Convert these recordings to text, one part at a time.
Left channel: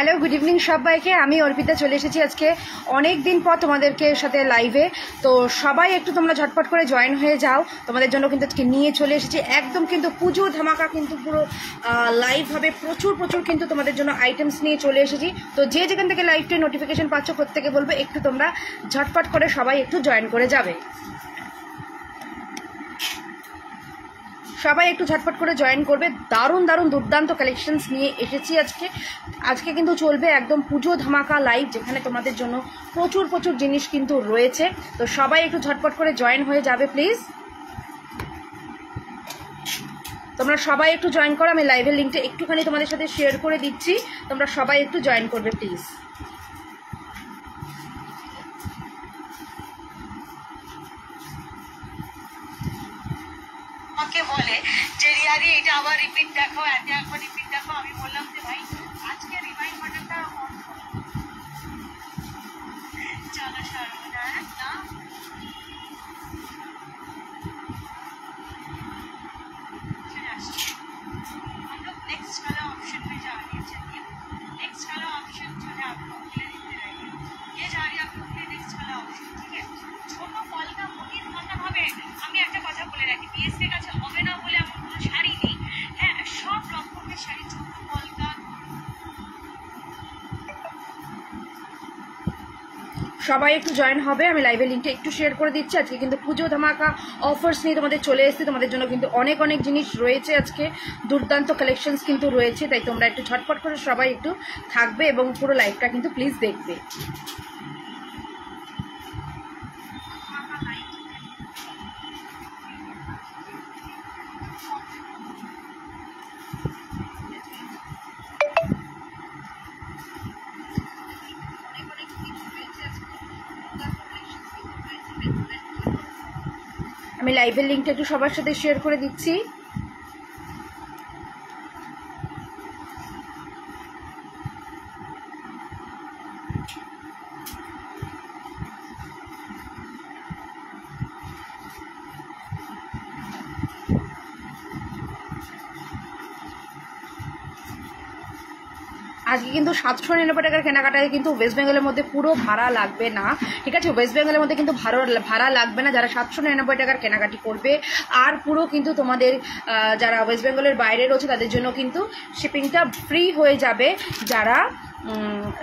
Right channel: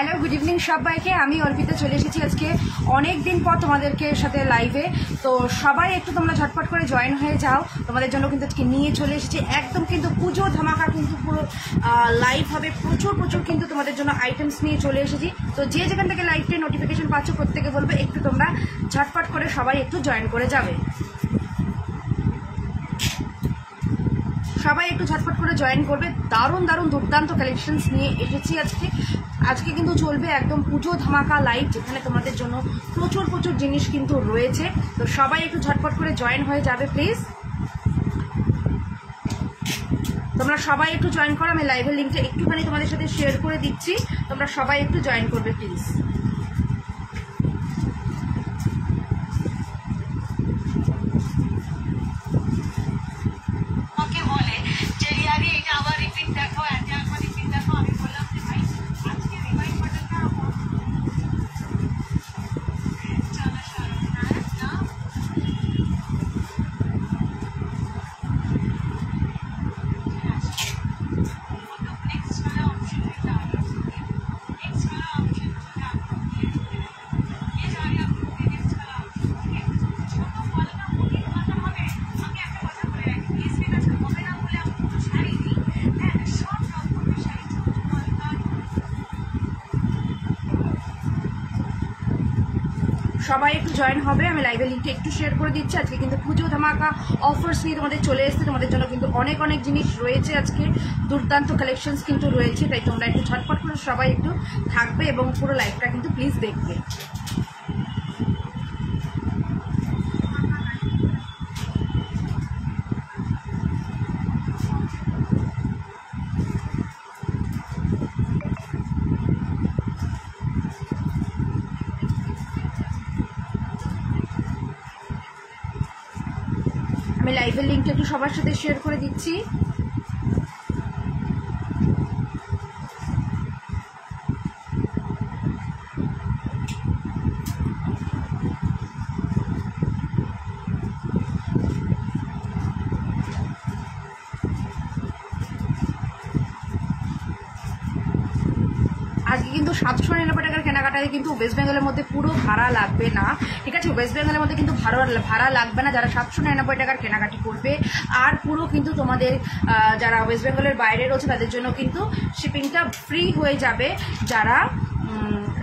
Hello, good evening সবাইকে। আমি অর্পিতা চলে এসেছি আজকে অনেক দিন পর তোমাদেরকে সাথে লাইভে। তো সবাই একটু তোমরা ঝটপট করে জয়েন হয়ে যাও, তোমাদের জন্য কিন্তু আজকে নিয়ে চলে এসেছি একদম কিন্তু পুজো ধামাকা, কিন্তু পুরো লাইভ হবে, প্রচুর প্রচুর কিন্তু তোমাদের জন্য আইটেমস নিয়ে চলে এসেছি। তো যে যেখান থেকে লাইভটা নোটিফিকেশন পাচ্ছ প্রত্যেকে বলবে একটু তোমরা ঝটপট করে সবাই একটু জয়েন করে যাবে, সবাই একটু ঝটপট করে জয়েন করবে। দারুণ দারুণ দুর্দান্ত কালেকশনস নিয়ে এসেছি আজকে কিন্তু চলবে একদম পুজো ধামাকা লাইভ, যেখানে তোমাদের জন্য প্রচুর প্রচুর জিনিস কিন্তু রয়েছে। তো সবাই একটু ঝটপট করে জয়েন হয়ে যাবে প্লিজ, তোমরা সবাই একটু জয়েন করো। আমি লাইভের লিঙ্কটা একটুখানি তোমাদের সাথে শেয়ার করে দিচ্ছি, তোমরা সবাই একটু জয়েন করবে প্লিজ। বলে যে রিয়ারি এটা আবার রিপিট দেখো, এখন রিপিট দেখো। আমি বললাম যে ভাই আজকে রিমাইন্ড বাটনটা চলো সরো না हम लोग नेक्स्ट वाला ऑप्शन में जा रहे हैं। नेक्स्ट वाला ऑप्शन जो है आपको देखते रहेंगे, ये जा रही है आपको नेक्स्ट वाला ऑप्शन। ठीक है, ছোট ফলটা মুখে ধরতে হবে। আমি একটা কথা বলে রাখি, বিএসপি কাছে হবে না বলে আমি কোনো শাড়ি নেই। হ্যাঁ, সব রকমের শাড়ি ছোট ফলটা। সবাই একটু জয়েন হবে, আমি লাইভের লিঙ্কটা একটু শেয়ার করে দিচ্ছি। আজকে কিন্তু পুজো ধামাকা অফার্স নিয়ে তোমাদের চলে এসেছে, তোমাদের জন্য কিন্তু অনেক অনেক জিনিস রয়েছে, আজকে দুর্দান্ত কালেকশনস কিন্তু রয়েছে। তাই তোমরা একটু ঝটপট করে সবাই একটু থাকবে এবং পুরো লাইভটা কিন্তু প্লিজ দেখবে। আমি লাইভের লিঙ্কটা একটু সবার সাথে শেয়ার করে দিচ্ছি। আজকে কিন্তু 799 টাকার কেনাকাটায় কিন্তু ওয়েস্ট বেঙ্গলের মধ্যে পুরো ভাড়া লাগবে না, ঠিক আছে? ওয়েস্ট বেঙ্গলের মধ্যে কিন্তু ভাড়া লাগবে না যারা 799 টাকার কেনাকাটি করবে। আর পুরো কিন্তু তোমাদের যারা ওয়েস্ট বেঙ্গলের বাইরে রয়েছে তাদের জন্য কিন্তু শিপিংটা ফ্রি হয়ে যাবে, যারা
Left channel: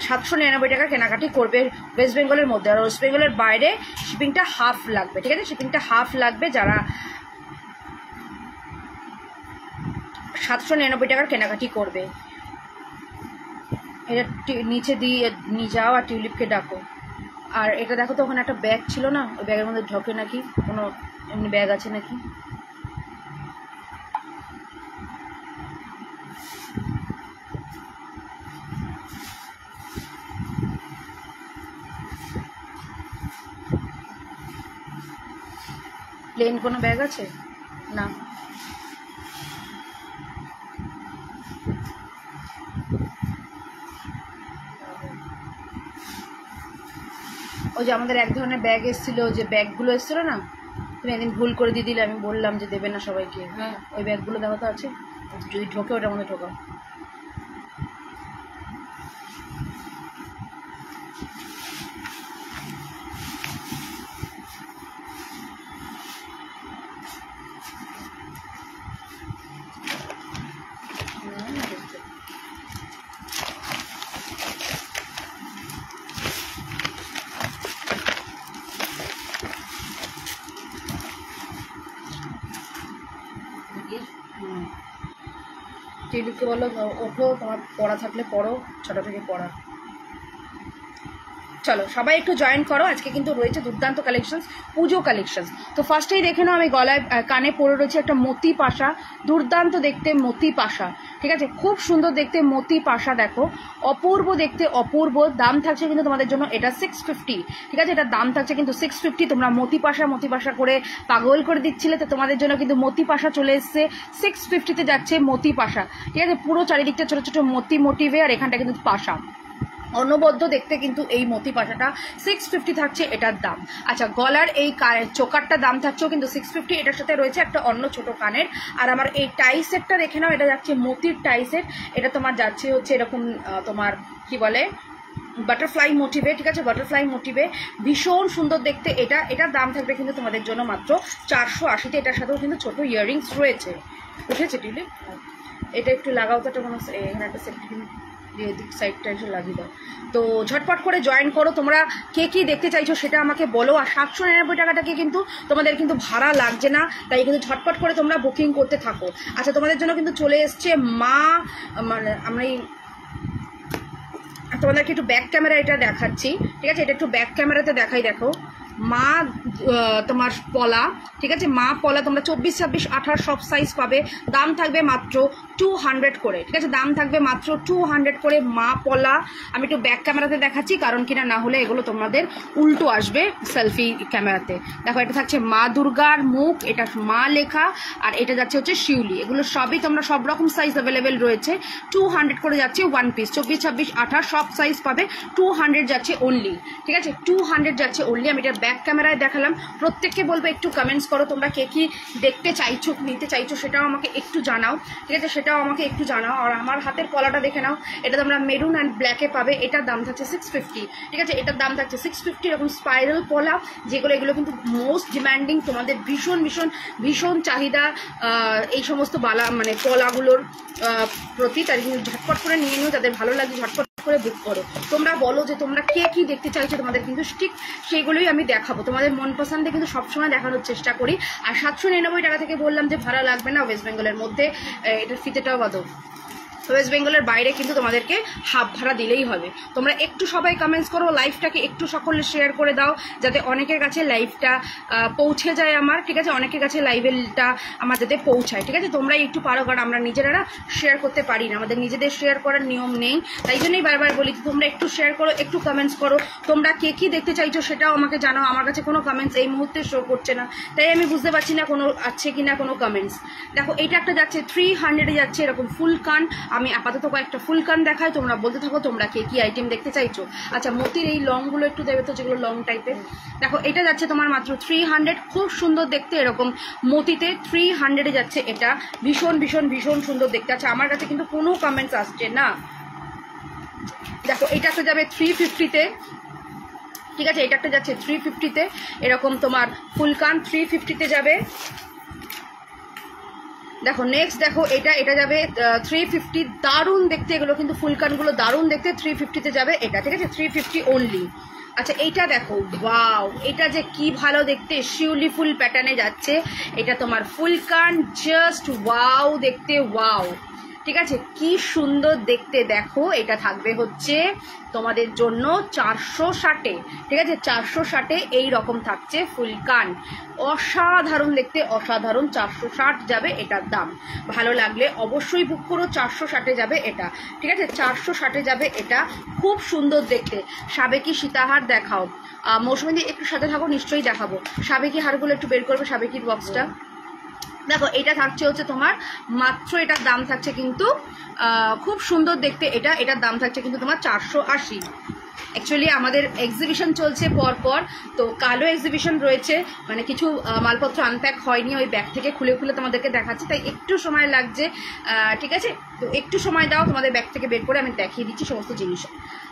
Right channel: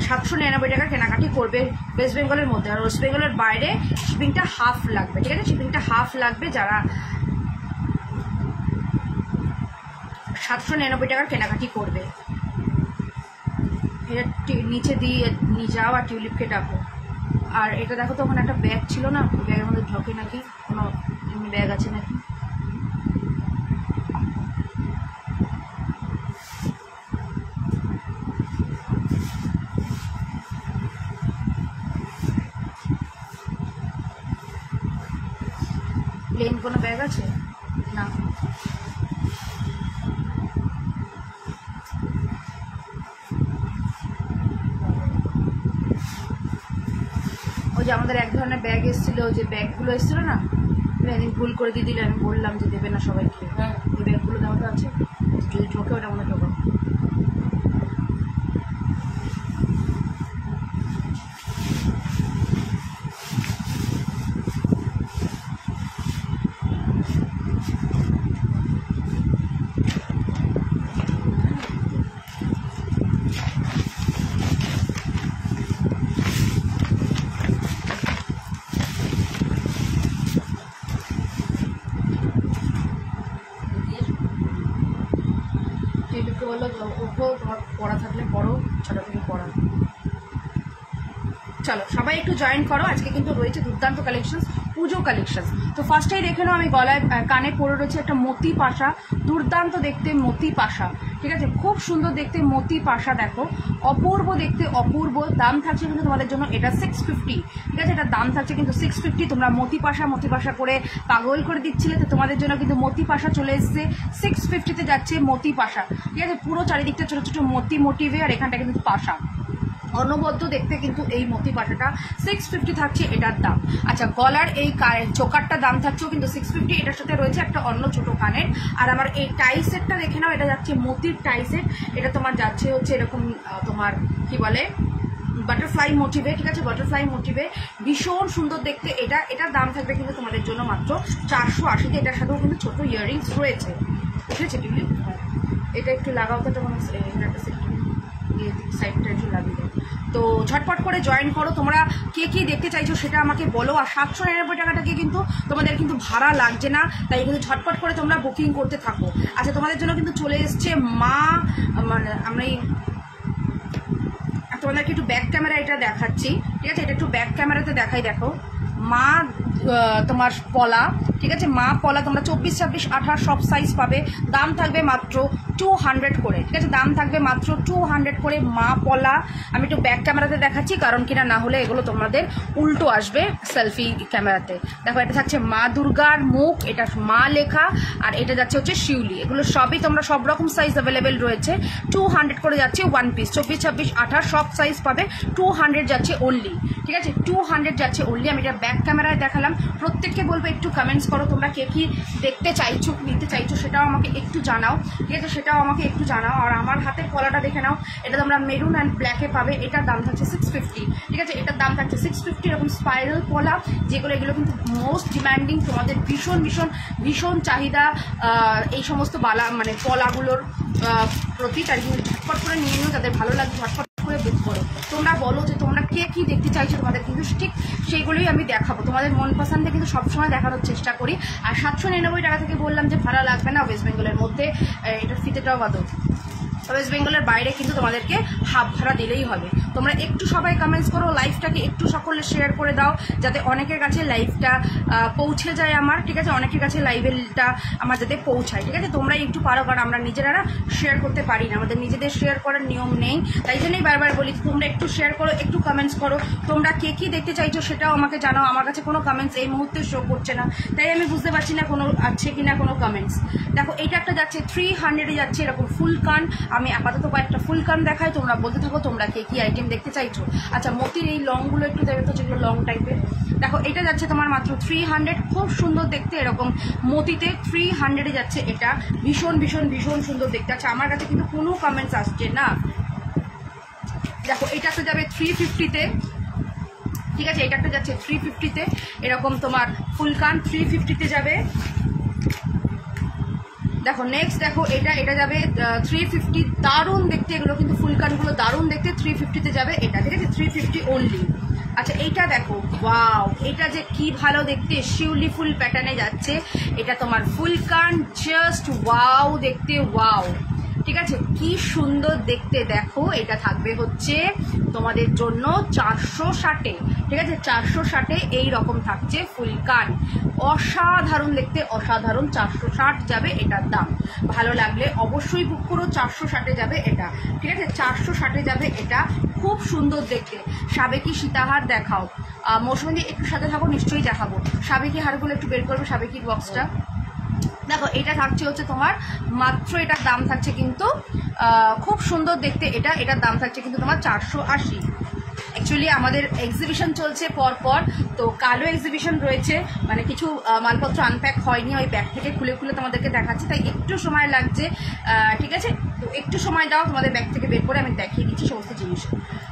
799 টাকার কেনাকাটি করবে ওয়েস্ট বেঙ্গলের মধ্যে। আর ওয়েস্ট বেঙ্গলের বাইরে শিপিংটা হাফ লাগবে, ঠিক আছে? শিপিংটা হাফ লাগবে যারা 799 টাকার কেনাকাটি করবে। এটা নিচে দিয়ে নিয়ে যাও আর টিউলিপকে ডাকো। আর এটা দেখো তো, ওখানে একটা ব্যাগ ছিল না, ওই ব্যাগের মধ্যে ঢোকে নাকি, কোনো এমনি ব্যাগ আছে নাকি। প্লেন কোনো ব্যাগ আছে না? ওই যে আমাদের এক ধরনের ব্যাগ এসেছিল, যে ব্যাগগুলো এসেছিল না, তুমি একদিন ভুল করে দিয়ে দিলে, আমি বললাম যে দেবে না সবাইকে। ওই ব্যাগগুলো দেওয়া তো আছে, যদি ঢোকে ওটার মধ্যে ঢোকাও। টিলুকে বলো ওঠো, তোমার পড়া থাকলে পড়ো, ছোট থেকে পড়া। চলো সবাই একটু জয়েন করো, আজকে কিন্তু রয়েছে দুর্দান্ত কালেকশন, পুজো কালেকশন। তো ফার্স্টেই দেখে নাও, আমি গলায় কানে পরে রয়েছে একটা মতি পাশা, দুর্দান্ত দেখতে মতি পাশা, ঠিক ঠিক আছে, খুব সুন্দর দেখতে মতি পাশা, দেখো অপূর্ব দেখতে, অপূর্ব। দাম থাকছে কিন্তু তোমাদের জন্য এটা 650, ঠিক আছে, এটা দাম থাকছে কিন্তু 650। তোমরা মতি পাশা করে পাগল করে দিচ্ছিলে, তো তোমাদের জন্য কিন্তু মতি পাশা চলে এসছে 650-তে যাচ্ছে মতি পাশা, ঠিক আছে। পুরো চারিদিকটা ছোট ছোট মতি মোটিভে, আর এখানটা কিন্তু পাশা অনবদ্য দেখতে কিন্তু এই মতি পাশাটা 650 থাকছে এটার দাম। আচ্ছা, গলার এই চোকারটা দাম থাকছেও কিন্তু 650, এটার সাথে রয়েছে একটা অন্য ছোট কানের। আর আমার এই টাই সেটটা দেখে নাও, এটা যাচ্ছে মতির টাই সেট, এটা তোমার যাচ্ছে হচ্ছে এরকম তোমার কি বলে বাটারফ্লাই মোটিভে, ঠিক আছে, বাটারফ্লাই মোটিভে, ভীষণ সুন্দর দেখতে এটা। এটার দাম থাকবে কিন্তু তোমাদের জন্য মাত্র 480-তে। এটার সাথেও কিন্তু ছোট ইয়াররিংস রয়েছে। উঠেছে টিউলিপ, এটা একটু লাগাও তো, কোনো একটা সেট সাইডটা একটু লাগিয়ে দাও। তো ঝটপট করে জয়েন করো। তোমরা কে কি দেখতে চাইছো সেটা আমাকে বলো। আর 799 টাকাটাকে কিন্তু তোমাদের কিন্তু ভাড়া লাগছে না, তাই কিন্তু ঝটপট করে তোমরা বুকিং করতে থাকো। আচ্ছা, তোমাদের জন্য কিন্তু চলে এসছে মা, মানে আমরা তোমাদেরকে একটু ব্যাক ক্যামেরা এটা দেখাচ্ছি, ঠিক আছে, এটা একটু ব্যাক ক্যামেরাতে দেখাই। দেখো মা তোমার পলা, ঠিক আছে, মা পলা তোমরা 24, 26, 28 সব সাইজ পাবে। দাম থাকবে মাত্র 200 করে, ঠিক আছে, দাম থাকবে মাত্র 200 করে মা পলা। আমি একটু ব্যাক ক্যামেরাতে দেখাচ্ছি, কারণ কিনা না হলে এগুলো তোমাদের উল্টো আসবে সেলফি ক্যামেরাতে। দেখো এটা থাকছে মা দুর্গার মুখ, এটা মা লেখা, আর এটা যাচ্ছে হচ্ছে শিউলি। এগুলো সবই তোমরা সব রকম সাইজ অ্যাভেলেবেল রয়েছে। 200 করে যাচ্ছে ওয়ান পিস, 24, 26, 28 সব সাইজ পাবে। 200 যাচ্ছে অনলি, ঠিক আছে, 200 যাচ্ছে অনলি। আমি এটা ব্যাক ক্যামেরায় দেখালাম। প্রত্যেককে বলবো একটু কমেন্টস করো তোমরা কে কি দেখতে চাইছো, নিতে চাইছো, সেটাও আমাকে একটু জানাও, ঠিক আছে, সেটাও আমাকে একটু জানাও। আর আমার হাতের পলাটা দেখে নাও, এটা তোমরা মেরুন অ্যান্ড ব্ল্যাকে পাবে। এটার দাম থাকছে 650, ঠিক আছে, এটার দাম থাকছে 650। এরকম স্পাইরাল পলা যেগুলো, এগুলো কিন্তু মোস্ট ডিমান্ডিং, তোমাদের ভীষণ ভীষণ ভীষণ চাহিদা এই সমস্ত বালা মানে পলাগুলোর প্রতি। তাই কিন্তু ঝটপট করে নিয়ে নিও, যাদের ভালো লাগে ঝটপট করে বুক করো। তোমরা বলো যে তোমরা কে কি দেখতে চাইছো, তোমাদের কিন্তু ঠিক সেগুলোই আমি দেখাবো। তোমাদের মন পছন্দে কিন্তু সবসময় দেখানোর চেষ্টা করি। আর 799 টাকা থেকে বললাম যে ভাড়া লাগবে না ওয়েস্ট বেঙ্গলের মধ্যে, এটার ফিতেটাও বাদো। ওয়েস্ট বেঙ্গলের বাইরে কিন্তু তোমাদেরকে হাফ ভাড়া দিলেই হবে। তোমরা একটু সবাই কমেন্টস করো, লাইভটাকে একটু সকলে শেয়ার করে দাও, যাতে অনেকের কাছে লাইভটা পৌঁছে যায় আমার, ঠিক আছে, অনেকের কাছে লাইভটা আমার যাতে পৌঁছায়, ঠিক আছে। তোমরাই একটু পারো, কারণ আমরা নিজেরা শেয়ার করতে পারি না, আমাদের নিজেদের শেয়ার করার নিয়ম নেই। তাই জন্যই বারবার বলি তোমরা একটু শেয়ার করো, একটু কমেন্টস করো। তোমরা কে কি দেখতে চাইছো সেটাও আমাকে জানাও। আমার কাছে কোনো কমেন্টস এই মুহূর্তে শো করছে না, তাই আমি বুঝতে পারছি না কোনো আছে কিনা কোনো কমেন্টস। দেখো এইটা একটা যাচ্ছে 300-এ যাচ্ছে এরকম ফুল কান। আমি আপাতত কয়েকটা ফুল কান দেখাই, তোমরা বলতে থাকো তোমরা কে কি আইটেম দেখতে চাইছো। আচ্ছা, মতির এই লংগুলো একটু দেবে তো, যেগুলো লং টাইপের। দেখো এটা যাচ্ছে তোমার মাত্র 300, খুব সুন্দর দেখতে, এরকম মতিতে 300-এ যাচ্ছে এটা, ভীষণ ভীষণ ভীষণ সুন্দর দেখতে। আচ্ছা, আমার কাছে কিন্তু কোনো কমেন্টস আসছে না। দেখো এটা একটা যাবে 350-তে, ঠিক আছে, এটা একটা যাচ্ছে 350-তে, এরকম তোমার ফুল কান 350-তে যাবে। দেখো নেক্সট, দেখো এটা যাবে 350, দারুণ দেখতে, এগুলো কিন্তু ফুলকানগুলো দারুণ দেখতে, 350-তে যাবে এটা, ঠিক আছে, 350 অনলি। আচ্ছা এইটা দেখো, ওয়াও, এটা যে কি ভালো দেখতে, শিউলি ফুল প্যাটার্নে যাচ্ছে, এটা তোমার ফুলকান, জাস্ট ওয়াও দেখতে, ওয়াও, ঠিক আছে, কি সুন্দর দেখতে। দেখো এটা থাকবে হচ্ছে তোমাদের জন্য 460-এ, ঠিক আছে, 460-এ এই রকম থাকছে ফুলকান, অসাধারণ দেখতে, অসাধারণ। 460 যাবে এটার দাম। ভালো লাগলে অবশ্যই বুক করো, 460-এ যাবে এটা, ঠিক আছে, 460-এ যাবে এটা, খুব সুন্দর দেখতে। সাবেকি সীতাহার দেখাও, মৌসুমী একটু সাথে থাকো, নিশ্চয়ই দেখাবো। সাবেকি হারগুলো একটু বের করবে, সাবেকির বক্সটা। দেখো এটা থাকছে হচ্ছে তোমার মাত্র, এটার দাম থাকছে কিন্তু খুব সুন্দর দেখতে, এটার দাম থাকছে কিন্তু তোমার 480। অ্যাকচুয়ালি আমাদের এক্সিবিশন চলছে পরপর, তো কালো এক্সিবিশন রয়েছে, মানে কিছু মালপত্র আনপ্যাক হয়নি, ওই ব্যাগ থেকে খুলে খুলে তোমাদেরকে দেখাচ্ছি, তাই একটু সময় লাগছে, ঠিক আছে, তো একটু সময় দাও, তোমাদের ব্যাগ থেকে বের করে আমি দেখিয়ে দিচ্ছি সমস্ত জিনিস।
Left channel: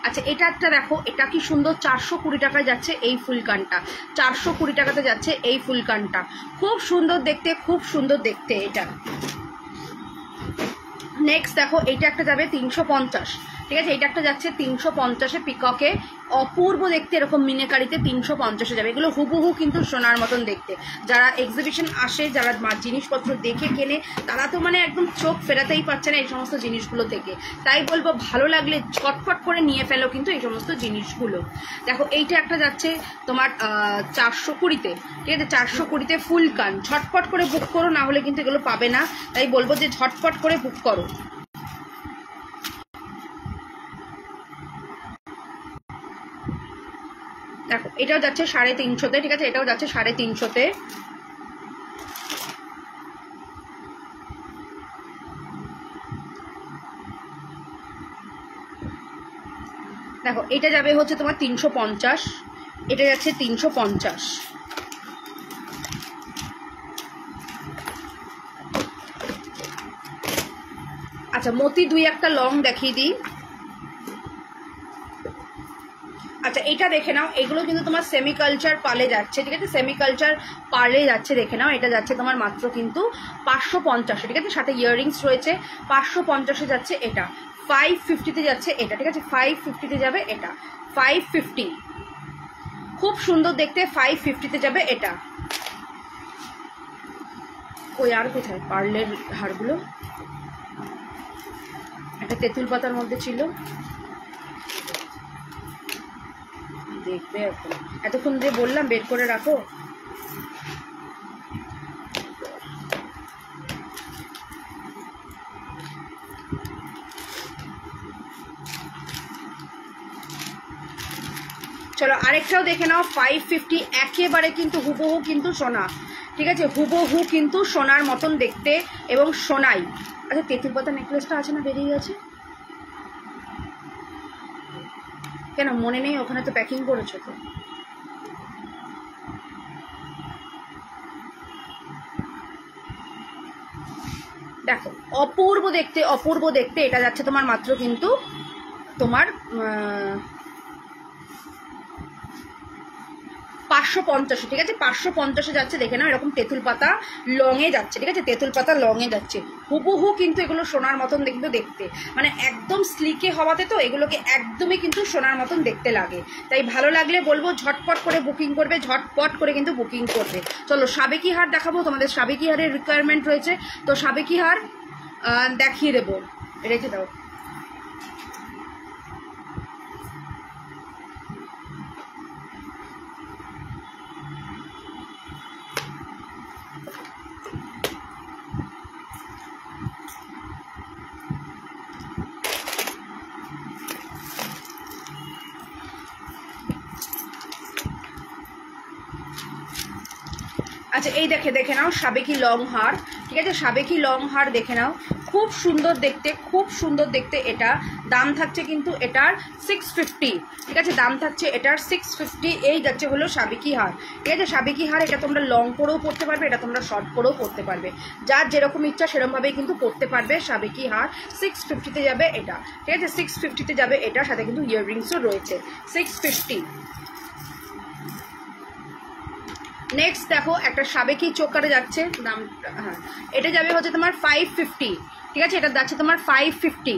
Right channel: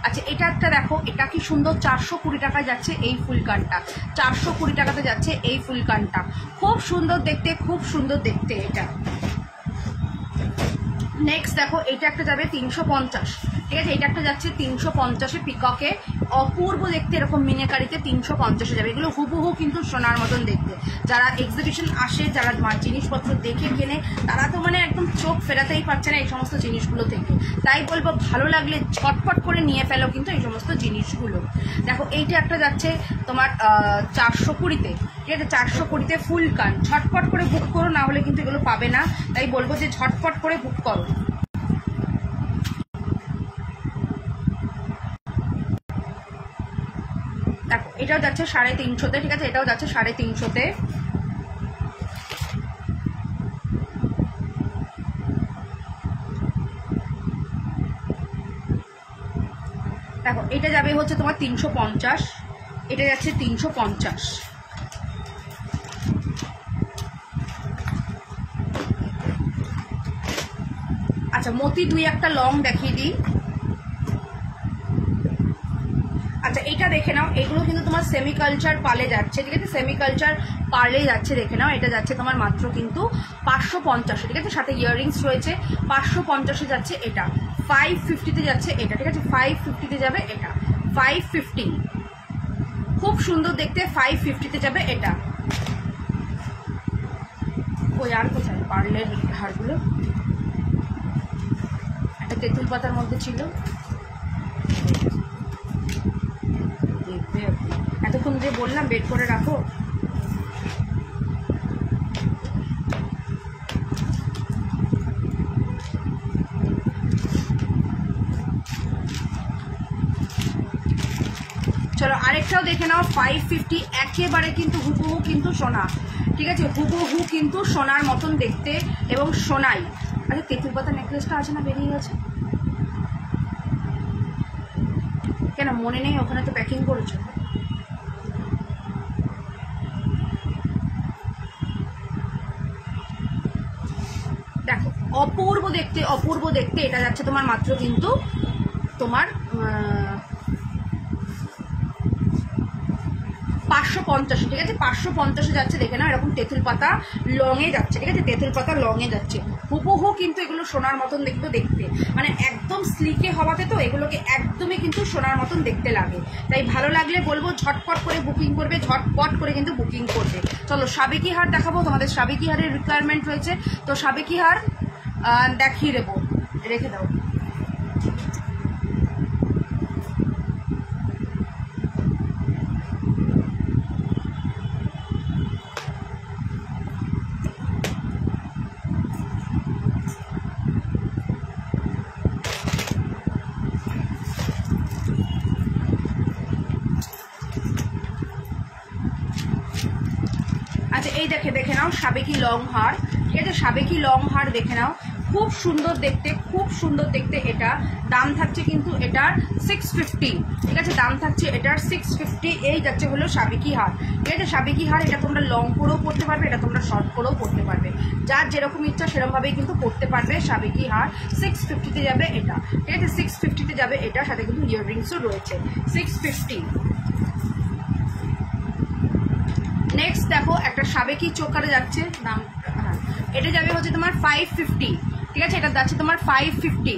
আচ্ছা এটা একটা দেখো, এটা কি সুন্দর, 420 টাকায় যাচ্ছে এই ফুলকানটা, 420 টাকাতে যাচ্ছে এই ফুলকানটা, খুব সুন্দর দেখতে, খুব সুন্দর দেখতে এটা। নেক্সট দেখো এইটা একটা যাবে 350, ঠিক আছে, এটা একটা যাচ্ছে 350-এ পিককে, অপূর্ব দেখতে, এরকম মিনেকারিতে 350-এ যাবে। এগুলো হুবহু কিন্তু সোনার মতন দেখতে। যারা এক্সিবিশন আসে, যারা জিনিসপত্র দেখে কেনে, তারা তো মানে একদম চোখ ফেরাতেই পারছে না এই সমস্ত জিনিসগুলো থেকে। তাই বলবো ভালো লাগলে ঝটপট করে নিয়ে ফেলো কিন্তু এই সমস্ত জিনিসগুলো। দেখো এইটা একটা যাচ্ছে তোমার 420-তে, ঠিক আছে, 420-তে ফুল কান, ঝটপট করে বুক করো, না হলে কিন্তু এগুলো পাবে না, তাই বলবো যে ঝটপট করে বুক করো। দেখো এটাও যাচ্ছে 350-তে, ঠিক আছে, এটাও যাচ্ছে 350-তে। দেখো এটা যাবে হচ্ছে তোমার 350, এটা যাচ্ছে 350। আচ্ছা মতি দুই একটা লং দেখিয়ে দিই। আচ্ছা এটা দেখে নাও, এগুলো কিন্তু তোমার সেমি কালচার পালে যাচ্ছে, ঠিক আছে, সেমি কালচার পালে যাচ্ছে, দেখে নাও। এটা যাচ্ছে তোমার মাত্র কিন্তু 550, ঠিক আছে, সাথে ইয়াররিংস রয়েছে। 550-এ যাচ্ছে এটা, 550-তে যাচ্ছে এটা, ঠিক আছে, 550-তে যাবে এটা, 550, খুব সুন্দর দেখতে, 550-তে যাবে এটা। ওই আর কোথায় পার্লের হারগুলো, একটা তেঁতুল পাতার মধ্যে ছিল, দেখবে এখন, এতক্ষণ দিয়ে বললাম বের করে রাখো। চলো আরেকটাও দেখে নাও, 550, একেবারে কিন্তু হুবহু কিন্তু সোনা, ঠিক আছে, হুবহু কিন্তু সোনার মতন দেখতে এবং সোনাই। আচ্ছা তেঁতুল পাতা নেকলেসটা আছে না, বেরিয়ে গেছে কেন, মনে নেই? ওখানে তো প্যাকিং করেছো তো। দেখো অপূর্ব দেখতে, অপূর্ব দেখতে। এটা যাচ্ছে তোমার মাত্র কিন্তু তোমার 550, ঠিক আছে, 550-এ যাচ্ছে, দেখে নাও। এরকম তেঁতুল পাতা লংয়ে যাচ্ছে, ঠিক আছে, তেঁতুল পাতা লংয়ে যাচ্ছে, হুবহু কিন্তু এগুলো সোনার মতন দেখবে দেখতে, মানে একদম স্লিকে হওয়াতে তো এগুলোকে একদমই কিন্তু সোনার মতন দেখতে লাগে। তাই ভালো লাগলে বলবো ঝটপট করে বুকিং করবে, ঝটপট করে কিন্তু বুকিং করবে। চলো সাবেকি হার দেখাবো, তোমাদের সাবেকি হারের রিকোয়ারমেন্ট রয়েছে, তো সাবেকি হার দেখিয়ে দেবো, রেখে দাও। আচ্ছা এই দেখে নাও সাবেকি লং হার, ঠিক আছে, সাবেকি লং হার দেখে নাও, খুব সুন্দর দেখতে, খুব সুন্দর দেখতে। এটা দাম থাকছে কিন্তু এটার 650, ঠিক আছে, দাম থাকছে এটার 650। এই যাচ্ছে হলো সাবেকি হার, ঠিক আছে, সাবেকি হার। এটা তোমরা লং করেও পড়তে পারবে, এটা তোমরা শর্ট করেও পড়তে পারবে, যার যেরকম ইচ্ছা সেরকমভাবেই কিন্তু পড়তে পারবে। সাবেকি হার 650-তে যাবে এটা, ঠিক আছে, 650-তে যাবে এটা, সাথে কিন্তু ইয়াররিংসও রয়েছে, 650। নেক্সট দেখো একটা সাবেকি চোকারে যাচ্ছে, দাম, হ্যাঁ এটা যাবে হচ্ছে তোমার 550, ঠিক আছে, এটা যাচ্ছে তোমার 550।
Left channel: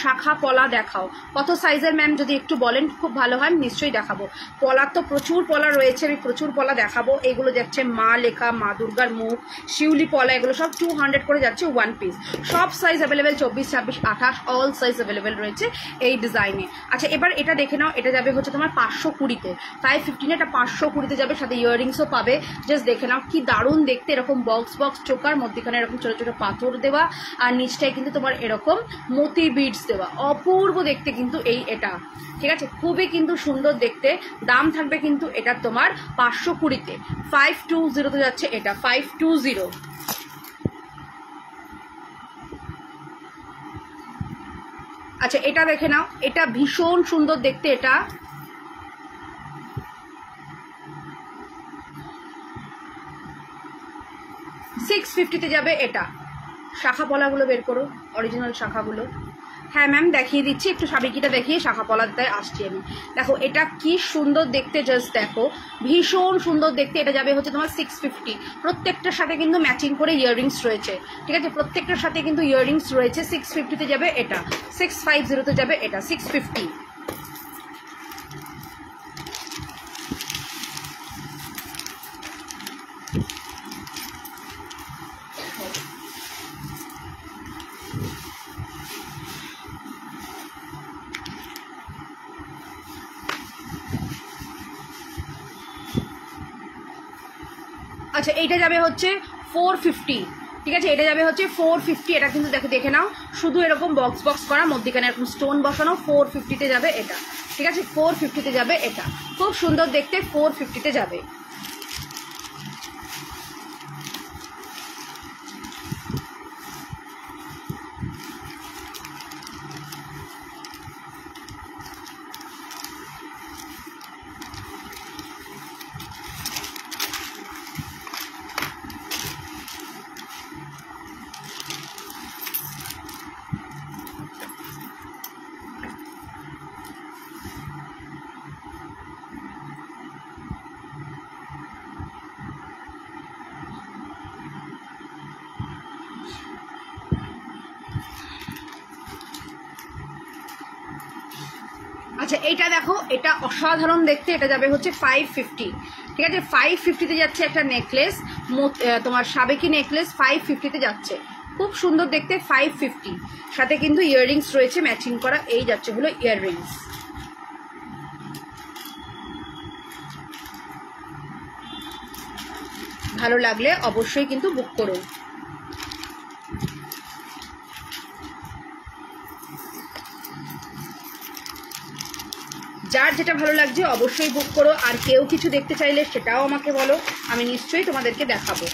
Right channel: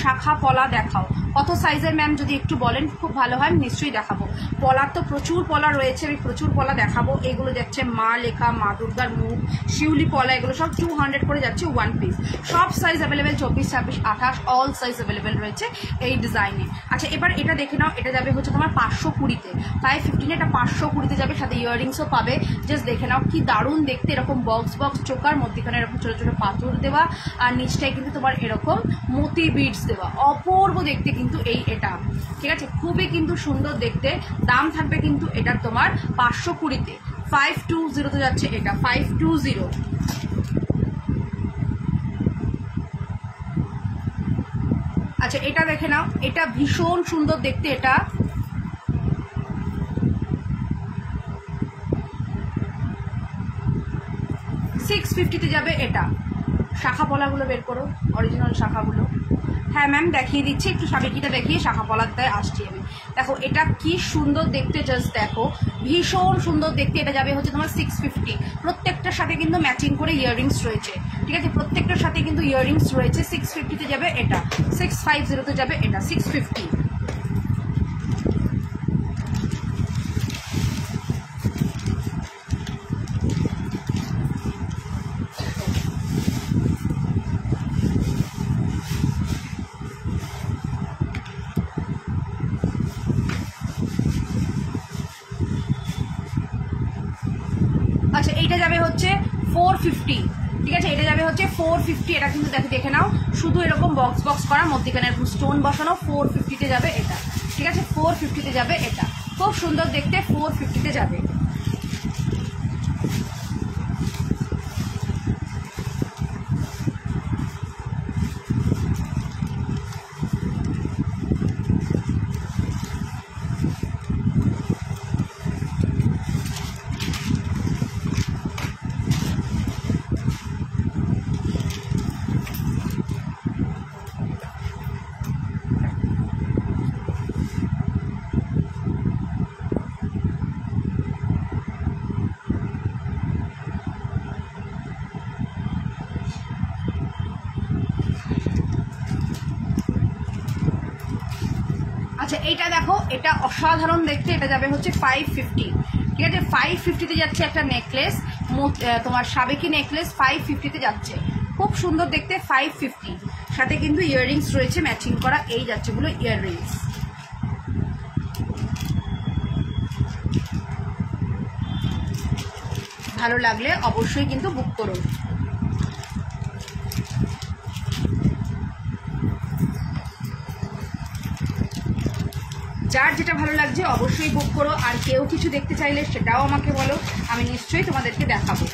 শাখা পলা দেখাও, কত সাইজের ম্যাম যদি একটু বলেন খুব ভালো হয়, নিশ্চয়ই দেখাবো। পলার তো প্রচুর পলা রয়েছে, আমি প্রচুর পলা দেখাবো। এগুলো যাচ্ছে মা লেখা, মা দুর্গার মুখ, শিউলি পলা, এগুলো সব 200 করে যাচ্ছে 1 পিস। সব size available, 24, 26, 28 all size available রয়েছে এই ডিজাইনে। আচ্ছা এবার এটা দেখে নাও, এটা যাবে হচ্ছে তোমার 520-তে, 515 এটা 520-তে যাবে, সাথে ইয়াররিংসও পাবে। জাস্ট দেখে নাও কি দারুণ দেখতে, এরকম বক্স বক্স চোকার, মধ্যখানে এরকম ছোট ছোট পাথর দেওয়া, আর নিচটায় কিন্তু তোমার এরকম মতি বিডস দেওয়া, অপূর্ব দেখতে কিন্তু এই এটা, ঠিক আছে, খুবই কিন্তু সুন্দর দেখতে। দাম থাকবে কিন্তু এটার তোমার 520-তে, 520-তে যাচ্ছে এটা, 520। আচ্ছা এটা দেখে নাও, এটা ভীষণ সুন্দর দেখতে, এটা 650-তে যাবে এটা। শাখা পলাগুলো বের করো, অরিজিনাল শাখাগুলো। হ্যাঁ ম্যাম দেখিয়ে দিচ্ছি, একটু সাবেকিটা দেখিয়ে শাখা পলাতে আসছি আমি। দেখো এটা কি সুন্দর দেখতে, জাস্ট দেখো, ভীষণ সুন্দর দেখতে। এটা যাবে হচ্ছে তোমার 650, প্রত্যেকটার সাথে কিন্তু ম্যাচিং করে ইয়াররিংস রয়েছে, ঠিক আছে, প্রত্যেকটার সাথে কিন্তু ইয়াররিংস রয়েছে। 650-তে যাবে এটা, 650-তে যাবে এটা, 650। আচ্ছা এইটা যাবে হচ্ছে 450, ঠিক আছে, এটা যাবে হচ্ছে 450। এটা কিন্তু দেখে নাও, শুধু এরকম বক্স বক্স করা, মধ্যখানে এরকম স্টোন বসানো, 450-তে যাবে এটা, ঠিক আছে, 450-তে যাবে এটা, খুব সুন্দর দেখতে 450-তে যাবে। আচ্ছা এইটা দেখো, এটা অসাধারণ দেখতে, এটা যাবে হচ্ছে 550, ঠিক আছে। 550-তে যাচ্ছে একটা নেকলেস, তোমার সাবেকি নেকলেস 550-তে যাচ্ছে, খুব সুন্দর দেখতে 550। সাথে কিন্তু ইয়াররিংস রয়েছে ম্যাচিং করা, এই যাচ্ছে হলো ইয়াররিংস। ভালো লাগলে অবশ্যই কিন্তু বুক করো। যার যেটা ভালো লাগছে অবশ্যই বুক করো। আর কেউ কিছু দেখতে চাইলে সেটাও আমাকে বলো, আমি নিশ্চয়ই তোমাদেরকে দেখাবো।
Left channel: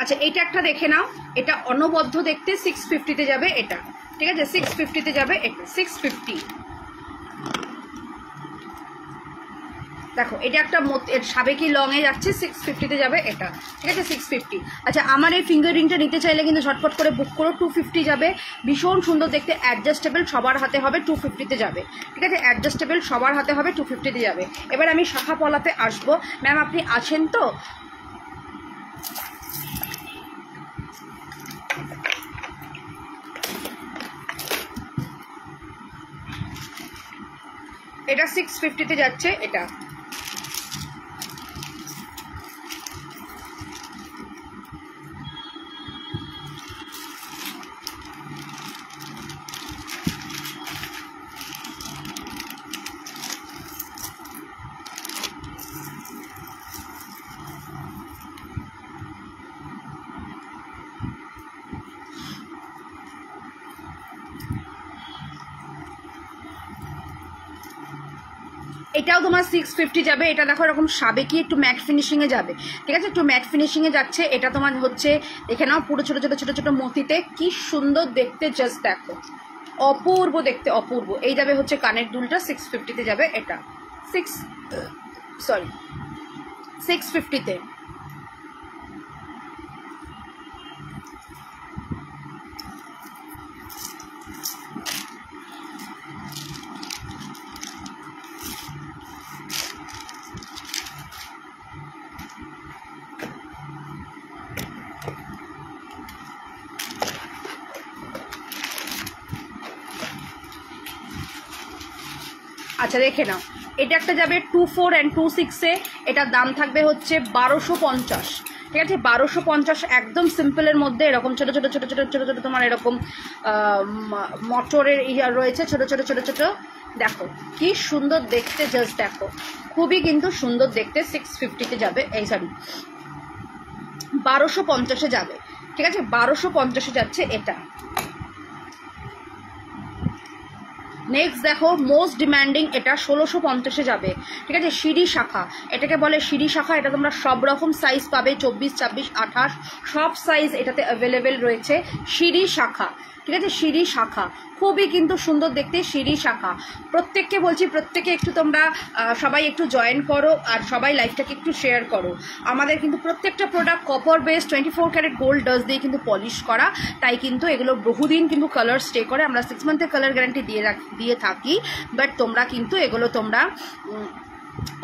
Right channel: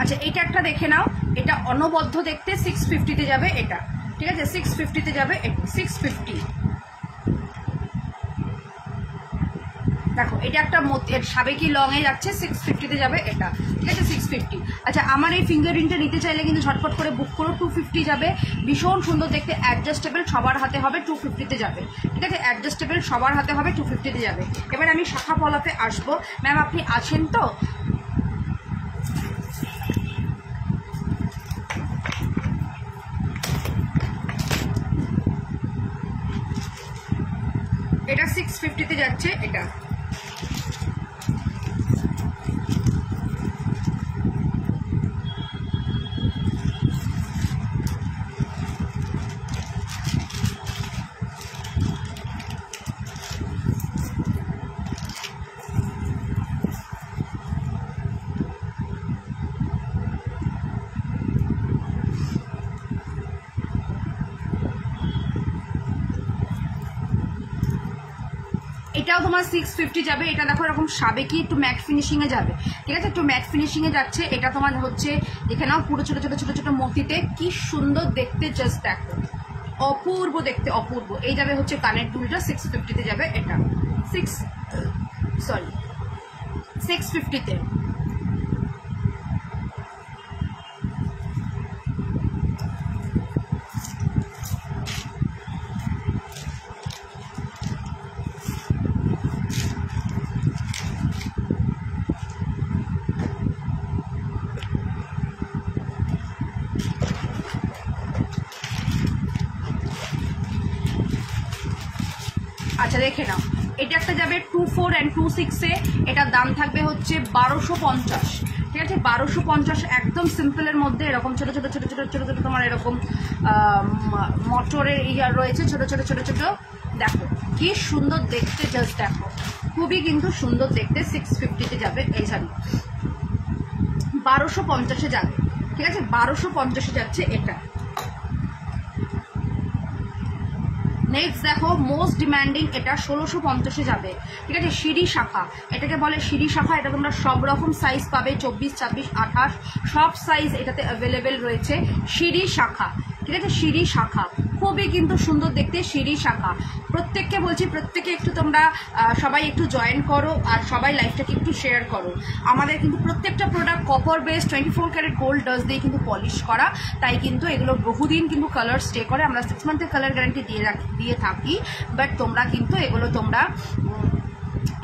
আচ্ছা এইটা একটা দেখে নাও, এটা অনবদ্য দেখতে 650-তে যাবে এটা, ঠিক আছে। 650-তে যাবে এটা, 650। দেখো এটা একটা সাবেকি লং এ যাচ্ছে, 650-তে যাবে এটা, ঠিক আছে। 650। আচ্ছা আমার এই ফিঙ্গারিংটা নিতে চাইলে কিন্তু ঝটপট করে বুক করো, 250 যাবে। ভীষণ সুন্দর দেখতে, অ্যাডজাস্টেবল, সবার হাতে হবে, 250-তে যাবে, ঠিক আছে। অ্যাডজাস্টেবল সবার হাতে হবে, 250-তে যাবে। এবার আমি শাখা পলাতে আসবো। ম্যাম আপনি আছেন তো? এটা 650-তে যাচ্ছে এটা। এটাও তোমার 650 যাবে। এটা দেখো এরকম সাবেকি একটু ম্যাট ফিনিশিং এ যাবে, ঠিক আছে। একটু ম্যাট ফিনিশিং এ যাচ্ছে। এটা তোমার হচ্ছে দেখে নাও, পুরো ছোট ছোট ছোট ছোট মতিতে, কি সুন্দর দেখতে, জাস্ট দেখো, অপূর্ব দেখতে, অপূর্ব। এই যাবে হচ্ছে কানের দুলটা, 650-তে যাবে এটা, 650-তে। আচ্ছা দেখে নাও, এটা একটা যাবে 24 and 26-এ, এটার দাম থাকবে হচ্ছে 1250, ঠিক আছে। 1250 একদম সিম্পলের মধ্যে, এরকম ছোট ছোট ছোট ছোট ছোট ছোট তোমার এরকম মটরের ইয়া রয়েছে, ছোট ছোট ছোট ছোট। দেখো কি সুন্দর দেখতে, জাস্ট দেখো, খুবই কিন্তু সুন্দর দেখতে। 650-তে যাবে, এই সরি 1250-এ যাবে, ঠিক আছে। 1250-এ যাচ্ছে এটা। নেক্সট দেখো মোস্ট ডিমান্ডিং, এটা 1650-এ যাবে, ঠিক আছে। সিঁড়ি শাখা, এটাকে বলে সিঁড়ি শাখা। এটা তোমরা সব রকম সাইজ পাবে, 24, 26, 28 সব সাইজ এটাতে অ্যাভেলেবেল রয়েছে। সিঁড়ি শাখা, ঠিক আছে। সিঁড়ি শাখা খুবই কিন্তু সুন্দর দেখতে, সিঁড়ি শাখা। প্রত্যেককে বলছি, প্রত্যেকে একটু তোমরা সবাই একটু জয়েন করো, আর সবাই লাইফটাকে একটু শেয়ার করো। আমাদের কিন্তু প্রত্যেকটা product copper base 24 carat gold dust দিয়ে কিন্তু পলিশ করা, তাই কিন্তু এগুলো বহুদিন কিন্তু কালার স্টে করে। আমরা 6 মান্থের কালার গ্যারান্টি দিয়ে থাকি, বাট তোমরা কিন্তু এগুলো তোমরা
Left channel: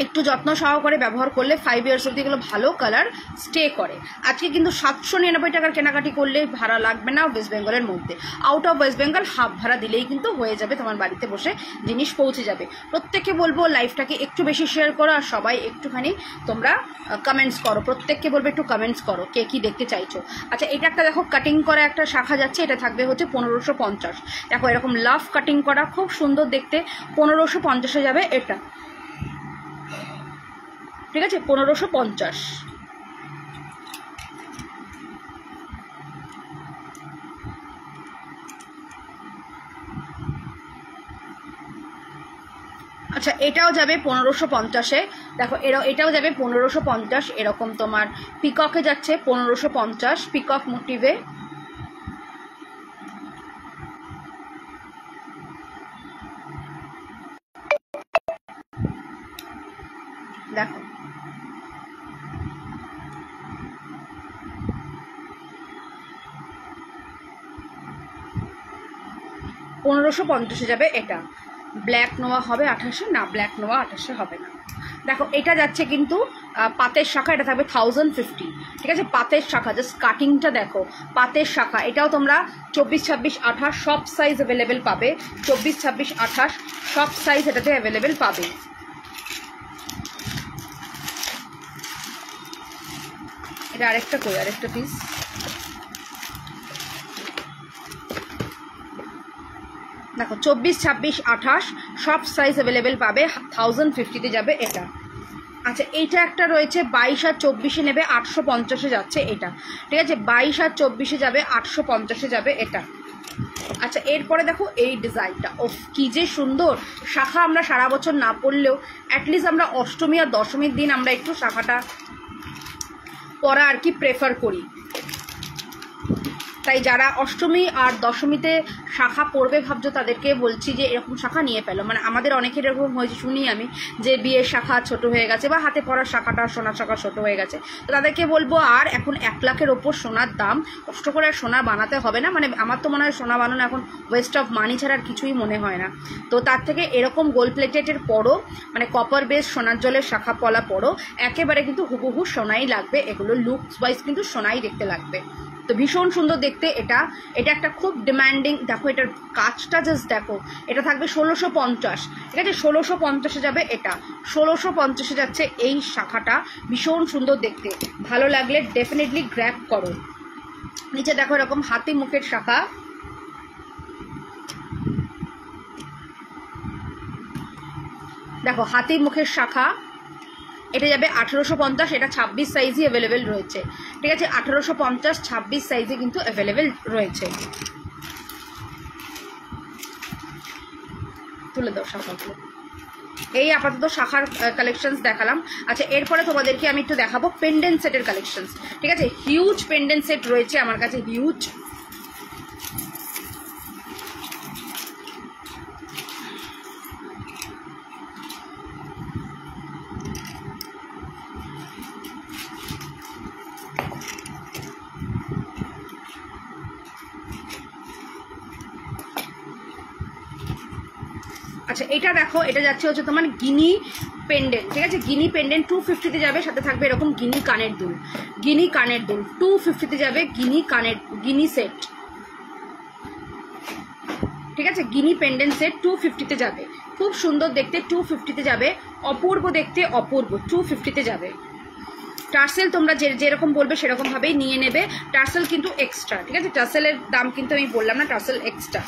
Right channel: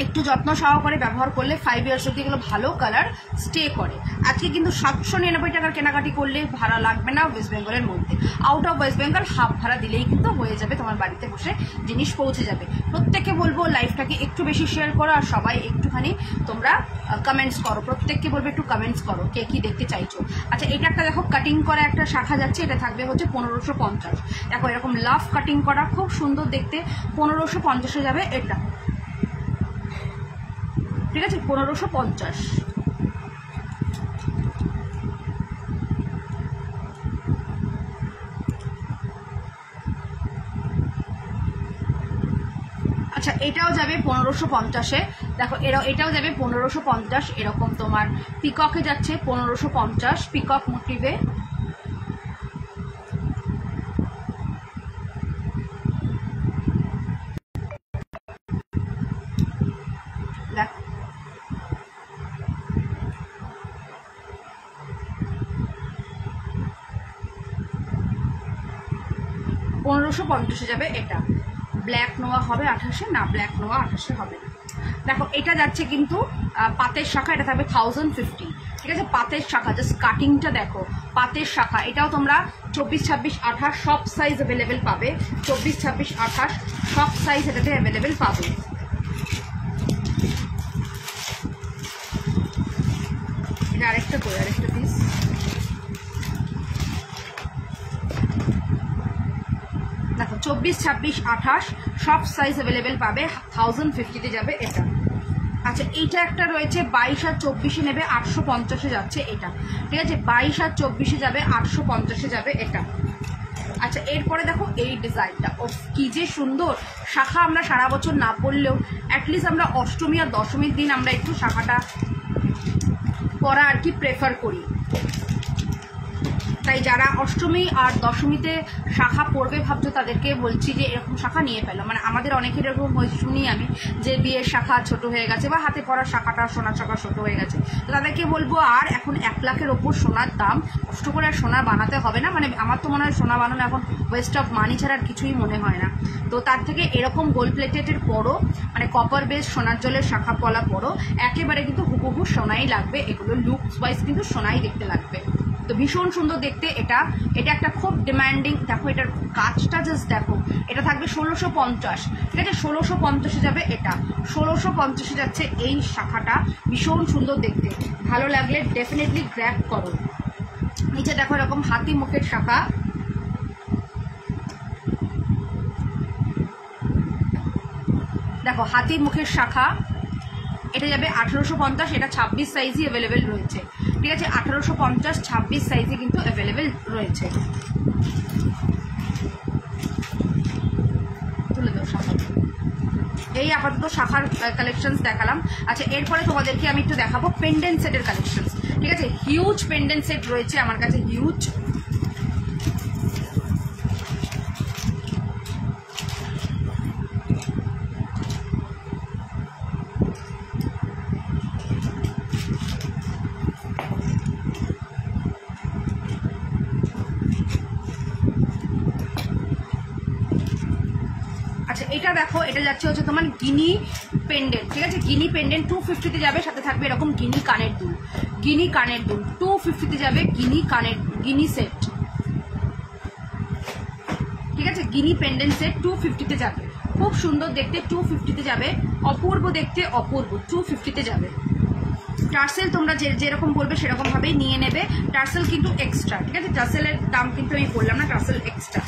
একটু যত্ন সহকারে ব্যবহার করলে 5 ইয়ার্স অব্দি এগুলো ভালো কালার স্টে করে। আজকে কিন্তু 799 টাকার কেনাকাটি করলে ভাড়া লাগবে না ওয়েস্ট বেঙ্গলের মধ্যে। Out of West Bengal half ভাড়া দিলেই কিন্তু হয়ে যাবে, তোমার বাড়িতে বসে জিনিস পৌঁছে যাবে। প্রত্যেককে বলবো লাইভটাকে একটু বেশি শেয়ার করো, আর সবাই একটুখানি তোমরা কমেন্টস করো, প্রত্যেককে বলবে একটু কমেন্টস করো কে কি দেখতে চাইছো। আচ্ছা, এটা একটা দেখো কাটিং করা একটা শাখা যাচ্ছে, এটা থাকবে হচ্ছে 1550। দেখো এরকম লাভ কাটিং করা, খুব সুন্দর দেখতে, 1550-এ যাবে এটা, ঠিক আছে, 1550। আচ্ছা, এটাও যাবে 1550-এ। দেখো এটাও যাবে 1550, এরকম তোমার পিককে যাচ্ছে 1550, পিকক মোটিভে। দেখো 1550-এ যাবে এটা। ব্ল্যাক নোয়া হবে 28-এ, না ব্ল্যাক নোয়া 28-এ হবে না। দেখো এটা যাচ্ছে কিন্তু পাতের শাখা, এটা থাকবে 1050, ঠিক আছে, পাতের শাখা, জাস্ট কাটিংটা দেখো, পাতের শাখা। এটাও তোমরা 24, 26, 28 সব সাইজ অ্যাভেলেবেল পাবে, 24, 26, 28 সব সাইজ এটাতে অ্যাভেলেবেল পাবে। এটা আরেকটা কই, আরেকটা পিস। দেখো 24, 26, 28 সব সাইজ অ্যাভেলেবেল পাবে, 1050-তে যাবে এটা। আচ্ছা, এইটা একটা রয়েছে 22 আর 24-এ নেবে, 850-এ যাচ্ছে এটা, ঠিক আছে, 22 আর 24-এ যাবে, 850-এ যাবে এটা। আচ্ছা, এরপরে দেখো এই ডিজাইনটা, ও কি যে সুন্দর শাখা। আমরা সারা বছর না পরলেও অ্যাটলিস্ট আমরা অষ্টমী আর দশমীর দিন আমরা একটু শাখাটা পরা আর কি প্রেফার করি। তাই যারা অষ্টমী আর দশমীতে শাখা পরবে ভাবছো, তাদেরকে বলছি যে এরকম শাখা নিয়ে পেলো। মানে আমাদের অনেকের এরকম হয়েছে, শুনি আমি, যে বিয়ের শাখা ছোট হয়ে গেছে বা হাতে পরার শাখাটা সোনার শাখা ছোট হয়ে গেছে, তো তাদেরকে বলবো আর এখন 1 লাখের ওপর সোনার দাম, কষ্ট করে আর সোনা বানাতে হবে না। মানে আমার তো মনে হয় সোনা বানানো এখন ওয়েস্ট অফ মানি ছাড়া আর কিছুই মনে হয় না। তো তার থেকে এরকম গোল্ড প্লেটেডের পরও, মানে কপার বেস সোনার জলের শাখা পলা পরও, একেবারে কিন্তু হুবহু সোনাই লাগবে। এগুলো লুকস ওয়াইজ কিন্তু সোনাই দেখতে লাগবে। তো ভীষণ সুন্দর দেখতে এটা। এটা একটা খুব ডিমান্ডিং, দেখো এটার কাজটা জাস্ট দেখো, এটা থাকবে 1650, ঠিক আছে, 1650-এ যাবে এটা, 1650-এ যাচ্ছে এই শাখাটা। ভীষণ সুন্দর দেখতে, ভালো লাগলে ডেফিনেটলি গ্র্যাব করো। নিচে দেখো এরকম হাতি মুখের শাখা, দেখো হাতি মুখের শাখা, এটা যাবে 1850, এটা 26 সাইজই অ্যাভেলেবেল রয়েছে, ঠিক আছে, 1850, 26 সাইজে কিন্তু অ্যাভেলেবেল রয়েছে। তুলে দাও শাখাগুলো। এই আপাতত শাখার কালেকশনস দেখালাম। আচ্ছা, এরপরে তোমাদেরকে আমি একটু দেখাবো পেন্ডেন্ট সেটের কালেকশনস, ঠিক আছে। হিউজ পেন্ডেন্ট সেট রয়েছে আমার কাছে, হিউজ। আচ্ছা, এটা দেখো, এটা যাচ্ছে হচ্ছে তোমার গিনি পেন্ডেন্ট, ঠিক আছে, গিনি পেন্ডেন্ট 250-তে যাবে, সাথে থাকবে এরকম গিনি কানের দুল, গিনি কানের দুল 250-তে যাবে, গিনি সেট, ঠিক আছে, গিনি পেন্ডেন্ট সেট 250-তে যাবে, খুব সুন্দর দেখতে, 250-তে যাবে, অপূর্ব দেখতে, অপূর্ব, 250-তে যাবে। টার্সেল তোমরা যেরকম বলবে সেরকম ভাবেই নিয়ে নেবে, টার্সেল কিন্তু এক্সট্রা, ঠিক আছে, টার্সেলের দাম কিন্তু আমি বললাম না, টার্সেল এক্সট্রা।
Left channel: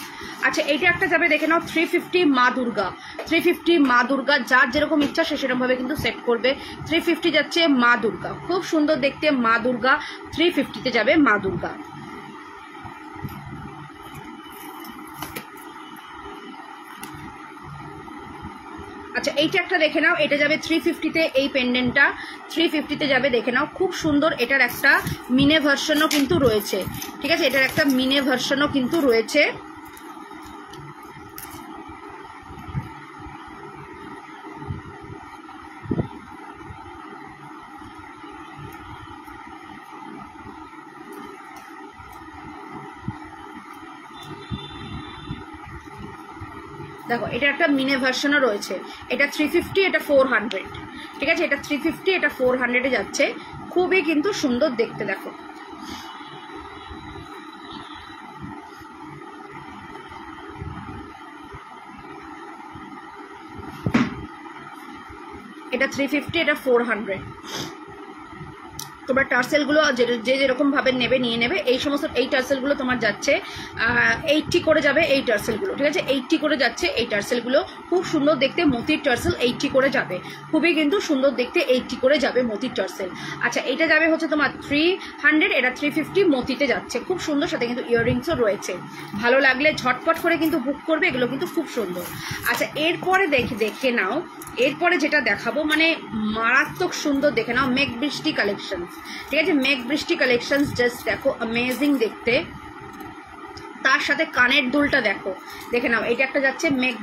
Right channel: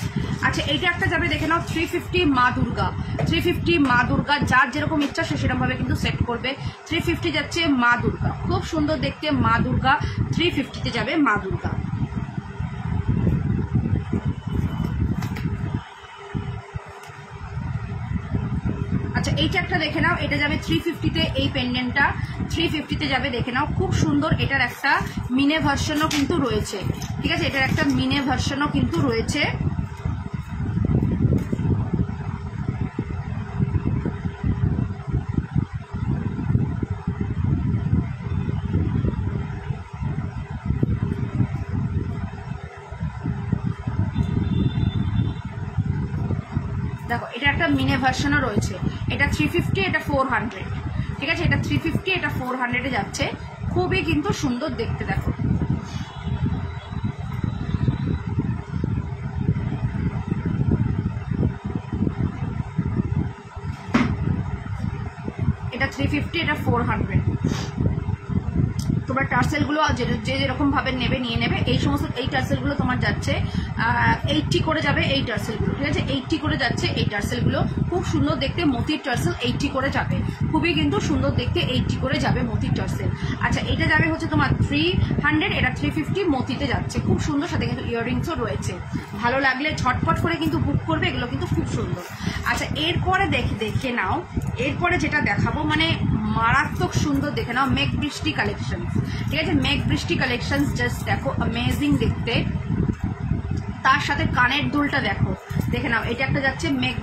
আচ্ছা, এইটা একটা যাবে, দেখে নাও 350 মা দুর্গা, 350 মা দুর্গা, যার যেরকম ইচ্ছা সে সেরকম ভাবে কিন্তু সেট করবে। 350 যাচ্ছে মা দুর্গা, খুব সুন্দর দেখতে মা দুর্গা, 350-তে যাবে মা দুর্গা। আচ্ছা, এইটা একটা দেখে নাও, এটা যাবে 350-তে, এই পেন্ডেন্টটা 350-তে যাবে, দেখে নাও খুব সুন্দর। এটার একটা মিনে ভার্সনও কিন্তু রয়েছে, ঠিক আছে, এটার একটা মিনে ভার্সনও কিন্তু রয়েছে। দেখো এটা একটা মিনে ভার্সনও রয়েছে, এটা 350, এটা 400, ঠিক আছে, এটা 350, এটা 400-এ যাচ্ছে, খুবই কিন্তু সুন্দর দেখতে। দেখো এটা 350, এটা 400। তোমরা টার্সেলগুলো যে যেরকম ভাবে নেবে নিয়ে নেবে। এই সমস্ত এই টার্সেলগুলো তোমার যাচ্ছে 80 করে যাবে এই টার্সেলগুলো, ঠিক আছে, 80 করে যাচ্ছে এই টার্সেলগুলো। খুব সুন্দর দেখতে মতির টার্সেল 80 করে যাবে, খুবই কিন্তু সুন্দর দেখতে 80 করে যাবে মতির টার্সেল। আচ্ছা এটা যাবে হচ্ছে তোমার 300, এটা 350 মতিতে যাচ্ছে, খুব সুন্দর, সাথে কিন্তু ইয়াররিংসও রয়েছে। ভালো লাগলে ঝটপট করে কিন্তু বুক করবে, এগুলো কিন্তু খুব সুন্দর। আচ্ছা এরপরে দেখে নাও, এরপরে যেটা দেখাবো মানে মারাত্মক সুন্দর, দেখে নাও মেঘ বৃষ্টি কালেকশন, ঠিক আছে, মেঘ বৃষ্টি কালেকশন জাস্ট দেখো অ্যামেজিং দেখতে। তার সাথে কানের দুলটা দেখো, দেখে নাও, এটা একটা যাচ্ছে মেঘ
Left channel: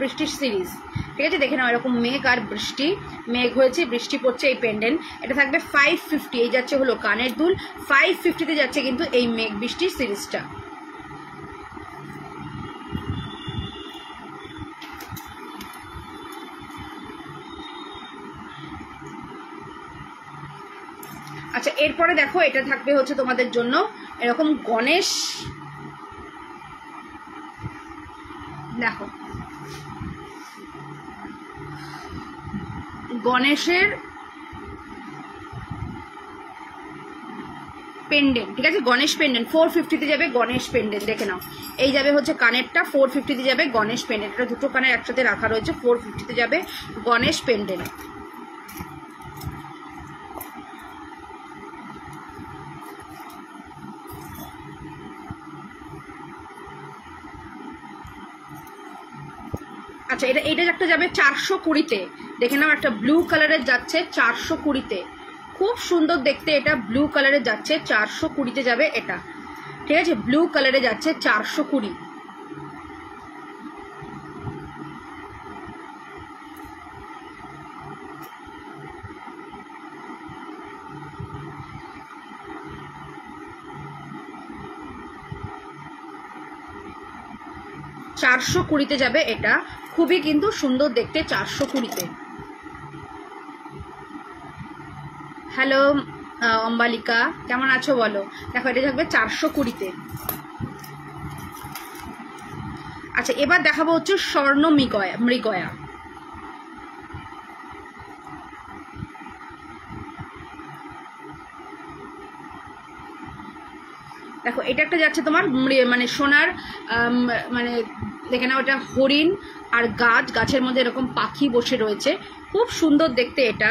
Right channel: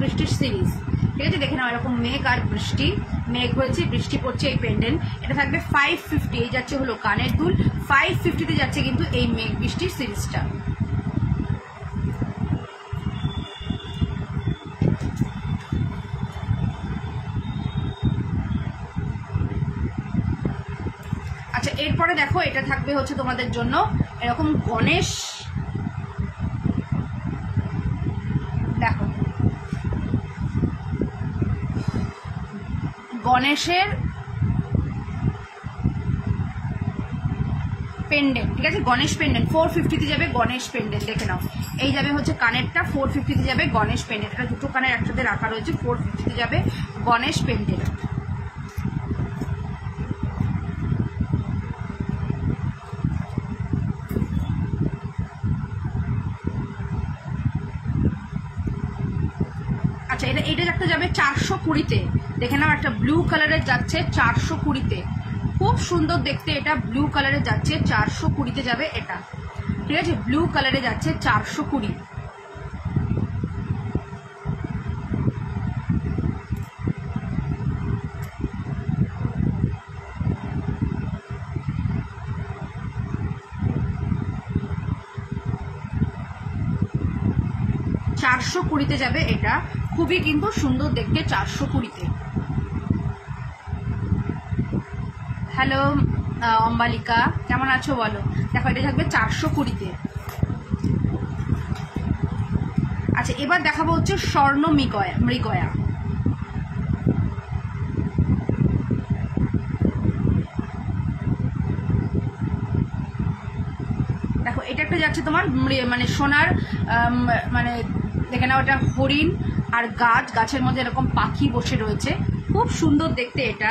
বৃষ্টির সিরিজ, ঠিক আছে, দেখে নাও এরকম মেঘ আর বৃষ্টি, মেঘ হয়েছে বৃষ্টি পড়ছে, এই পেন্ডেন্ট এটা থাকবে 550, এই যাচ্ছে হলো কানের দুল, 550-তে যাচ্ছে কিন্তু এই মেঘ বৃষ্টির সিরিজটা। আচ্ছা এরপরে দেখো এটা থাকবে হচ্ছে তোমাদের জন্য এরকম গণেশ, দেখো গণেশের পেন্ডেন্ট, ঠিক আছে, গণেশ পেন্ডেন্ট 450-তে যাবে গণেশ পেন্ডেন্ট। দেখে নাও এই যাবে হচ্ছে কানেরটা 450-তে যাবে গণেশ পেন্ডেন্ট, এটা দুটো কানের একসাথে রাখা রয়েছে, 450-তে যাবে গণেশ পেন্ডেন্ট। আচ্ছা এটা একটা যাবে 420-তে, দেখে নাও একটা ব্লু কালারের যাচ্ছে 420-তে, খুব সুন্দর দেখতে, এটা ব্লু কালারে যাচ্ছে 420-তে যাবে এটা, ঠিক আছে, ব্লু কালারে যাচ্ছে 420। চারশো 420-তে যাবে এটা, খুবই কিন্তু সুন্দর দেখতে 420-তে। হ্যালো অম্বালিকা, কেমন আছো বলো? দেখো এটা থাকবে 420-তে। আচ্ছা এবার দেখাবো হচ্ছে স্বর্ণ মৃগয়া, দেখো এটা একটা যাচ্ছে তোমার মানে সোনার মানে দেখে নাও, এটা হরিণ আর গাছের মধ্যে এরকম পাখি বসে রয়েছে, খুব সুন্দর দেখতে এটা।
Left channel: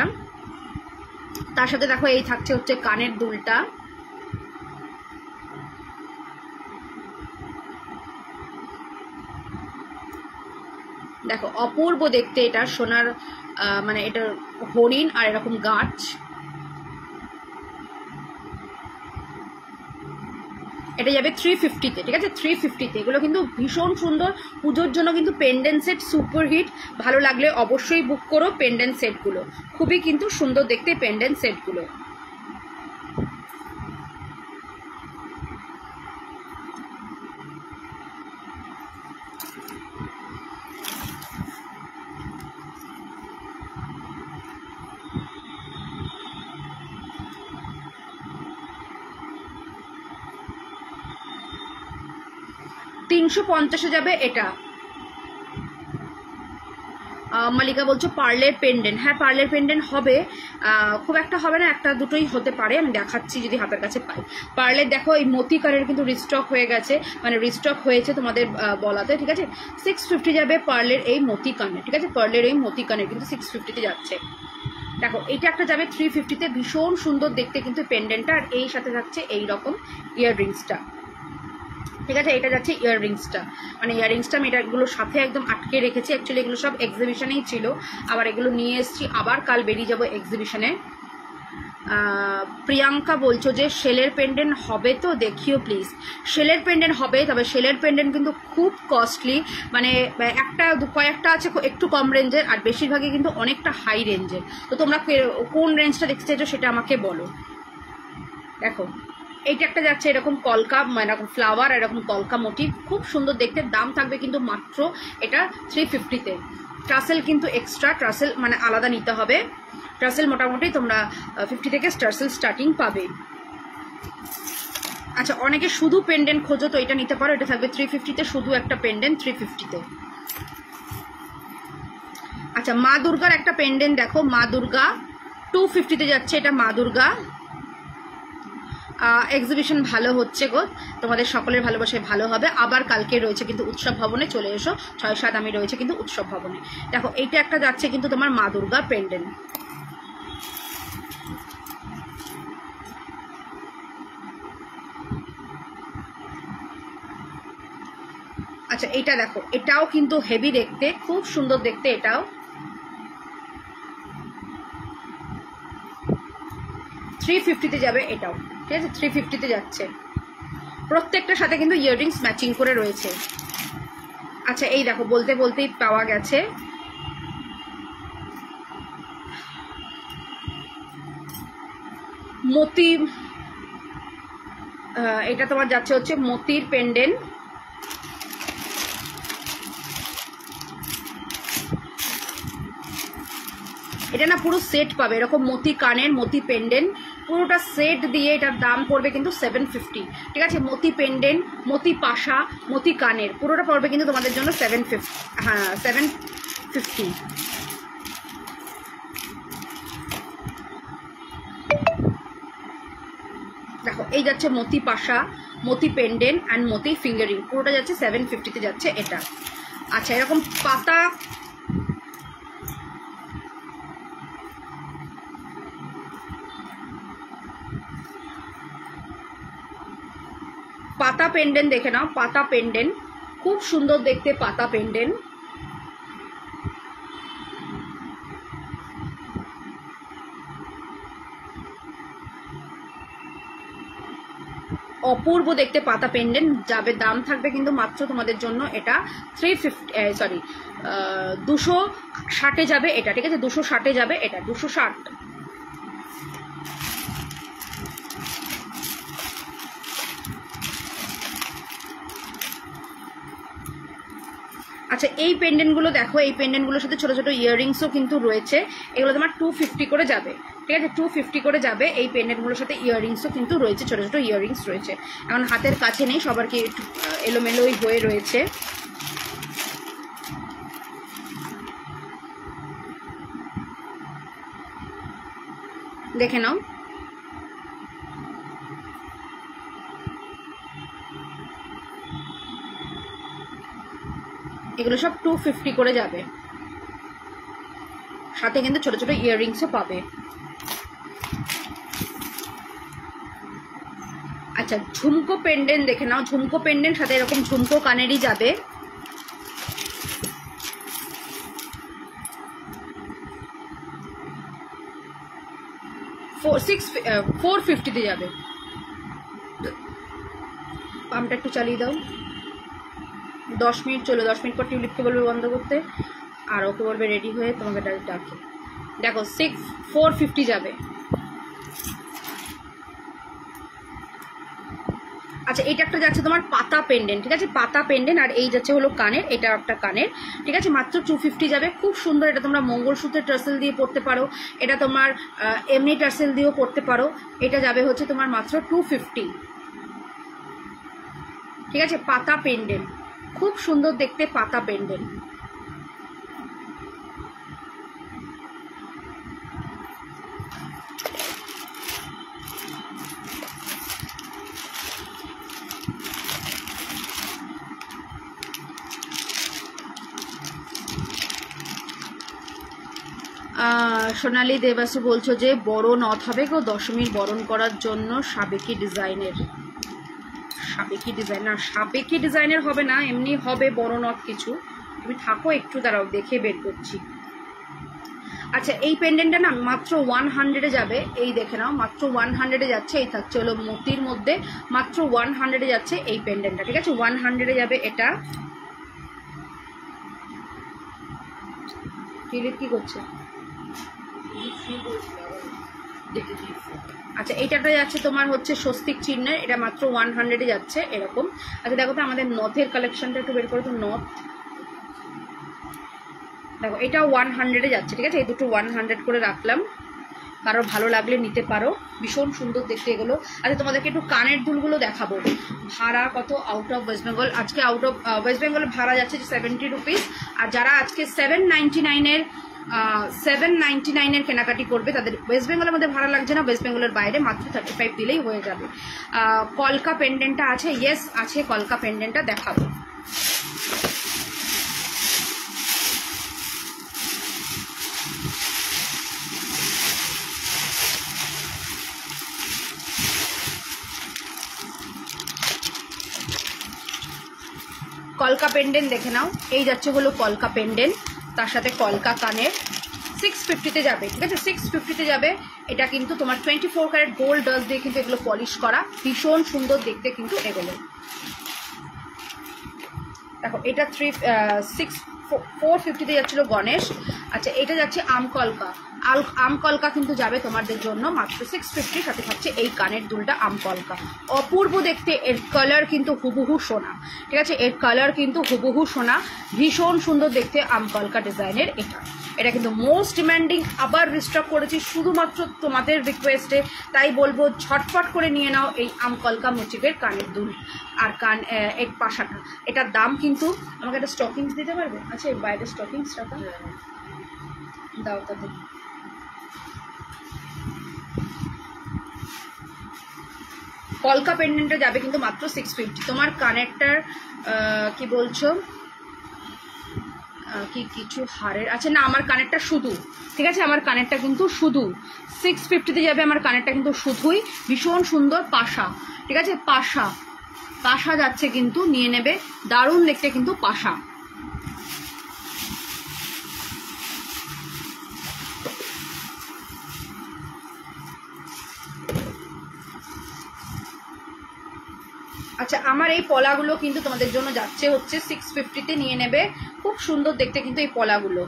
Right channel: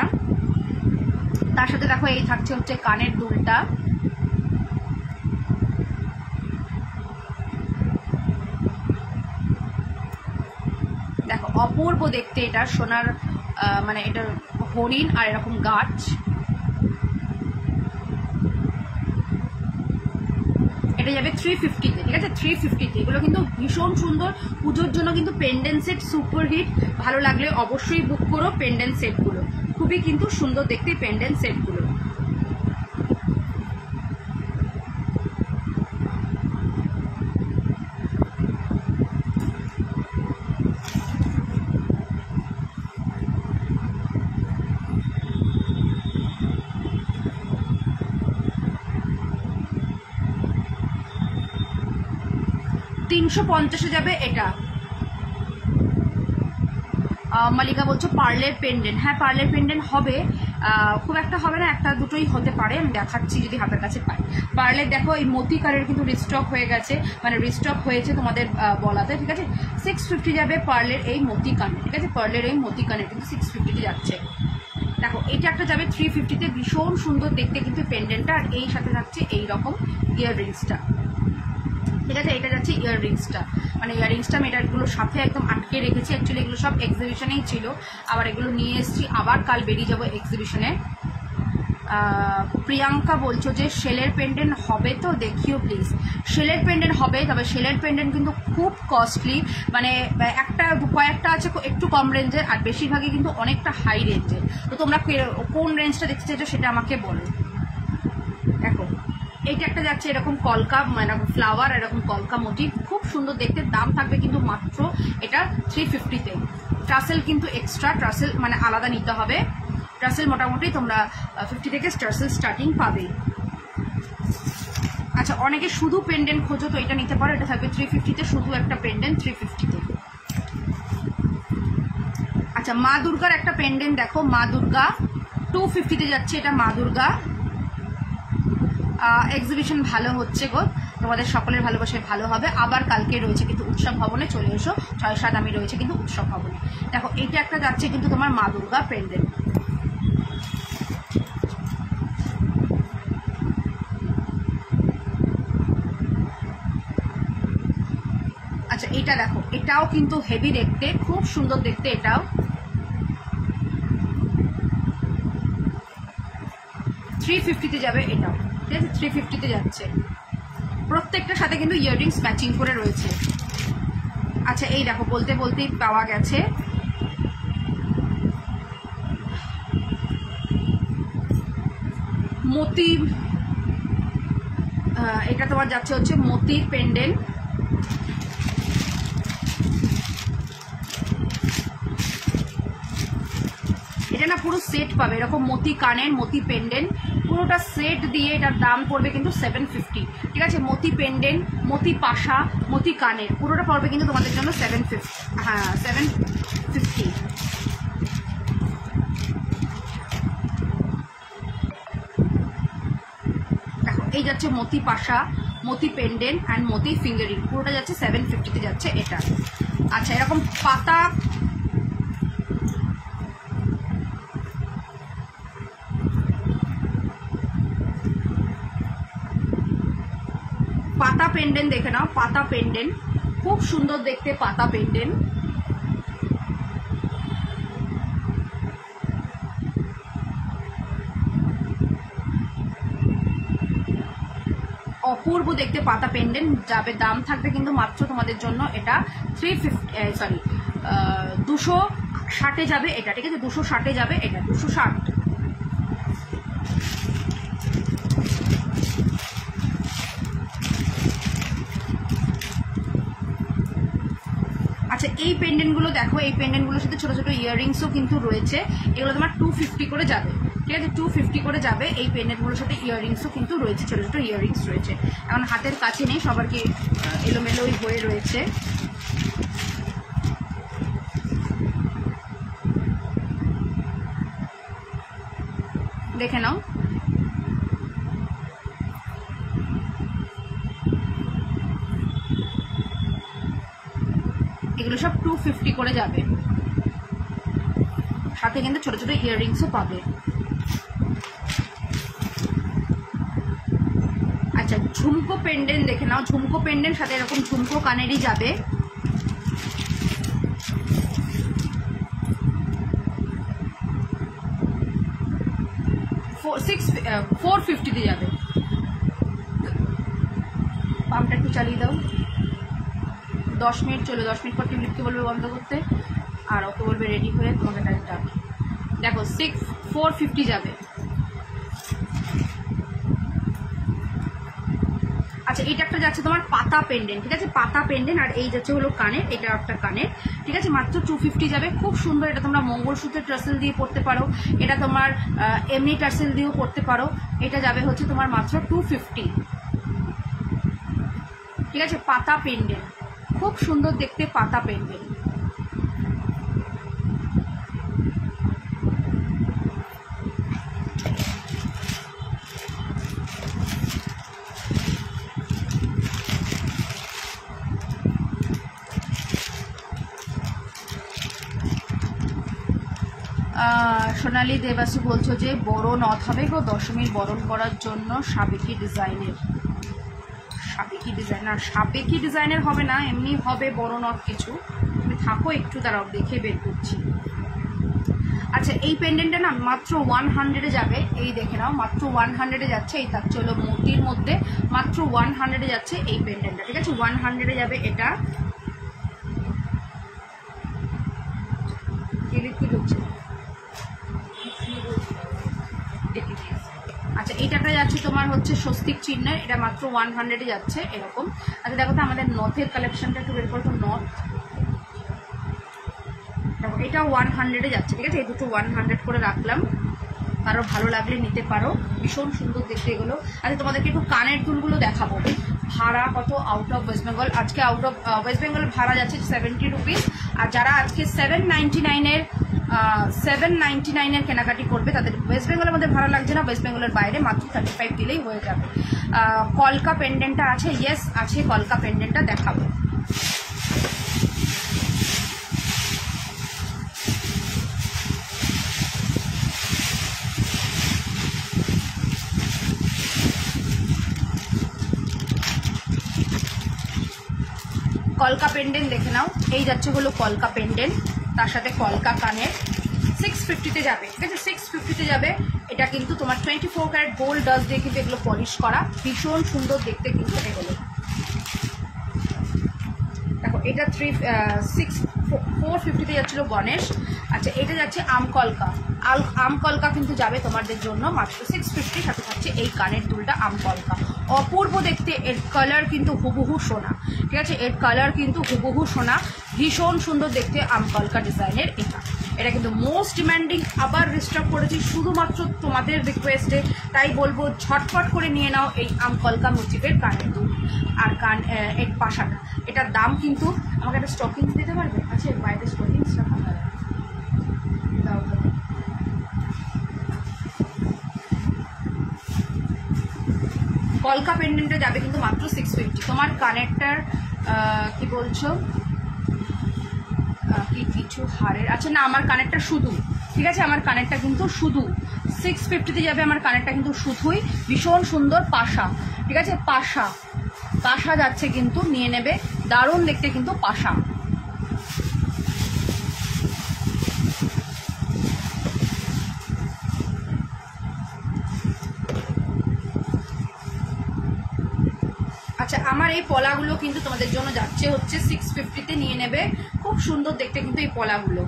তার সাথে দেখো এই থাকছে হচ্ছে কানের দুলটা, দেখো অপূর্ব দেখতে এটা, সোনার মানে এটা হরিণ আর এরকম গাছ। এটা যাবে 350-তে, ঠিক আছে, 350-তে। এগুলো কিন্তু ভীষণ সুন্দর, পুজোর জন্য কিন্তু পেন্ডেন্ট সেট সুপার হিট, ভালো লাগলে অবশ্যই বুক করো পেন্ডেন্ট সেটগুলো, খুবই কিন্তু সুন্দর দেখতে পেন্ডেন্ট সেটগুলো। $350-এ যাবে এটা। মালিকা বলছো পার্লের পেন্ডেন্ট, হ্যাঁ পার্লের পেন্ডেন্ট হবে, খুব একটা হবে না, একটা দুটোই হতে পারে, আমি দেখাচ্ছি যদি হাতের কাছে পাই। পার্লের দেখো এই মতি কানের কিন্তু রিস্টক হয়ে গেছে, মানে রিস্টক হয়েছে তোমাদের বলাতে, ঠিক আছে, 650 যাবে পার্লের এই মতি কানের, ঠিক আছে, পার্লের এই মতি কানের কিন্তু 650-তে যাচ্ছে। দেখো এইটা একটা যাবে 350-তে, ভীষণ সুন্দর দেখতে কিন্তু পেন্ডেন্টটা, আর এই সাথে যাচ্ছে এইরকম ইয়াররিংসটা, ঠিক আছে, এটা যাচ্ছে ইয়াররিংসটা, মানে ইয়াররিংসটা আমি এটাগুলোর সাথে একদম আটকে রেখেছি, অ্যাকচুয়ালি এগুলো সব এক্সিবিশনেই ছিল, আবার এগুলো নিয়ে এসেছি, আবার কাল বেরিয়ে যাবো এক্সিবিশনে। প্রিয়াঙ্কা বলছো যে শেলের পেন্ডেন্ট হবে তো দেখিও প্লিজ। শেলের পেন্ডেন্ট হবে, তবে শেলের পেন্ডেন্ট কিন্তু খুব কস্টলি, মানে একটা কয়েকটা আছে একটু কম রেঞ্জের, আর বেশিরভাগই কিন্তু অনেকটা হাই রেঞ্জের। তো তোমরা কোন রেঞ্জটা দেখতে চাইছো সেটা আমাকে বলো। দেখো এইটা একটা যাচ্ছে এরকম কলকা, এরকম ফ্লাওয়ার, এরকম কলকা মোটিভ, খুব সুন্দর দেখতে, দাম থাকবে কিন্তু মাত্র এটা 350-তে, ট্রাসেল কিন্তু এক্সট্রা, ট্রাসেল মানে আলাদা নিতে হবে। ট্রাসেল মোটামুটি তোমরা 50 থেকে ট্রাসেল স্টার্টিং পাবে। আচ্ছা, অনেকে শুধু পেন্ডেন্ট খোঁজো তো এটা নিতে পারো, এটা থাকবে 350-তে, শুধু একটা পেন্ডেন্ট 350-তে। আচ্ছা, মা দুর্গার একটা পেন্ডেন্ট দেখো, মা দুর্গা 250-তে যাচ্ছে, এটা মা দুর্গা। এক্সিবিশন ভালো হচ্ছে গো, তোমাদের সকলের ভালোবাসায় ভালো হবে। আবার কালকে রয়েছে কিন্তু উৎসব ভবনে, চলে এসো। 6-7 আমি রয়েছে কিন্তু উৎসব ভবনে। দেখো এইটা একটা যাচ্ছে কিন্তু তোমার মা দুর্গা পেন্ডেন্ট। আচ্ছা, এইটা দেখো, এটাও কিন্তু হেভি দেখতে, খুব সুন্দর দেখতে। এটাও 350-তে যাবে, এটাও ঠিক আছে 350-তে যাচ্ছে। প্রত্যেকটার সাথে কিন্তু ইয়াররিংস ম্যাচিং করে রয়েছে। আচ্ছা, এই দেখো বলতে বলতেই পাওয়া গেছে মতি, এটা তোমার যাচ্ছে হচ্ছে মতির পেন্ডেন্ট। এটা না পুরো সেট পাবে, এরকম মতি কানের, মতি পেন্ডেন্ট, পুরোটা সেট দিয়ে এটার দাম পড়বে কিন্তু 750, ঠিক আছে। মতি পেন্ডেন্ট, মতি পাশা, মতি কানের, পুরোটা পড়বে কিন্তু তোমাদের জন্য 750, হ্যাঁ 750। দেখো এই যাচ্ছে মতি পাশা, মতি পেন্ডেন্ট অ্যান্ড মতি ফিঙ্গারিং, পুরোটা যাচ্ছে 750-তে যাচ্ছে এটা। আচ্ছা, এরকম পাতা, পাতা পেন্ডেন্ট দেখে নাও, পাতা পেন্ডেন্ট খুব সুন্দর দেখতে, পাতা পেন্ডেন্ট। অপূর্ব দেখতে পাতা পেন্ডেন্ট যাবে। দাম থাকবে কিন্তু মাত্র তোমাদের জন্য এটা 260-এ যাবে এটা, ঠিক আছে 260-এ যাবে এটা, 260। আচ্ছা, এই পেন্ডেন্টগুলো দেখো, এই পেন্ডেন্টগুলোর সাথে ছোট ছোট ইয়াররিংসও কিন্তু রয়েছে। এগুলো তোমার 250 করে যাবে, ঠিক আছে 250 করে যাবে। এই পেন্ডেন্টগুলোর সাথে ইয়াররিংসও কিন্তু রয়েছে, ছোট ছোট ইয়াররিংস রয়েছে। এখন হাতের কাছে নেই, সবার কি এলোমেলোই হয়ে রয়েছে। দেখে নাও, এগুলো সব 250 করে যাবে, সাথে কিন্তু ছোট ছোট ইয়াররিংসও পাবে। আচ্ছা, ঝুমকো পেন্ডেন্ট দেখে নাও, ঝুমকো পেন্ডেন্ট সাথে এরকম ঝুমকো কানেরই যাবে। ফোর 450-তে যাবে। পাম্পটা একটু চালিয়ে দাও, 10 মিনিট চলো, 10 মিনিট পর টিউলিপকে বলবে বন্ধ করতে, আর ওকে বলবে রেডি হয়ে তোমাকে ডাকে। দেখো 450 যাবে। আচ্ছা, এইটা একটা যাচ্ছে তোমার পাতা পেন্ডেন্ট, ঠিক আছে পাতা পেন্ডেন্ট, আর এই যাচ্ছে হলো কানের, এটা একটা কানের, ঠিক আছে মাত্র 250 যাবে। খুব সুন্দর, এটা তোমরা মঙ্গলসূত্রের টার্সেল দিয়ে পড়তে পারো, এটা তোমার এমনি টার্সেল দিয়েও পড়তে পারো। এটা যাবে হচ্ছে তোমার মাত্র 250, ঠিক আছে। পাতা পেন্ডেন্ট খুব সুন্দর দেখতে, পাতা পেন্ডেন্ট। সোনালী দেবাসু বলছো যে বড় নথ হবে গো দশমীর বরণ করার জন্য, সাবেকি ডিজাইনের। সাবেকি ডিজাইন না, সাবেকি ডিজাইনের হবে না, এমনি হবে বড় নথ কিছু। তুমি থাকো একটু, দাঁড়াও দেখে বের করছি। আচ্ছা, এই পেন্ডেন্টটা না মাত্র 100-এ যাবে, এই দেখে নাও মাত্র 100-এ যাচ্ছে। এই থাকছে হলো মোতির মধ্যে, মাত্র 100-এ যাচ্ছে এই পেন্ডেন্টটা, ঠিক আছে 100-এ যাবে এটা। কি করছে? আচ্ছা, এইটাটা যাচ্ছে তোমার হচ্ছে স্বস্তিক চিহ্নের, এটা মাত্র 100-এ যাচ্ছে এরকম। আচ্ছা দেখো তো আমাদের নথের কালেকশনটা একটু বের করো তো। নথ দেখো এটা 100-এ যাচ্ছে, ঠিক আছে? এই দুটো 100 করে রাখলাম, কারো ভালো লাগলে নিতে পারো, ভীষণ সুন্দর দেখতে এগুলো। আচ্ছা তোমাদেরকে একটু কানের দুলগুলো দেখাবো, ভাড়া কত আউট অফ ওয়েস্ট বেঙ্গল। আজকে আউট অফ ওয়েস্ট বেঙ্গল ভাড়া যাচ্ছে 70 রুপিস, আর যারা আজকে 799-এর কেনাকাটি করবে তাদের ওয়েস্ট বেঙ্গলের মধ্যে ভাড়া লাগছে না, ওয়েস্ট বেঙ্গলের বাইরে মাত্র 35 দিলেই হয়ে যাবে। কলকা পেন্ডেন্টটা আছে, ইয়েস আছে, কলকা পেন্ডেন্টটা দেখাবো। কলকা পেন্ডেন্ট দেখে নাও, এই যাচ্ছে হলো কলকা পেন্ডেন্ট, তার সাথে কলকা কানের, 650-তে যাবে, ঠিক আছে? 650-তে যাবে। এটা কিন্তু তোমার 24 ক্যারেট গোল্ড ডাস্ট দিয়ে কিন্তু এগুলো পলিশ করা, ভীষণ সুন্দর দেখতে কিন্তু এগুলো। দেখো এটা 450-তে যাচ্ছিল গণেশ। আচ্ছা এটা যাচ্ছে আমকলকা, আমকলকা কিন্তু যাবে তোমাদের জন্য মাত্র 650, সাথে থাকছে এই কানের দুলটা আমকলকা, অপূর্ব দেখতে, এর কালার কিন্তু হুবহু সোনা, ঠিক আছে? এর কালার কিন্তু হুবহু সোনা, ভীষণ সুন্দর দেখতে আমকলকা ডিজাইনের। এটা কিন্তু মোস্ট ডিমান্ডিং, আবার রিস্টক করেছি শুধুমাত্র তোমাদের রিকোয়েস্টে, তাই বলবো ঝটপট করে নিয়ে নাও এই আমকলকা মোটিভের কানের দুল আর এক পাশাটা। এটার দাম কিন্তু, আমাকে একটা স্টকিংস দিতে পারবে? আচ্ছা এর বাইরে স্টকিংস রাখা দাও তাতে। কলকা পেন্ডেন্টে যাবে কিন্তু মাত্র 650। তোমার কানেরটার কি বলছো, কি কিছু হারের, আচ্ছা না আমার কানেরটা শুধু, ঠিক আছে? আমার কানেরটা কিন্তু শুধু 650-তে যাবে, আমার কানেরটা কিন্তু শুধুই, ভীষণ সুন্দর পাশা, ঠিক আছে? পাশা যাচ্ছে কিন্তু, নিয়ে নেবে, দারুণ দেখতে কিন্তু পাশা। আচ্ছা আমার এই পলাগুলো কিন্তু তোমাদের জন্য যাচ্ছে হচ্ছে 650-তে, নিয়ে নেবে, খুব সুন্দর দেখতে কিন্তু এই পলাগুলো।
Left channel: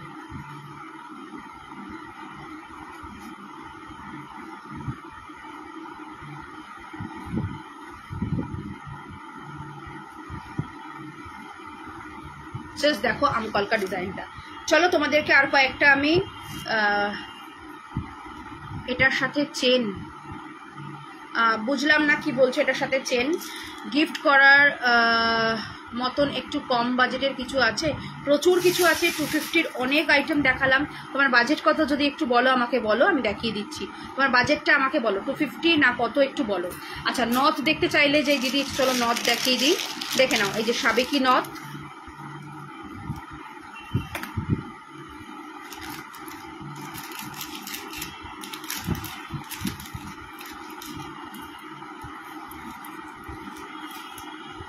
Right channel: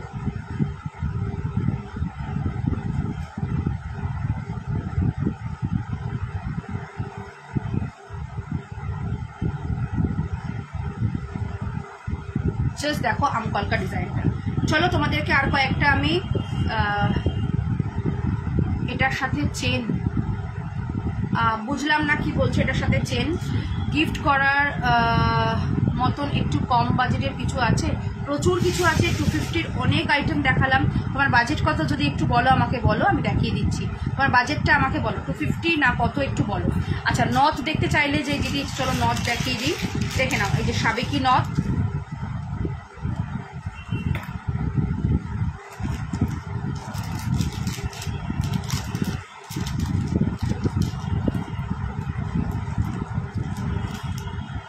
দেখো আমকলকা ডিজাইনটা। চলো তোমাদেরকে আর কয়েকটা আমি, এটার সাথে চেন, বুঝলাম না কি বলছো, এটার সাথে চেন গিফট করার মতন একটু কম বাজেটের কিছু আছে? প্রচুর কিছু আছে, 250-র অনেক আইটেম দেখালাম। তোমার বাজেট কত যদি একটু বলো, আমাকে বলো, আমি দেখিয়ে দিচ্ছি। তোমার বাজেটটা আমাকে বলো, 250 না কত একটু বলো। আচ্ছা নথ দেখতে চাইলে যে দিদি, চলো নথ দেখিয়ে দিই, দেখে নাও, এই যে সাবেকি নথ,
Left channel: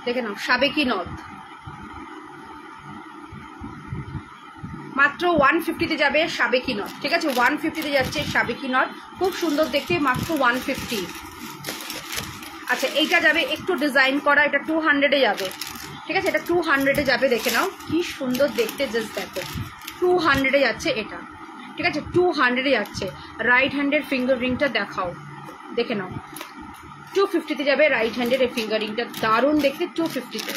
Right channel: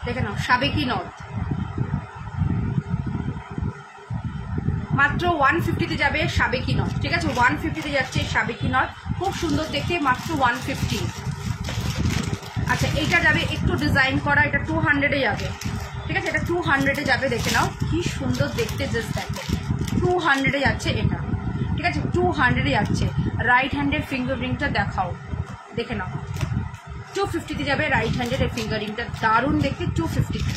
দেখে নাও, সাবেকি নথ মাত্র 150-তে যাবে, সাবেকি নথ, ঠিক আছে? 150-তে যাচ্ছে সাবেকি নথ, খুব সুন্দর দেখতে, মাত্র 150। আচ্ছা এইটা যাবে একটু ডিজাইন করা, এটা 200-এ যাবে, ঠিক আছে? এটা 200-এ যাবে, দেখে নাও কি সুন্দর দেখতে, জাস্ট দেখো 200-এ যাচ্ছে এটা, ঠিক আছে? 200-এ যাচ্ছে। রাইট হ্যান্ডের ফিঙ্গার রিংটা দেখাও, দেখে নাও, 250-তে যাবে রাইট হ্যান্ডের এই ফিঙ্গার রিংটা, দারুণ দেখতে, 250-তে।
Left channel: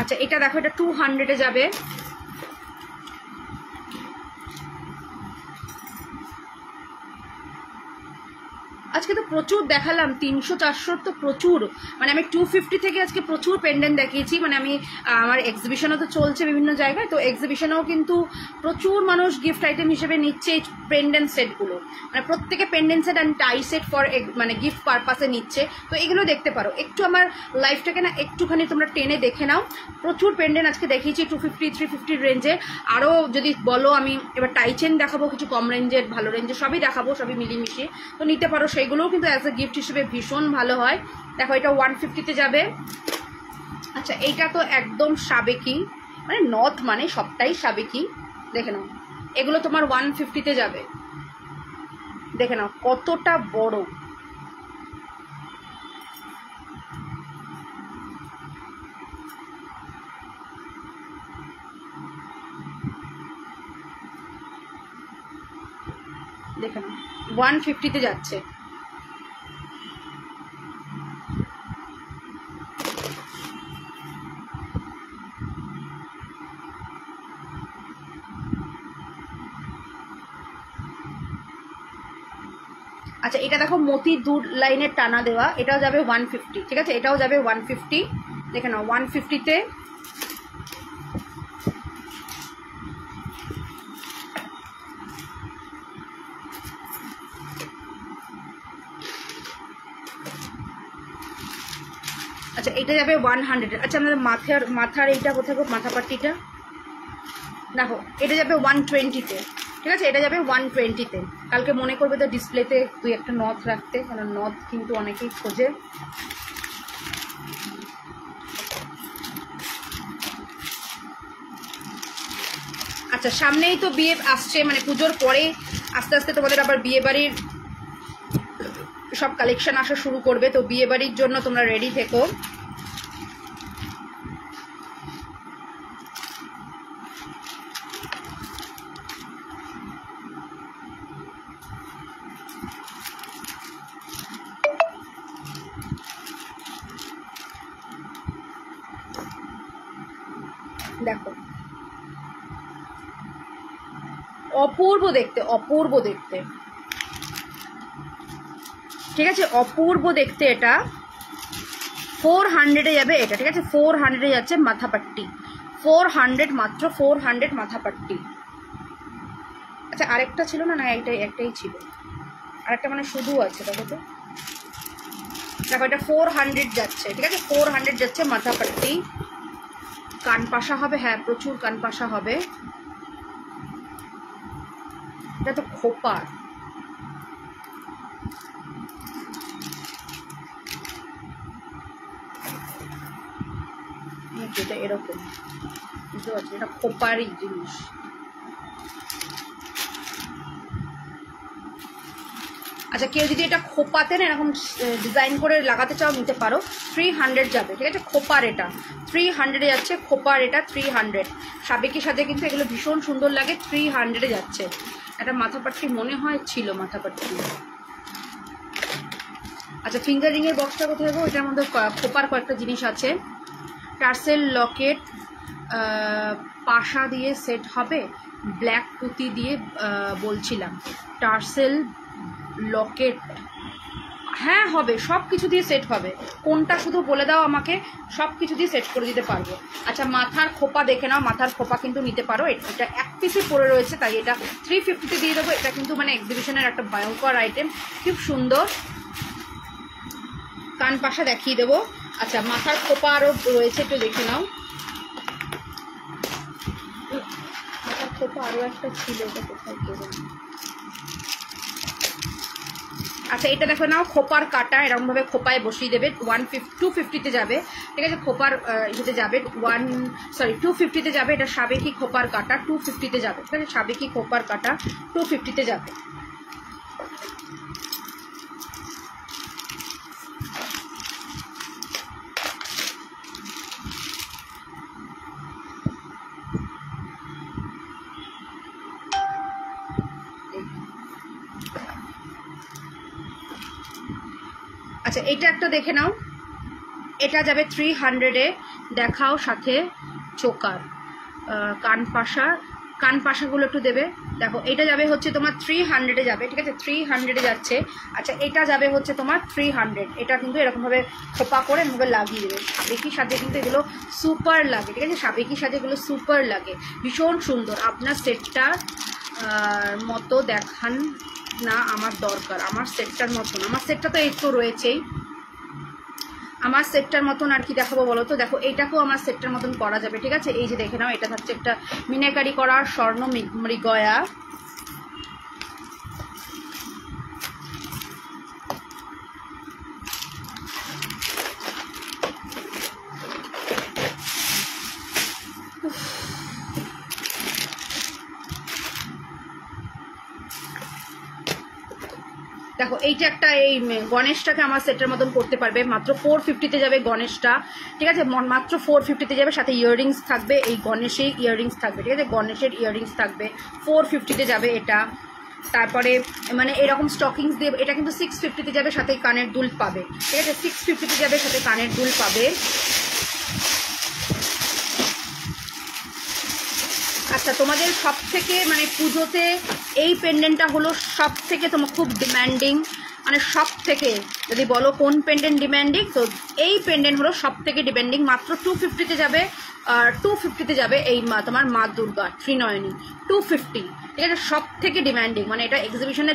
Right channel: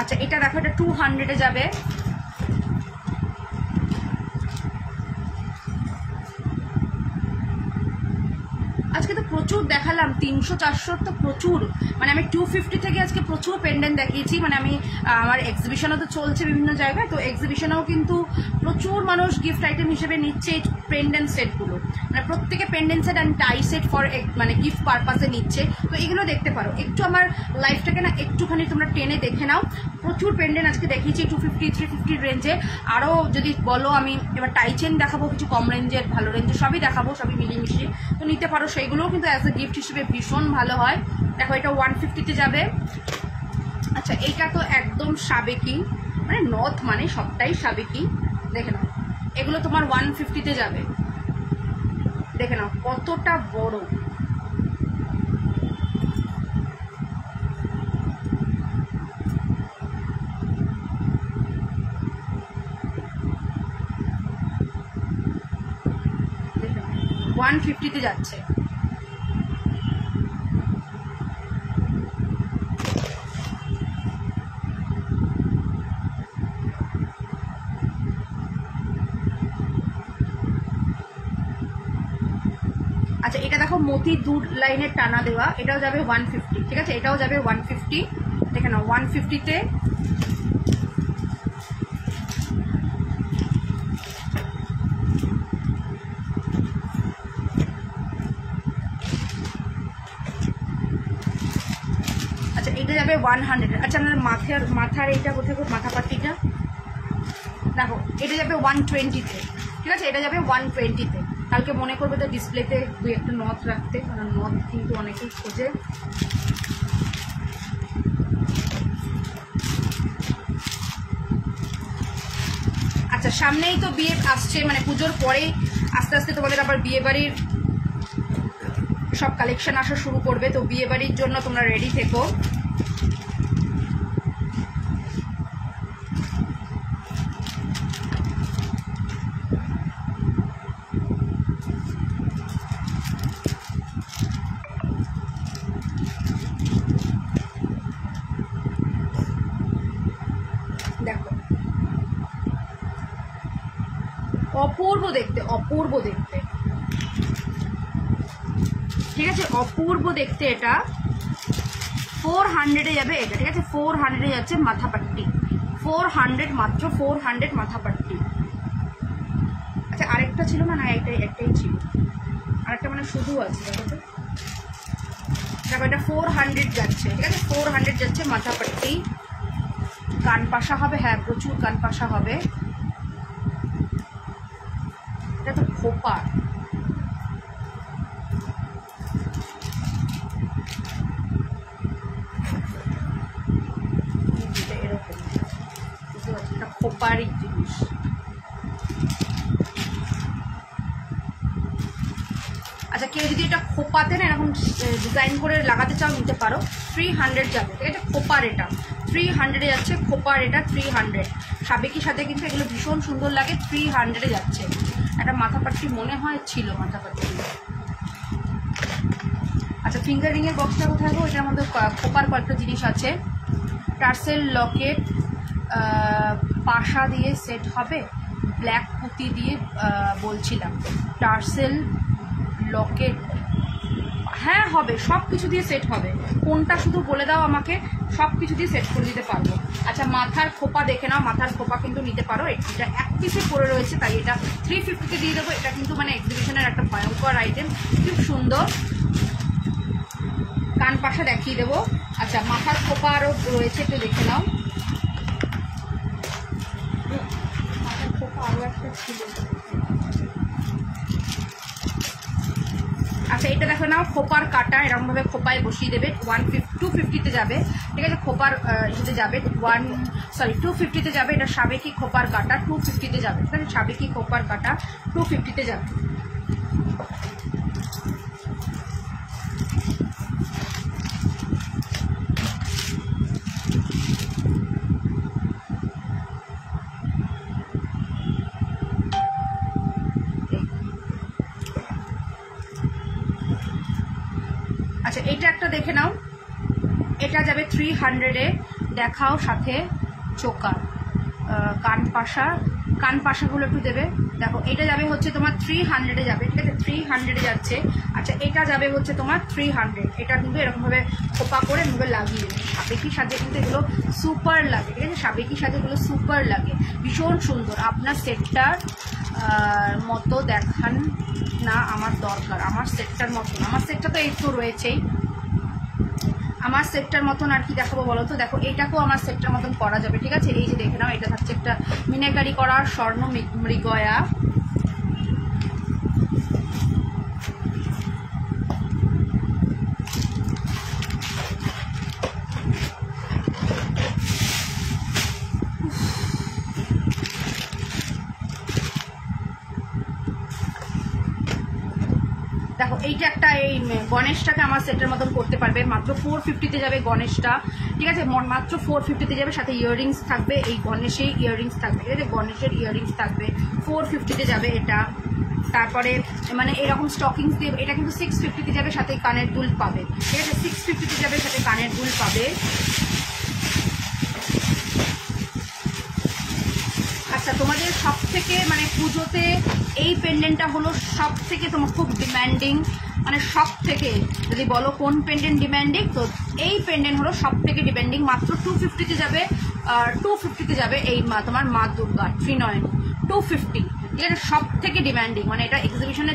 আচ্ছা এটা দেখো, এটা 200-এ যাবে। আজকে তো প্রচুর দেখালাম, 300-400 তো প্রচুর, মানে আমি 250 থেকে আজকে প্রচুর পেন্ডেন্ট দেখিয়েছি। মানে আমি আমার এক্সিবিশনও তো চলছে বিভিন্ন জায়গায়, তো এক্সিবিশনেও কিন্তু প্রচুর মানুষ গিফট আইটেম হিসেবে নিচ্ছে এই পেন্ডেন্ট সেটগুলো, মানে প্রত্যেকে pendant set and tie set for মানে গিফট পারপাসে নিচ্ছে। তো এগুলো দেখতে পারো, একটু আমার লাইফটাকে না একটুখানি তোমরা টেনে দেখে নাও, প্রচুর পেন্ডেন্ট আজকে দেখিয়েছি 250-350 রেঞ্জে। আরও যদি বলো আমি এবার টাই চেন দেখাবো, কিছু কম রেঞ্জের, ভালো রেঞ্জের, সবই দেখাবো, সবই মিলিয়ে তো নিতে পারো, সেইগুলোও কিন্তু অ্যাজ এ গিফট হিসেবে ভীষণ ভালো হয়। দেখো এটা 150-তে যাবে। আচ্ছা এইটা তো একদম সাবেকি, মানে নথ মানে সবটাই সাবেকি, দেখে নাও, এগুলো তোমার 150-তে যাবে, দেখে নাও কতটা বড়, দেখে নাও 150-তে যাচ্ছে। আচ্ছা এটা দেখো মতি 2 লাইনের টানা দেওয়া, এটাও যাবে 150, ঠিক আছে, এটাও যাবে 150, দেখে নাও 150-তে। আচ্ছা এটা যাবে 100। আচ্ছা আমাদের মাথার এইটা কোথায় গো, মাথা পাট্টিটা দেখো, এটা যাবে 120-তে, ঠিক আছে, এটা যাবে 120-তে। কালকে মনে করবে তো ডিসপ্লেতে 2-একটা নথ রাখতে, কারণ নথ কিন্তু অনেকেই খোঁজে। আচ্ছা সামনেই তো বিয়ে আসছে, মানে পুজোর পরেই আস্তে আস্তে তোমাদের আবার বিয়ে বাড়ির সব কালেকশন আসা শুরু করবে, তো বিয়ে বাড়ির জন্য তোমরা রেডি থেকো। দেখো অপূর্ব দেখতে, অপূর্ব দেখতে, ঠিক আছে, অপূর্ব দেখতে। এটা 400-এ যাবে এটা, ঠিক আছে, 400-এ যাচ্ছে মাথাপাট্টি, 400 মাত্র, 400 মাথাপাট্টি। আচ্ছা আরেকটা ছিল না, না একটাই ছিল, আরেকটা মানে শুধু আছে, দেখো তো, দেখো এটা 400 যাচ্ছে, ঠিক আছে, 400 যাচ্ছে মাথাপাট্টি। কান পাশা হবে, হ্যাঁ প্রচুর কান পাশা হবে। এটা তো খোপার, যেটা এরকম, বুঝতে পারছি, এটা খোপারই জিনিস। আচ্ছা কেউ যদি এটা খোপাতে না এরকম ডিজাইন করে লাগাতে চাও নিতে পারো, 300 যাবে, ঠিক আছে, খোপার এটা 300-এ যাচ্ছে, খোপার এটা 300। সাবেকির সাথে কিন্তু এগুলো ভীষণ সুন্দর লাগে, 300-এ যাচ্ছে। একটা মাথাপাট্টি মনে হয় ছিল, মাথাপাট্টি। আচ্ছা ফিঙ্গারিং এর বক্সটা কোথায় গো, এটার মধ্যে খোপার কয়েকটা জিনিস আছে। টার্সেল লকেট পাশা দিয়ে সেট হবে, ব্ল্যাক পুঁতি দিয়ে বলছিলাম, টার্সেল লকেট, হ্যাঁ হবে, সব কিছু দিয়ে সেট হবে, কোনটা শুধু বলে দাও আমাকে, সব কিছু দিয়ে সেট করে দিতে পারবো। আচ্ছা মাথার খোপা দেখে নাও, মাথার খোপা কিন্তু নিতে পারো, এটা এক পিসে পড়ে রয়েছে, তাই এটা 350-তে দিয়ে দেবো। এটা কিন্তু মানে এক্সিবিশনের একটা ভয়ঙ্কর আইটেম, খুব সুন্দর। কান পাশা দেখিয়ে দেবো। আচ্ছা মাথার খোপা আরও রয়েছে, একটু দেখে নাও। মাথার খোপা আরও একটা ছিল, এটা কোথায় গেল? আচ্ছা এটা দেখো নাও, খোপার কাটা এরকম ভাবে খোপায় বসিয়ে দেবে, 250-তে যাবে, ঠিক আছে, খোপার ইয়েতে যাবে 250-তে যাবে। এটা সাবেকি খোপার কাটা 250-তে যাবে, ঠিক আছে, সাবেকি খোপার কাটা 250-তে যাবে। আচ্ছা এটা একটা দেখে নাও, এটা যাবে 300-এ, দেখাও সাথে চোকার কান পাশাগুলো একটু দেবে। দেখো এটা যাবে হচ্ছে তোমার 300-এ যাবে, ঠিক আছে, 300-এ যাচ্ছে। আচ্ছা এটা যাবে হচ্ছে তোমার 300, এটা কিন্তু এরকমভাবে খোপা করে মুখে লাগিয়ে দেবে। সাবেকির সাথে কিন্তু এগুলো সুপার লাগে, ঠিক আছে, সাবেকির সাথে এগুলো সুপার লাগে, ভীষণ সুন্দর। আপনার সেটটার মতো দেখান না, আমার দরকার, আমার সেটটার মতন, আমার সেটটা তো এই তো রয়েছেই, আমার সেটটার মতন আর কি দেখাবো বলো তো। দেখো এইটাকেও আমার সেটটার মতন করা যাবে, ঠিক আছে, এই যে দেখে নাও, এটা থাকছে একটা মিনাকারি করা স্বর্ণ মৃগয়া, দেখো এইটা একটা, এই গণেশটাকে আমার সেটের মতন করতে পারবে, মাত্র 450-তে যাবে গণেশটা, ঠিক আছে, মাত্র 450-তে যাবে, সাথে ইয়াররিংস থাকবে, এই গণেশের ইয়াররিংস থাকবে, ঠিক আছে, গণেশের ইয়াররিংস থাকবে, 450-তে যাবে এটা। তারপরে মানে এরকম স্টকিংস দিয়ে, এটা কিন্তু 650-তে যাবে, সাথে কানের দুল পাবে, ঠিক আছে, 650-তে যাবে, সাথে কানের দুল পাবে। আচ্ছা তোমাদের সব থেকে মানে পুজোতে এই পেন্ডেন্টটা হলো সব থেকে তোমার খুব ডিম্যান্ডিং, মানে সব থেকে যদি বলো কোন পেন্ডেন্ট ডিমান্ডিং, তো এই পেন্ডেন্ট হলো সব থেকে ডিমান্ডিং। মাত্র 250-তে যাবে, 250-তে যাবে এই তোমার মা দুর্গা ত্রিনয়নী 250, ঠিক আছে, সব থেকে ডিমান্ডিং। মানে এটা এক্সিবিশনে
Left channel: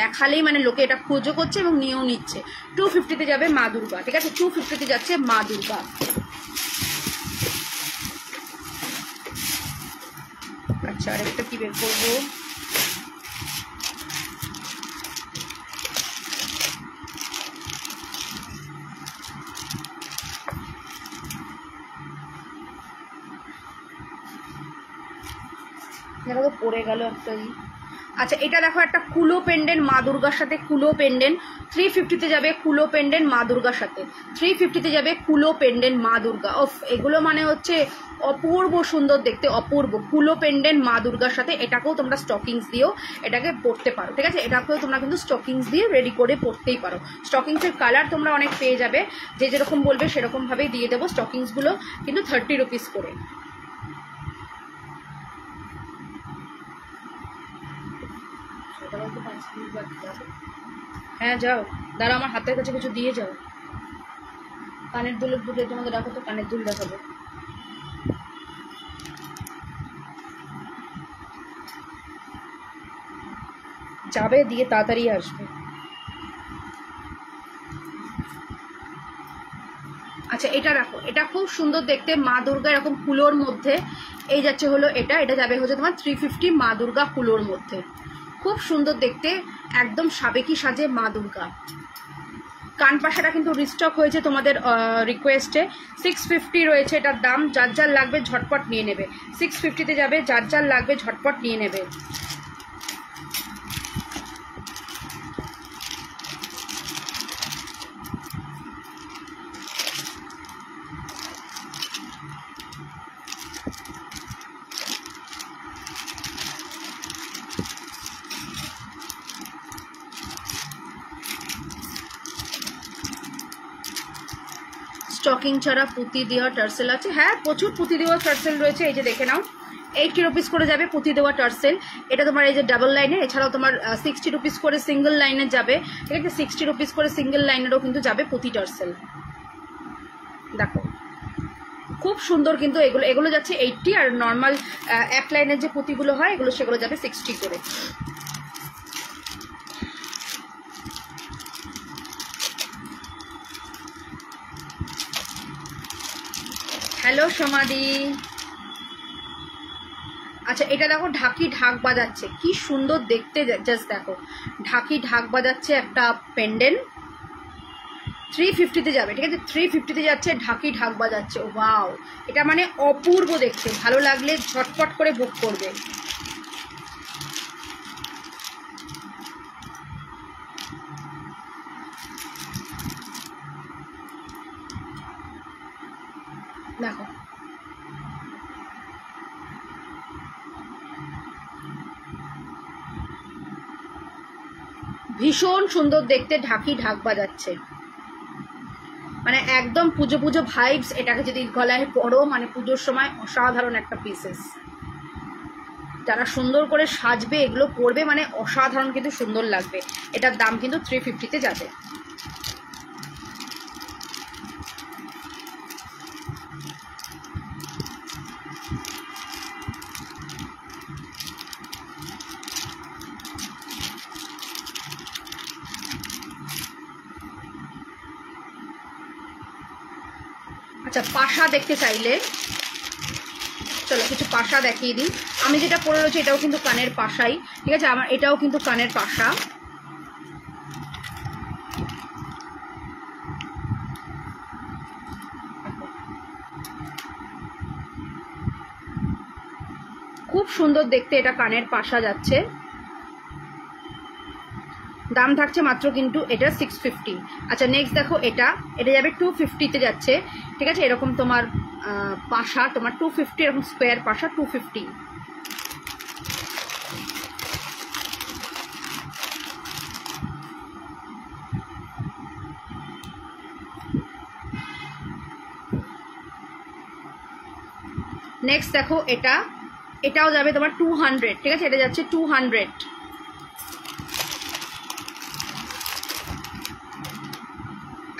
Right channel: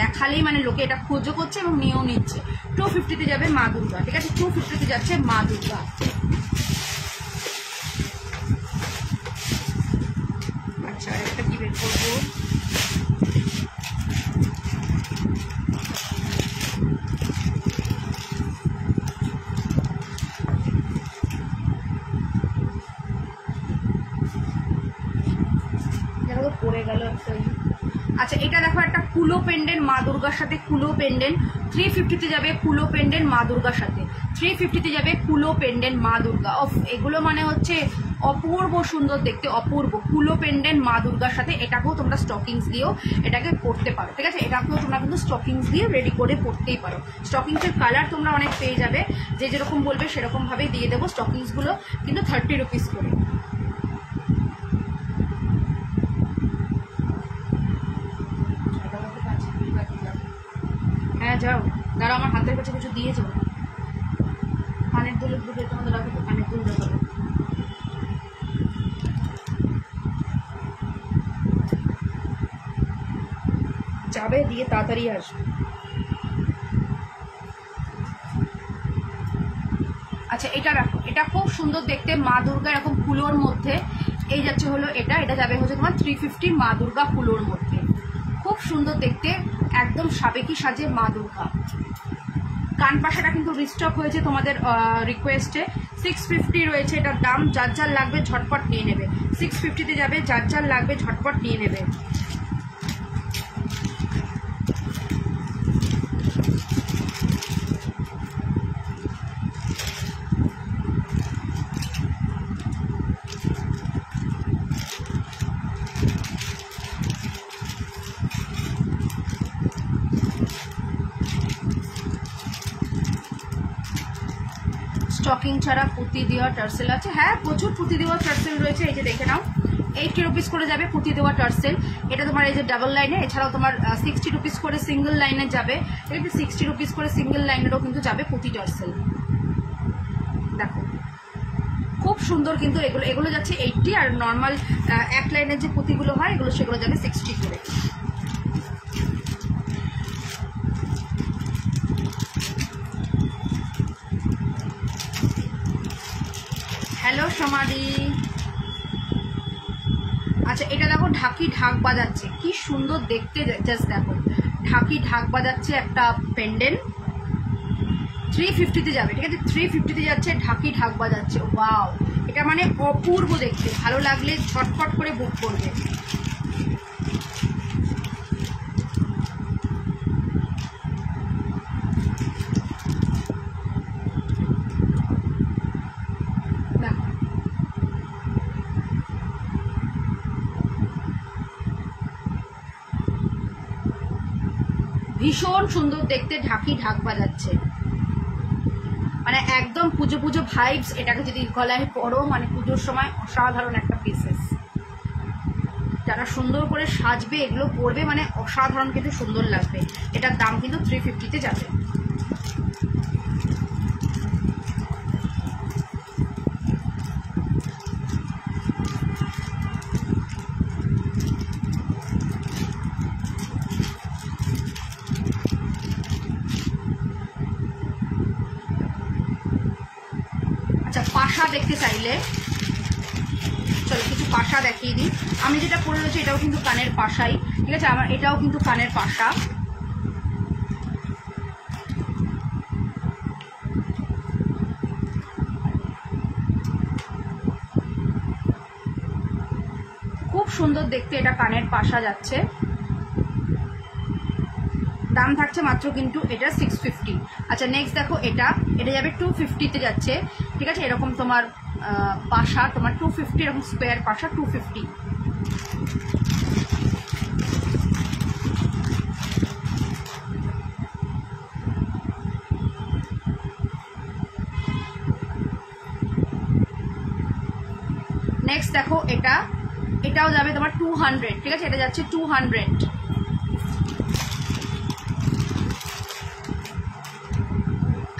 দেখালেই মানে লোকে এটা খোঁজও করছে এবং নিয়েও নিচ্ছে। 250-তে যাবে মা দুর্গা, ঠিক আছে, 250-তে যাচ্ছে মা দুর্গা। আচ্ছা, আরেকটা কি বের করবো, এটা তো পড়ে গেল একটাই। আচ্ছা, এটা দেখো একটা কুলো পেন্ডেন্ট মা দুর্গার সাথে, কুলো পেন্ডেন্ট 350-তে যাবে, কুলো পেন্ডেন্ট মা দুর্গার সাথে 350-তে যাবে কুলো পেন্ডেন্ট মা দুর্গা। অফ, এগুলো মানে হচ্ছে অপূর্ব সুন্দর দেখতে, অপূর্ব কুলো পেন্ডেন্ট মা দুর্গার সাথে। এটাকেও তোমরা স্টকিংস দিয়েও এটাকে পরতে পারো, ঠিক আছে, এটাকেও তোমরা কিন্তু স্টকিংস দিয়ে রেডি করে পরতেই পারো। স্টকিংসের কালার তোমরা অনেক পেয়ে যাবে, যে যেরকম বলবে সেরকম ভাবেই দিয়ে দেবো। স্টকিংসগুলো কিন্তু 30 রুপিস করে। হ্যাঁ যাও, দাঁড়া আমার হাতের কাছে কিছু দিয়ে যাও। কানের দুলের দুলে তোমাদের রাখো, তো কানের দুল দেখাবে। যাবে দিয়ে তাড়াতাড়ি আসবে। আচ্ছা, এটা রাখো, এটা খুব সুন্দর দেখতে মা দুর্গা এরকম কুলোর মধ্যে। এই যাচ্ছে হলো এটা, এটা যাবে হচ্ছে তোমার 350 মা দুর্গা কুলোর মধ্যে। খুব সুন্দর দেখতে, একদম সাবেকি সাজে মা দুর্গা। কান পাশাটা কিন্তু রিস্টক হয়েছে তোমাদের রিকোয়েস্টে। 650 রয়েছে এটার দাম। যার যার লাগবে ঝটপট নিয়ে নেবে। 650-তে যাবে, যার যার লাগবে ঝটপট নিয়ে নেবে। স্টকিং ছাড়া পুঁতি দেওয়া টার্সেল আছে, হ্যাঁ প্রচুর পুঁতি দেওয়া টার্সেল রয়েছে। এই যে দেখে নাও, 80 রুপিস করে যাবে পুঁতি দেওয়া টার্সেল। এটা তোমার এই যে ডাবল লাইনে, এছাড়াও তোমার 60 রুপিস করে সিঙ্গেল লাইনে যাবে, ঠিক আছে, 60 রুপিস করে সিঙ্গেল লাইনেরও কিন্তু যাবে পুঁতি টার্সেল। দেখো খুব সুন্দর কিন্তু এগুলো, এগুলো যাচ্ছে 80, আর নর্মাল এক লাইনের যে পুঁতিগুলো হয় এগুলো সেগুলো যাবে 60 করে। হ্যালো সমাধি। আচ্ছা, এটা দেখো ঢাকি ঢাক বাজাচ্ছে, কি সুন্দর দেখতে, জাস্ট দেখো ঢাকি ঢাক বাজাচ্ছে একটা পেন্ডেন্ট। 350-তে যাবে, ঠিক আছে, 350-তে যাচ্ছে, ঢাকি ঢাক বাজাচ্ছে। ওয়াও, এটা মানে অপূর্ব দেখতে। ভালো লাগলে ঝটপট করে বুক করবে। দেখো ভীষণ সুন্দর দেখতে, ঢাকি ঢাক বাজাচ্ছে, মানে একদম পুজো পুজো ভাইবস। এটাকে যদি গলায় পরো মানে পুজোর সময় অসাধারণ একটা পিসেস। যারা সুন্দর করে সাজবে এগুলো পরবে মানে অসাধারণ কিন্তু সুন্দর লাগবে। এটার দাম কিন্তু 350-তে যাবে। আচ্ছা, পাশা দেখতে চাইলে চলো কিছু পাশা দেখিয়ে দিই। আমি যেটা পরে রয়েছে এটাও কিন্তু কানের পাশাই, ঠিক আছে, আমার এটাও কিন্তু কানের পাশা। খুব সুন্দর দেখতে, এটা কানের পাশা যাচ্ছে। দাম থাকছে মাত্র কিন্তু এটা 650। আচ্ছা নেক্সট দেখো, এটা যাবে 250-তে যাচ্ছে, ঠিক আছে, এরকম তোমার পাশা, তোমার 250 এরকম স্কোয়ার পাশা 250। নেক্সট দেখো, এটাও যাবে তোমার 200, ঠিক আছে, এটা যাচ্ছে 200।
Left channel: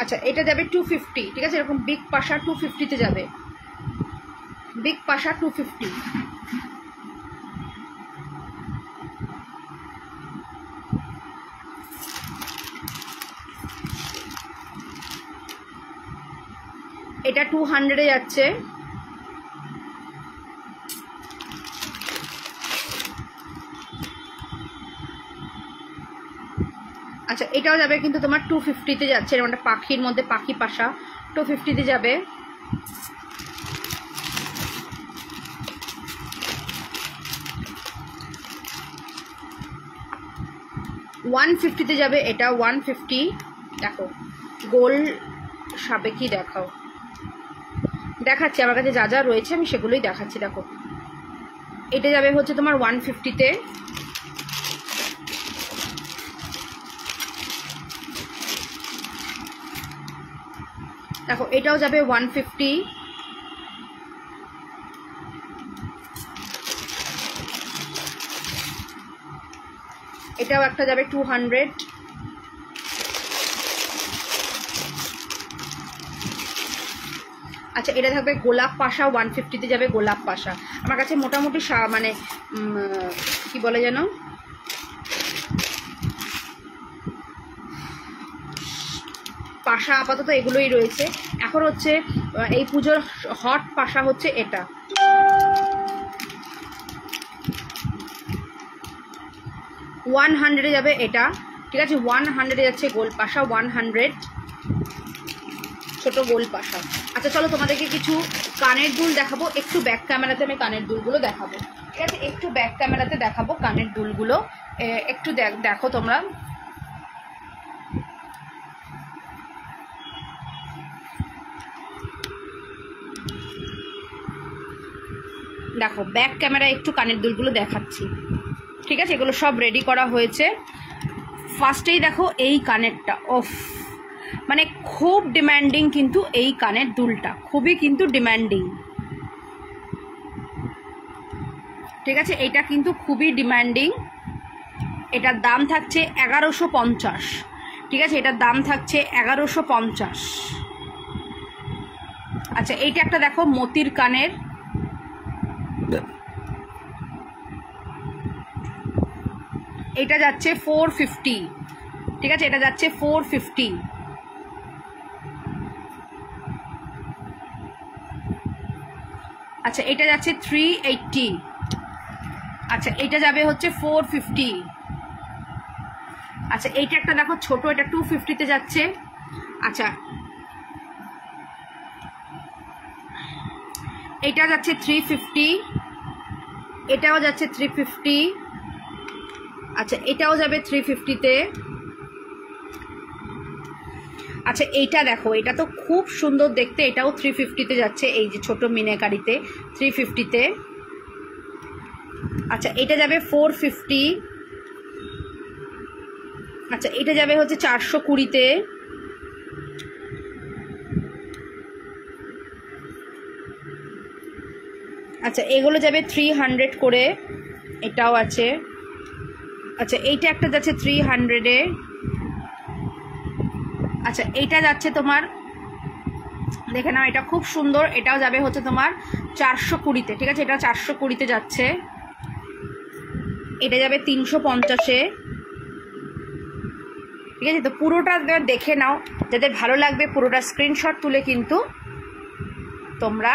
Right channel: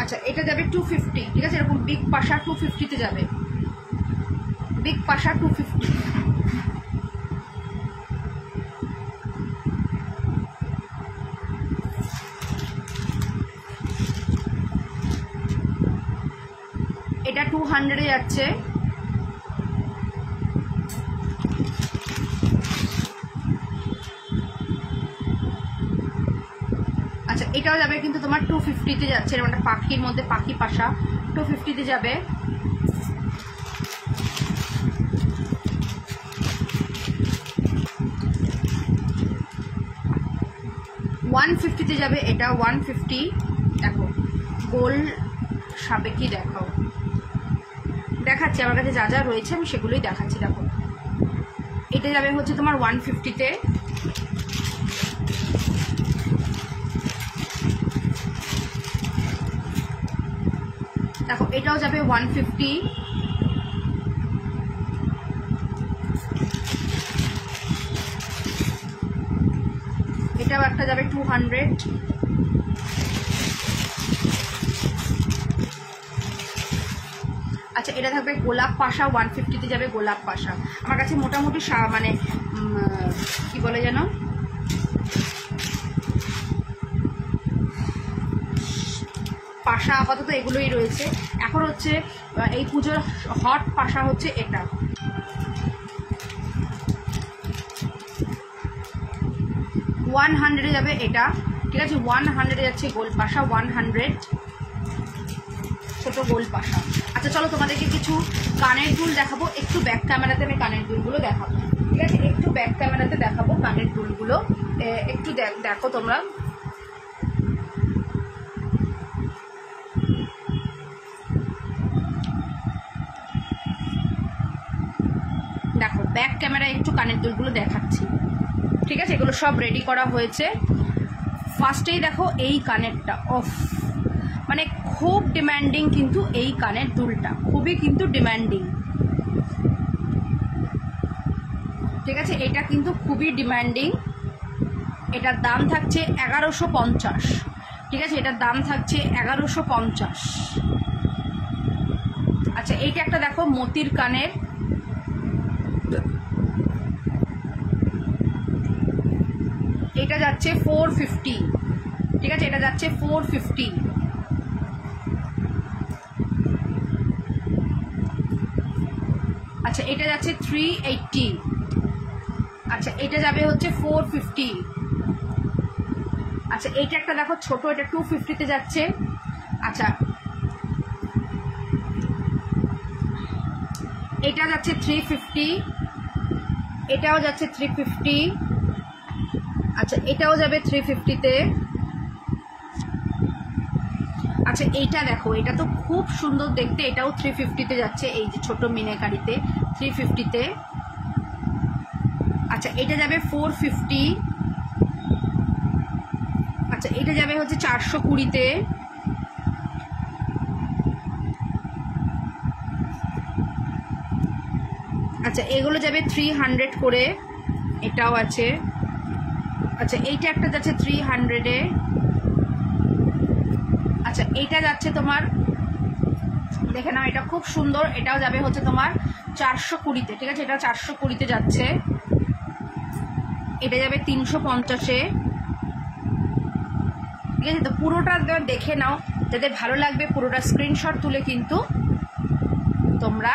আচ্ছা এটা যাবে 250, ঠিক আছে, এরকম বিগ পাশা 250-তে যাবে, বিগ পাশা 250। এটা 200-এ যাচ্ছে। আচ্ছা এটাও যাবে কিন্তু তোমার 250-তে যাচ্ছে, এরকম একটা পাখির মধ্যে পাখি পাশা 250-তে যাবে। ওয়ান 150-তে যাবে এটা 150। দেখো গোল সাবেকি দেখাও, দেখাচ্ছি আমার কাছে যা যা রয়েছে আমি সেগুলোই দেখাচ্ছি। দেখো এটা যাবে হচ্ছে তোমার 150-তে। দেখো এটাও যাবে 150। এটাও একটা যাবে 200। আচ্ছা এটা থাকবে গোলাপ পাশা 150-তে যাবে, গোলাপ পাশা। আমার কাছে মোটামুটি মানে কি বলে যেন পাশা আপাতত এগুলোই রয়েছে। এখন হচ্ছে এই পুজোর হট পাশা হচ্ছে এটা, $100-এ যাবে এটা, ঠিক আছে, 100-এ যাচ্ছে গোল পাশা 100, ছোট গোল পাশা। আচ্ছা চলো তোমাদেরকে কিছু কানের দুল দেখাবো, একটু ব্যাক ক্যামেরাতে আমি কানের দুলগুলো দেখাবো, ঠিক আছে, একটু ব্যাক ক্যামেরাতে দেখাবো কানের দুলগুলো, একটু দেখো তোমরা। দেখো ব্যাক ক্যামেরায় একটু কানের দুলগুলো দেখাচ্ছি, ঠিক আছে, এগুলো সব রেডি করা হয়েছে। ফার্স্টেই দেখো এই কানেরটা, ওফ মানে খুব ডিমান্ডিং কিন্তু এই কানের দুলটা, খুবই কিন্তু ডিমান্ডিং, ঠিক আছে, এটা কিন্তু খুবই ডিমান্ডিং। এটার দাম থাকছে 1150, ঠিক আছে, এটার দাম থাকছে 1150। আচ্ছা এইটা একটা দেখো মতির কানের, এটা যাচ্ছে 450, ঠিক আছে, এটা যাচ্ছে 450। আচ্ছা এটা যাচ্ছে 380। আচ্ছা এটা যাবে হচ্ছে 450। আচ্ছা এইটা একটা দেখো ছোট, এটা 250-তে যাচ্ছে। আচ্ছা এটা যাচ্ছে 350, এটাও যাচ্ছে 350। আচ্ছা এটাও যাবে 350-তে। আচ্ছা এইটা দেখো, এটা তো খুব সুন্দর দেখতে, এটাও 350-তে যাচ্ছে, এই যে ছোট মিনাকারিতে 350-তে। আচ্ছা এটা যাবে 450। আচ্ছা এটা যাবে হচ্ছে 420-তে। আচ্ছা এগুলো যাবে 300 করে, এটাও আছে। আচ্ছা এইটা একটা যাচ্ছে 300-এ। আচ্ছা এইটা যাচ্ছে তোমার, দেখে নাও এটা খুব সুন্দর, এটাও যাবে হচ্ছে তোমার 420-তে, ঠিক আছে, এটা 420-তে যাচ্ছে। এটা যাবে 350-এ, ঠিক আছে। তো পুরোটা দেখে নাও, যাদের ভালো লাগবে পুরোটা স্ক্রিনশট তুলে কিন্তু তোমরা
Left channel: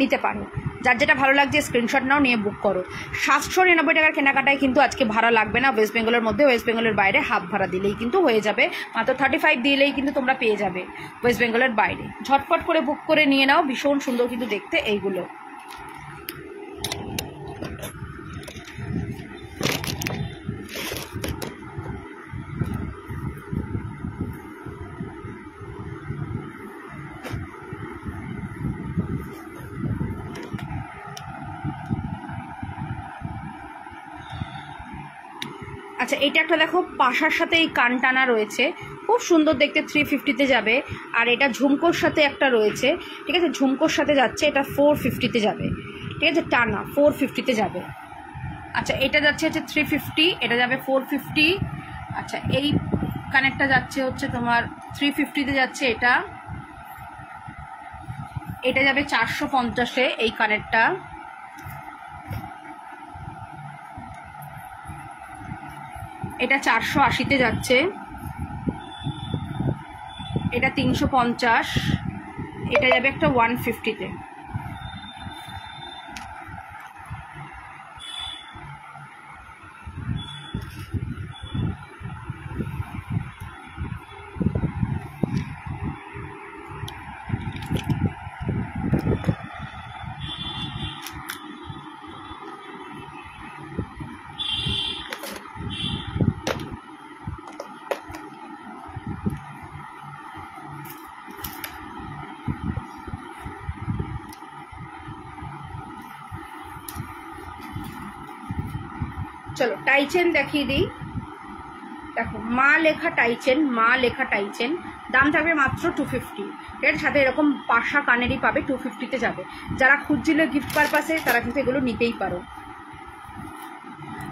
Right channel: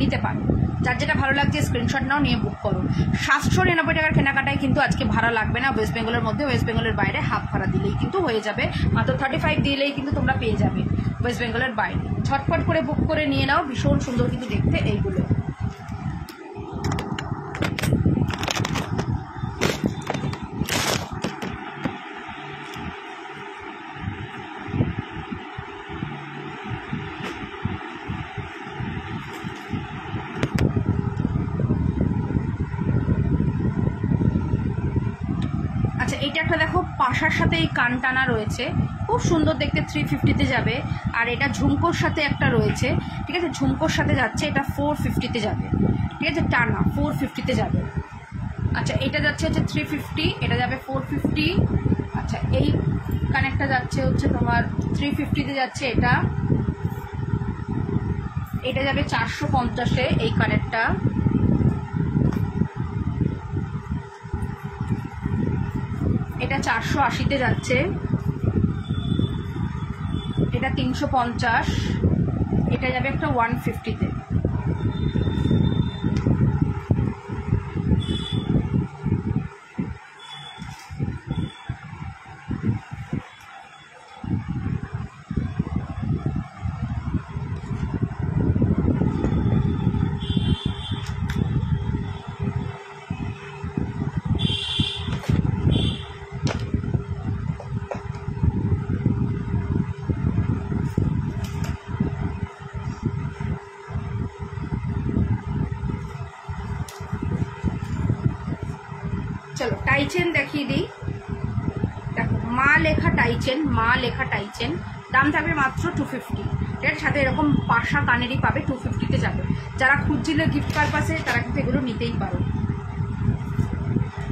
নিতে পারো, যার যেটা ভালো লাগছে স্ক্রিনশট নাও, নিয়ে বুক করো। 799 টাকার কেনাকাটায় কিন্তু আজকে ভাড়া লাগবে না ওয়েস্ট বেঙ্গলের মধ্যে, ওয়েস্ট বেঙ্গলের বাইরে হাফ ভাড়া দিলেই কিন্তু হয়ে যাবে, মাত্র 35 দিলেই কিন্তু তোমরা পেয়ে যাবে ওয়েস্ট বেঙ্গলের বাইরে। ঝটপট করে বুক করে নিয়ে নাও, ভীষণ সুন্দর কিন্তু দেখতে এইগুলো। আচ্ছা এইটা একটা দেখো পাশার সাথে এই কান টানা রয়েছে, খুব সুন্দর দেখতে, 350-তে যাবে। আর এটা ঝুমকোর সাথে একটা রয়েছে, ঠিক আছে, ঝুমকোর সাথে যাচ্ছে, এটা 450-তে যাবে, ঠিক আছে, টানা 450-তে যাবে। আচ্ছা এটা যাচ্ছে হচ্ছে 350, এটা যাবে 450। আচ্ছা এই কানেরটা যাচ্ছে হচ্ছে তোমার 350-তে যাচ্ছে। এটা যাবে 450-এ এই কানেরটা। এটা 480-তে যাচ্ছে। এটা 350। এটা যাবে একটা 150-তে। চলো টাইচেন দেখিয়ে দিই। দেখো মা লেখা টাইচেন, দাম থাকবে মাত্র 250। ঠিক আছে, সাথে এরকম পাশা কানেরই পাবে, 250-তে যাবে। যারা খুঁজছিলে গিফট পারপাসে তারা কিন্তু এগুলো নিতেই পারো।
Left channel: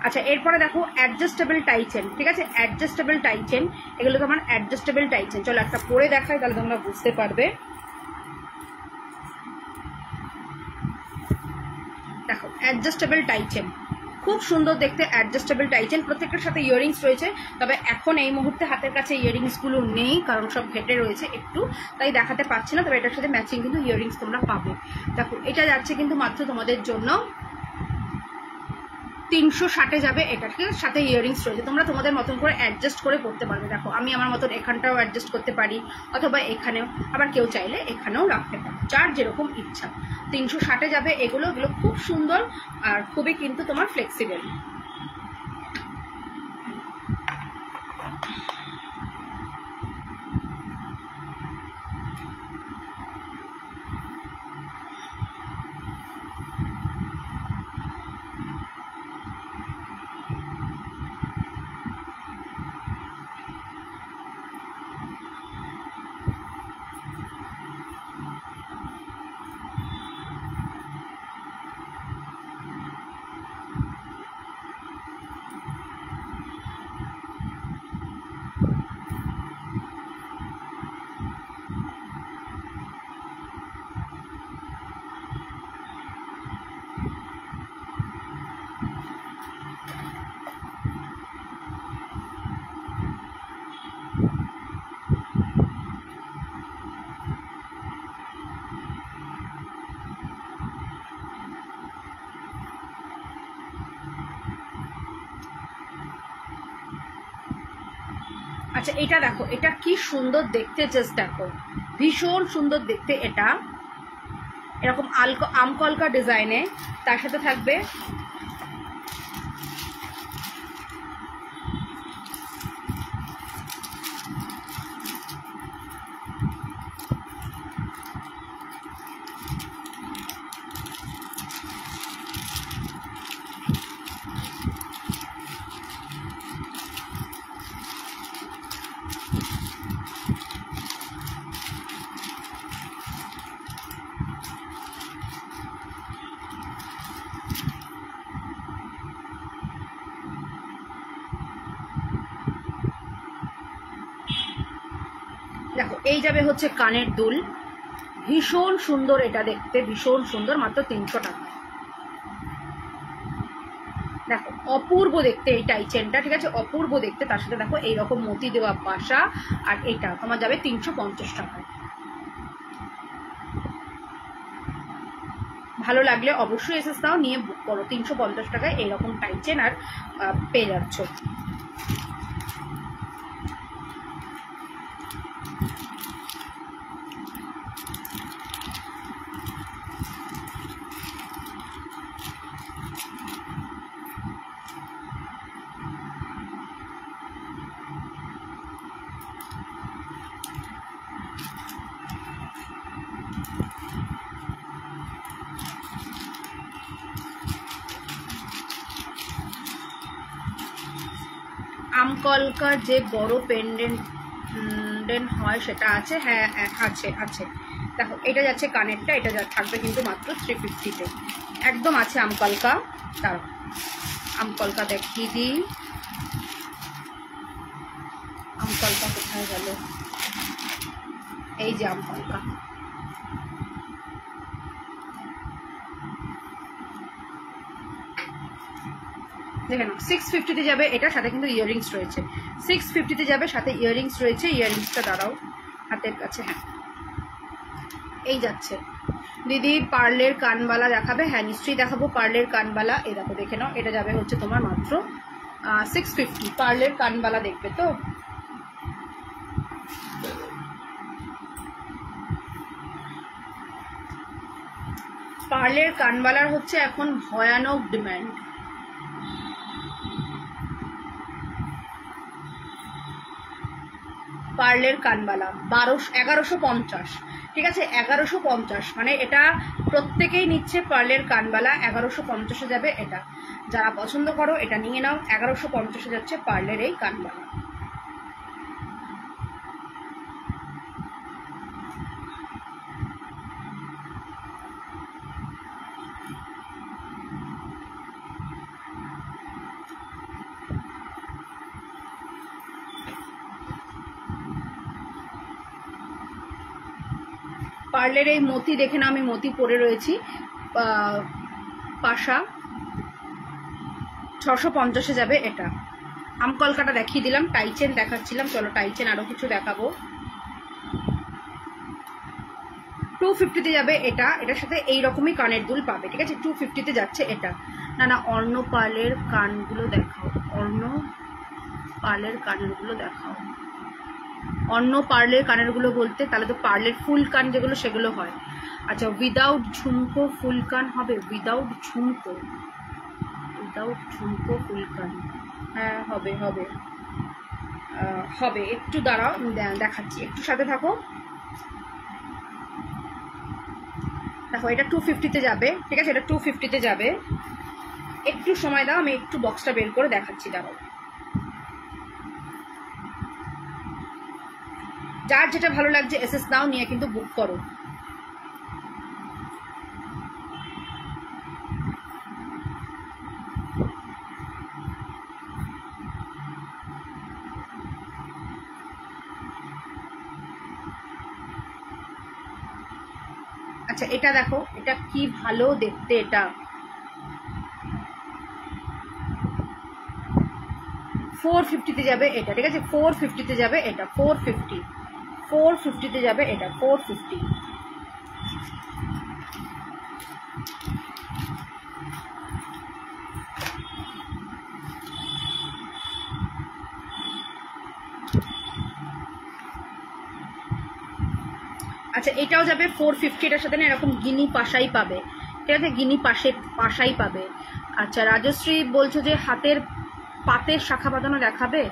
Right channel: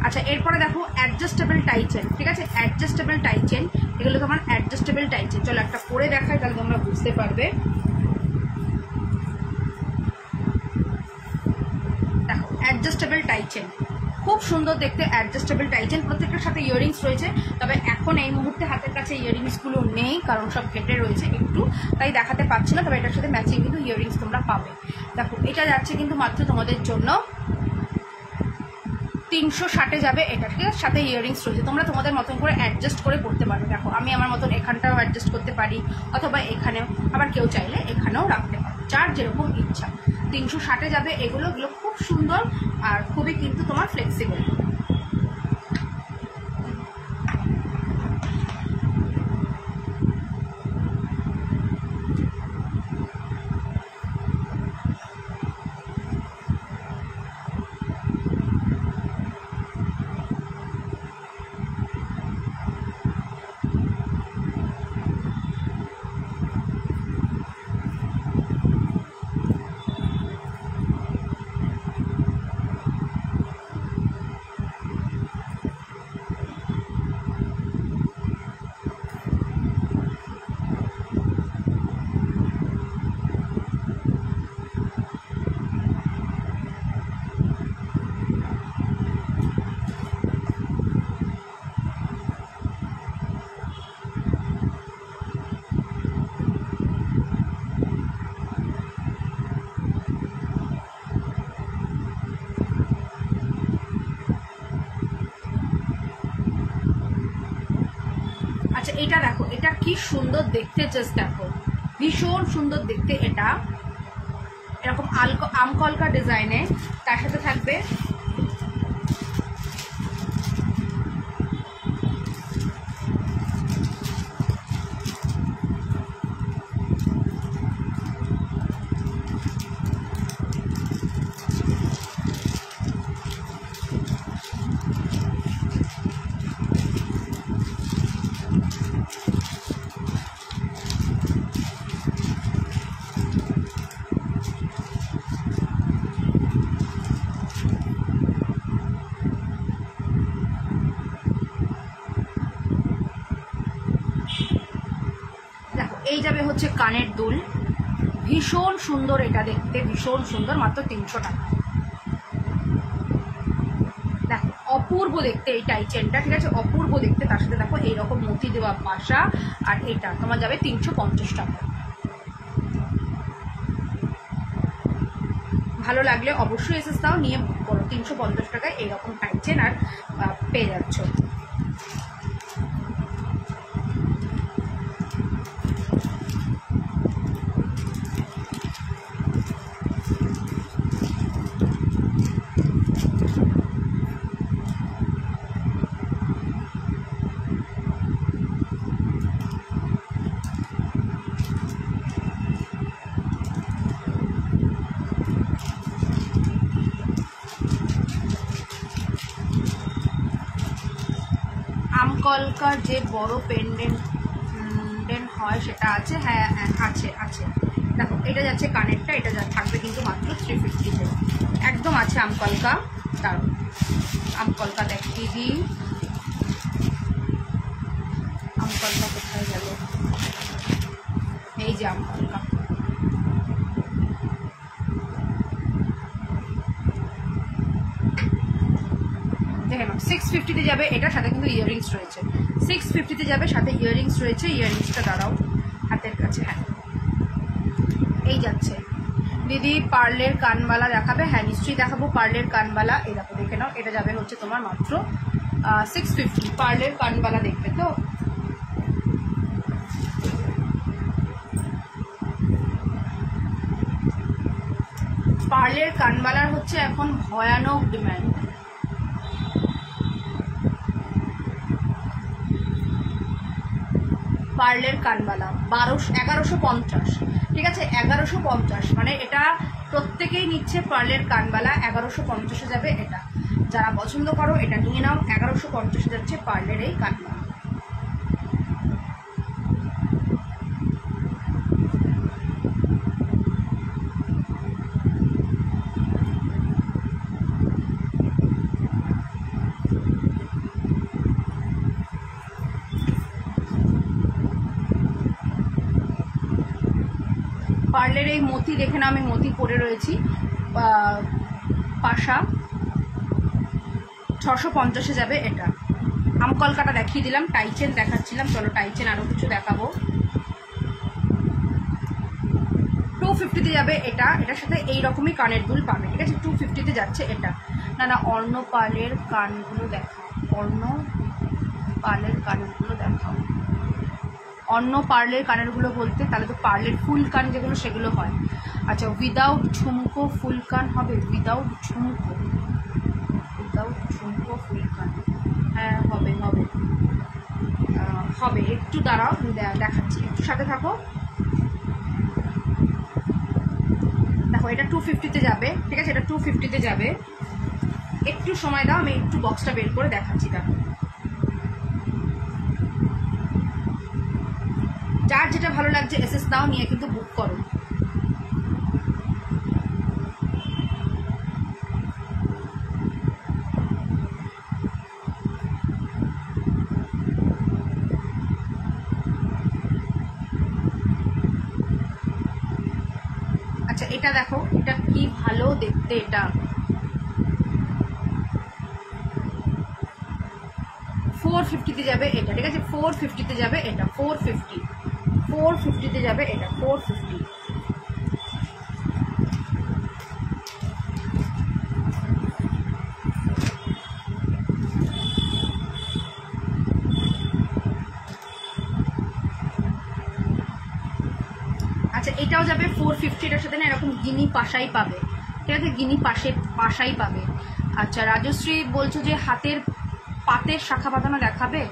আচ্ছা, এরপরে দেখো অ্যাডজাস্টেবল টাইচেন। ঠিক আছে, অ্যাডজাস্টেবল টাইচেন, এগুলো তোমার অ্যাডজাস্টেবল টাইচেন। চলো একটা পরে দেখাই, তাহলে তোমরা বুঝতে পারবে। দেখো অ্যাডজাস্টেবল টাইচেন, খুব সুন্দর দেখতে অ্যাডজাস্টেবল টাইচেন। প্রত্যেকটার সাথে ইয়াররিংস রয়েছে, তবে এখন এই মুহূর্তে হাতের কাছে ইয়াররিংসগুলো নেই, কারণ সব ঘেটে রয়েছে একটু, তাই দেখাতে পাচ্ছি না। তবে এটার সাথে ম্যাচিং কিন্তু ইয়াররিংস তোমরা পাবে। দেখো এটা যাচ্ছে কিন্তু মাত্র তোমাদের জন্য 360-এ যাবে এটা। ঠিক আছে, সাথে ইয়াররিংস রয়েছে, তোমরা তোমাদের মতন করে অ্যাডজাস্ট করে পড়তে পারবে। দেখো আমি আমার মতন এখানটাও অ্যাডজাস্ট করতে পারি, অথবা এখানেও, আবার কেউ চাইলে এখানেও রাখতে পারে, যার যেরকম ইচ্ছা। 360-এ যাবে এগুলো খুব সুন্দর আর খুবই কিন্তু তোমার ফ্লেক্সিবল। আচ্ছা এটা দেখো, এটা কি সুন্দর দেখতে, জাস্ট দেখো, ভীষণ সুন্দর দেখতে। এটা এরকম আমকলকা ডিজাইনে, তার সাথে থাকবে দেখো এই যাবে হচ্ছে কানের দুল, ভীষণ সুন্দর এটা দেখতে, ভীষণ সুন্দর, মাত্র 300 টাকা। দেখো অপূর্ব দেখতে এই টাইচেনটা। ঠিক আছে, অপূর্ব দেখতে, তার সাথে দেখো এইরকম মতি দেওয়া পাশা, আর এটা তোমার যাবে 350 টাকা। ভালো লাগলে অবশ্যই এসএস দাও, নিয়ে বুক করো। 350 টাকায় এইরকম টাইচেন আর পেয়ে যাচ্ছ। আমকলকার যে বড় পেন্ডেন্ট হয় সেটা আছে, হ্যাঁ আছে। দেখো এটা যাচ্ছে কানেরটা, এটা থাকবে কিন্তু মাত্র 350-তে, একদম আছে আমকলকা। দাঁড়াও আমকলকা দেখিয়ে দিই। আমপালকা কোথায় গেল? এই যে আমপালকা, দেখে নাও 650-তে যাবে এটা, সাথে কিন্তু ইয়াররিংস রয়েছে। 650-তে যাবে, সাথে ইয়াররিংস রয়েছে। ইয়াররিংসটা দাঁড়াও হাতের কাছে, হ্যাঁ এই যাচ্ছে। দিদি পার্লের কানবালা দেখাবে? হ্যাঁ নিশ্চয়ই দেখাবো পার্লের কানবালা। এই দেখো, দেখে নাও, এটা যাবে হচ্ছে তোমার মাত্র 650। পার্লের কানবালা দেখবে তো? পার্লের কানবালার হচ্ছে এখন ভয়ানক ডিমান্ড। পার্লের কানবালা 1150, ঠিক আছে 1150, মানে এটা প্রত্যেকেই নিচ্ছে। পার্লের কানবালা 1150-এ যাবে এটা। যারা পছন্দ করো এটা নিয়ে নাও। 1150-এ যাচ্ছে পার্লের এই কানবালা। পার্লের এই মতি দেখে না, আমি মতি পরে রয়েছি। পাশা 650-এ যাবে এটা। আমকলকাটা দেখিয়ে দিলাম, টাইচেন দেখাচ্ছিলাম, চলো টাইচেন আরো কিছু দেখাবো। 250-তে যাবে এটা। এটার সাথে এইরকমই কানের দুল পাবে, ঠিক আছে 250-তে যাচ্ছে এটা। না না, অর্ণ পার্লের কানগুলো দেখাও, অর্ণ পার্লের কানেরগুলো দেখাও। অন্য পার্লের কানেরগুলো বলতে তাহলে তো পার্লের ফুল কান যেগুলো সেগুলো হয়। আচ্ছা, উইদাউট ঝুমকো ফুল কান হবে? উইদাউট ঝুমকো, উইদাউট ঝুমকো ফুল কান, হ্যাঁ হবে হবে হবে। একটু দাঁড়াও দেখাচ্ছি, একটু সাথে থাকো। দেখো এটা 250-তে যাবে, ঠিক আছে, এটা 250-তে যাবে। একটু সময় দাও, আমি একটু বক্সটা বের করে দেখাচ্ছি, দাঁড়াও। যার যেটা ভালো লাগছে এসএস নাও নিয়ে কিন্তু বুক করো। আচ্ছা এটা দেখো, এটা কি ভালো দেখতে, এটা 450-তে যাবে এটা, ঠিক আছে 450-তে যাবে এটা। 450-তে যাবে এটা, 450। আচ্ছা এটাও যাবে 450। এটার সাথে না এরকম গিনি পাশাই পাবে, ঠিক আছে, গিনি পাশাই পাবে। আচ্ছা রাজশ্রী বলছো যে হাতের পাতের শাখা বাঁধানো দেখাবে?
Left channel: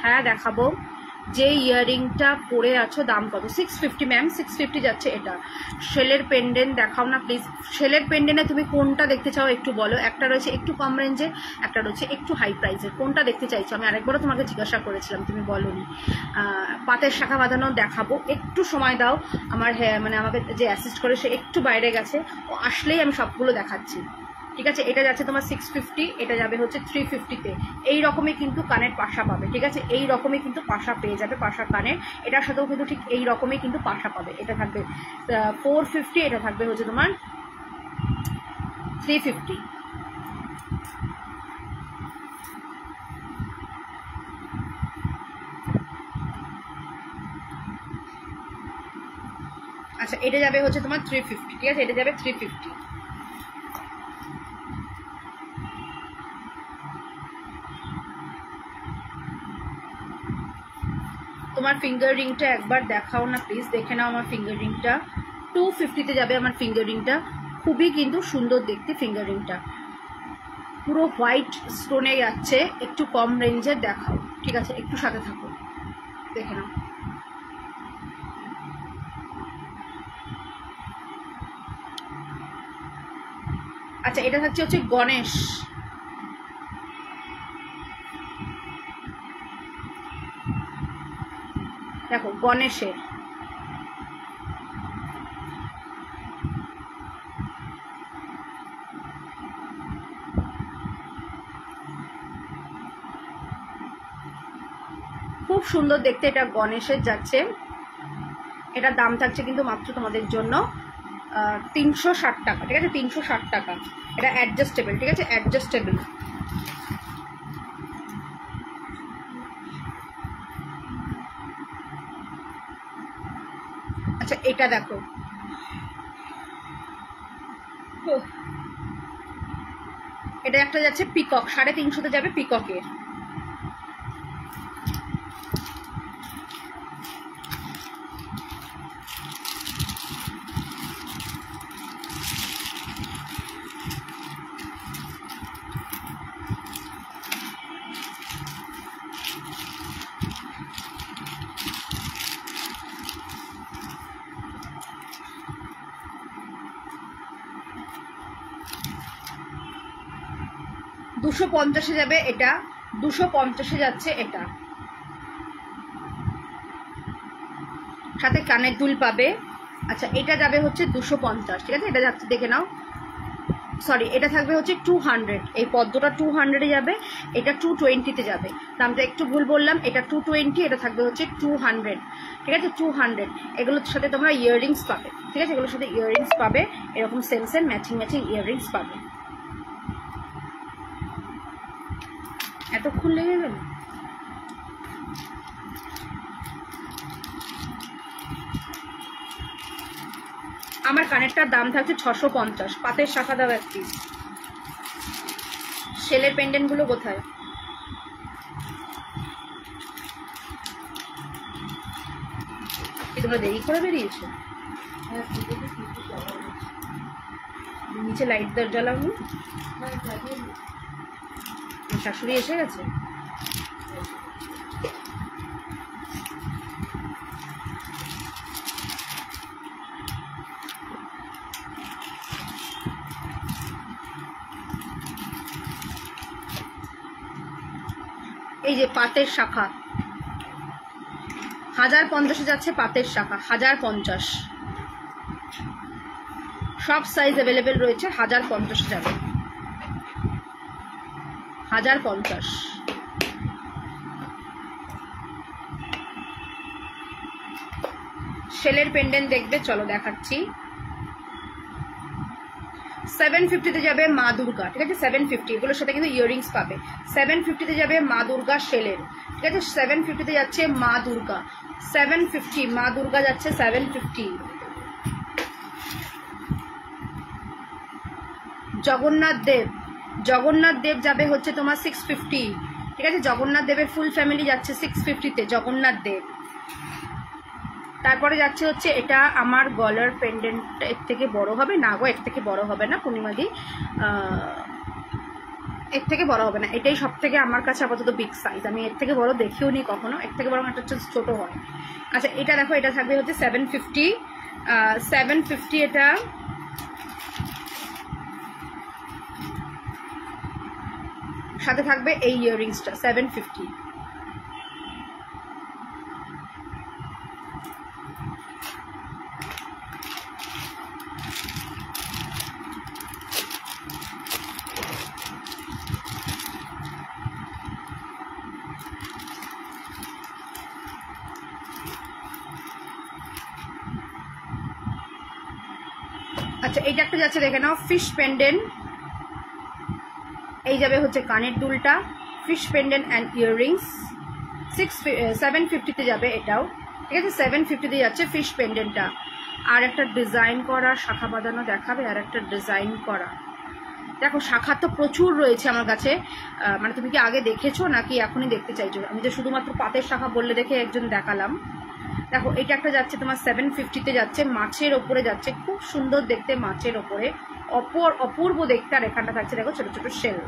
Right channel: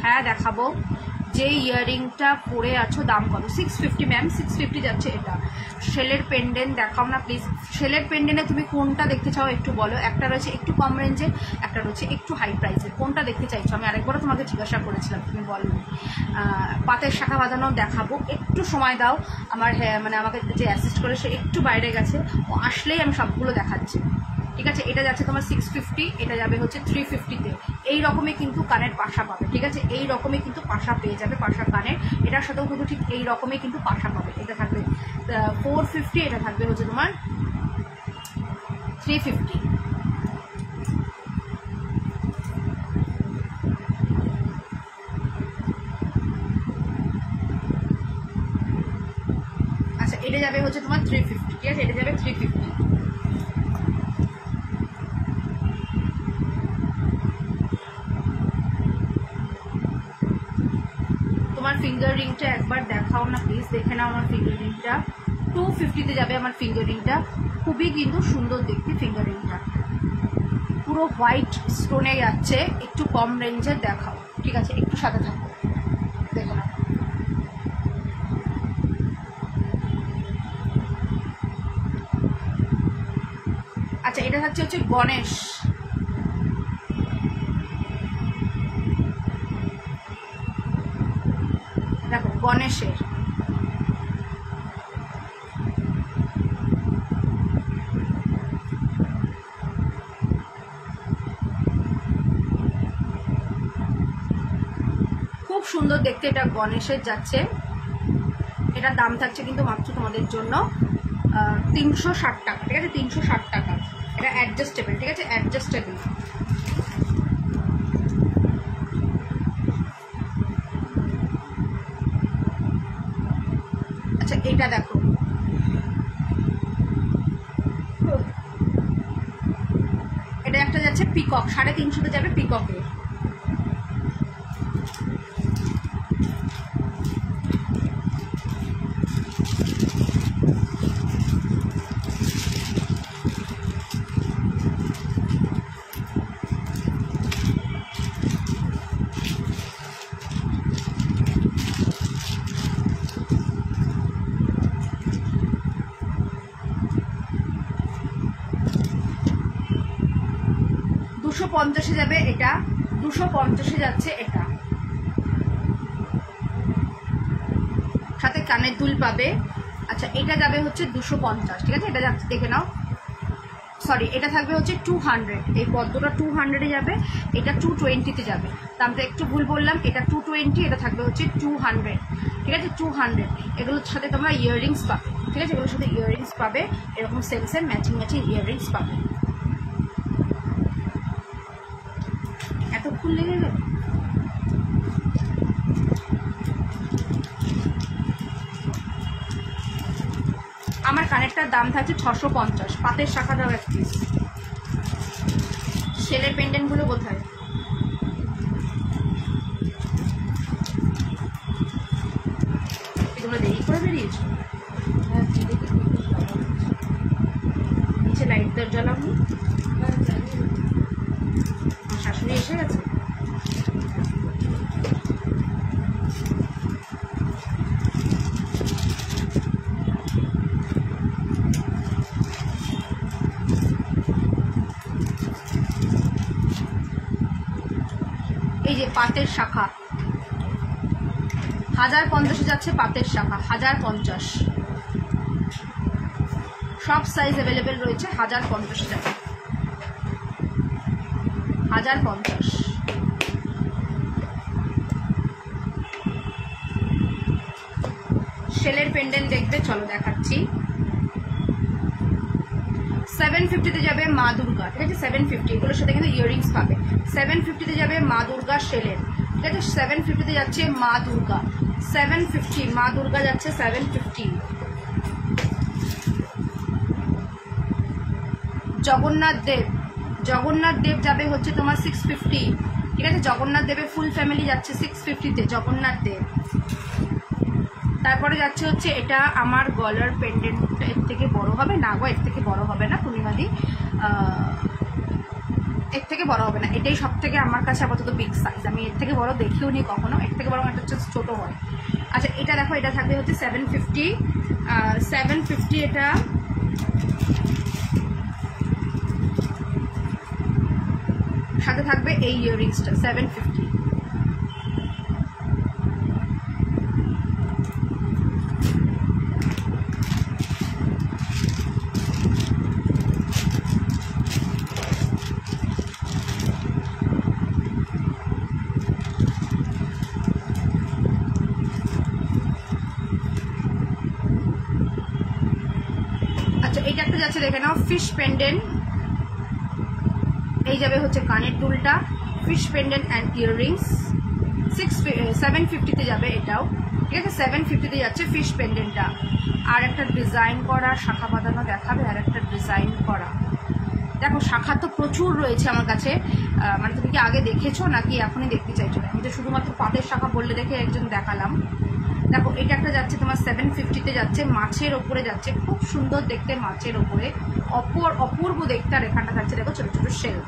হ্যাঁ দেখাবো। যে ইয়াররিংটা পরে আছো দাম কত? 650 ম্যাম, 650 যাচ্ছে এটা। শেলের পেন্ডেন্ট দেখাও না প্লিজ। শেলের পেন্ডেন্টে তুমি কোনটা দেখতে চাও একটু বলো। একটা রয়েছে একটু কম রেঞ্জে, একটা রয়েছে একটু হাই প্রাইসের। কোনটা দেখতে চাইছো? আমি আরেকবারও তোমাকে জিজ্ঞাসা করেছিলাম, তুমি বলোনি। পাতের শাখা বাঁধানো দেখাবো, একটু সময় দাও। আমার মানে আমাকে যে অ্যাসিস্ট করে সে একটু বাইরে গেছে, ও আসলেই আমি সবগুলো দেখাচ্ছি, ঠিক আছে। এটা যাচ্ছে তোমার 650, এটা যাবে হচ্ছে 350-তে। এই রকমই কিন্তু কানের পাশা পাবে, ঠিক আছে, এই রকমই কিন্তু পাশা পেয়ে যাবে, পাশা কানের। এটার সাথেও কিন্তু ঠিক এই রকমই কিন্তু পাশা পাবে। এটা থাকবে 450, এটা থাকবে হচ্ছে তোমার 350। আচ্ছা এটা যাবে হচ্ছে তোমার 350, ঠিক আছে, এটা যাবে 350। তোমার ফিঙ্গার রিংটা একবার দেখাও না প্লিজ, দেখে নাও আমার ফিঙ্গার রিংটা। 250-তে যাবে আমার ফিঙ্গার রিংটা, খুবই কিন্তু সুন্দর দেখতে ফিঙ্গার রিংটা, পুরো হোয়াইট স্টোনে যাচ্ছে, একটু কম রেঞ্জের দেখাও, ঠিক আছে, একটু সাথে থাকো, দেখে নাও। আচ্ছা এটা থাকছে হচ্ছে গণেশ, দেখো গণেশের। খুব সুন্দর দেখতে, এটা গণেশের যাচ্ছে। এটার দাম থাকছে কিন্তু মাত্র তোমাদের জন্য 360 টাকা, ঠিক আছে, 360 টাকা। এটা অ্যাডজাস্টেবল, ঠিক আছে, অ্যাডজাস্টেবল। আচ্ছা এটা দেখো, এটা একটা যাচ্ছে পিকক, 350-তে যাবে পিককের। $250 যাবে এটা, 250 যাচ্ছে এটা, সাথে কানের দুল পাবে। আচ্ছা এটা যাবে হচ্ছে 250, ঠিক আছে, এটা যাচ্ছে দেখে নাও, সরি এটা থাকবে হচ্ছে 200, এই পদ্মটা 200-এ যাবে, এটা 220-তে যাবে। দামটা একটু ভুল বললাম, এটা 220, এটা থাকবে হচ্ছে 200, ঠিক আছে, 200। এগুলোর সাথে তোমরা ইয়াররিংস পাবে, ঠিক আছে, এগুলোর সাথে ইয়াররিংস পাবে, এরকম same same matching matching earrings পাবে। এতক্ষণ লেগে গেল। আমার কানেরটার দাম থাকছে 650, পাতের শাখা দাও এক পিস। শেলের পেন্ডেন্ট গুলো কোথায়? তোমরা দেরি করে বেরিয়েছো? নিচে লাইট দর জ্বালাওনি? শাশুড়ি এসে গেছে? এই যে পাতের শাখা 1050-এ যাচ্ছে, পাতের শাখা 1050, সব সাইজ অ্যাভেলেবেল রয়েছে, 1050-এ যাবে, 1050। শেলের পেন্ডেন্ট দেখবে, চলো দেখাচ্ছি। 750-তে যাবে মা দুর্গা, ঠিক আছে, 750, এগুলোর সাথে কিন্তু ইয়াররিংস পাবে। 750-তে যাবে মা দুর্গা শেলের, ঠিক আছে, 750-তে যাচ্ছে মা দুর্গা, 750 মা দুর্গা যাচ্ছে 750। জগন্নাথ দেব যাবে হচ্ছে তোমার 650, ঠিক আছে, জগন্নাথ দেবের ফুল ফ্যামিলি যাচ্ছে 650-তে, জগন্নাথ দেব। তারপরে যাচ্ছে হচ্ছে এটা আমার গলার পেন্ডেন্ট, এর থেকে বড় হবে না গো, এর থেকে বড় হবে না পূর্ণিমাদি, এর থেকে বড় হবে না, এটাই সব থেকে আমার কাছে আপাতত বিগ সাইজ, আমি এর থেকে বড় দেখিও নি কখনো, এর থেকে বড় একটা হচ্ছে ছোট হয়। আচ্ছা এটা দেখো, এটা থাকবে হচ্ছে 750, এটা সাথে থাকবে এই ইয়াররিংসটা 750। আচ্ছা এইটা একটা যাচ্ছে দেখে নাও, ফিশ পেন্ডেন্ট, এই যাবে হচ্ছে কানের দুলটা, ফিশ পেন্ডেন্ট অ্যান্ড ইয়াররিংস, 750-তে যাবে এটাও, ঠিক আছে, 750-তে যাচ্ছে ফিশ পেন্ডেন্টটা। আর একটা ডিজাইন করা শাখা বাঁধানো দেখাবে, আর একটা ডিজাইন করা, দেখো শাখা তো প্রচুর রয়েছে আমার কাছে, মানে তুমি কি আগে দেখেছো নাকি এখনই দেখতে চাইছো? আমি তো শুধুমাত্র পাতের শাখা বললে দেখে একজন দেখালাম। দেখো এটা একটা যাচ্ছে তোমার 750-তে যাচ্ছে, মাছের ওপরে যাচ্ছে, খুব সুন্দর দেখতে, মাছের ওপরে অপূর্ব দেখতে। আর এখানটা থাকছে দেখো ছোট ছোট শেল।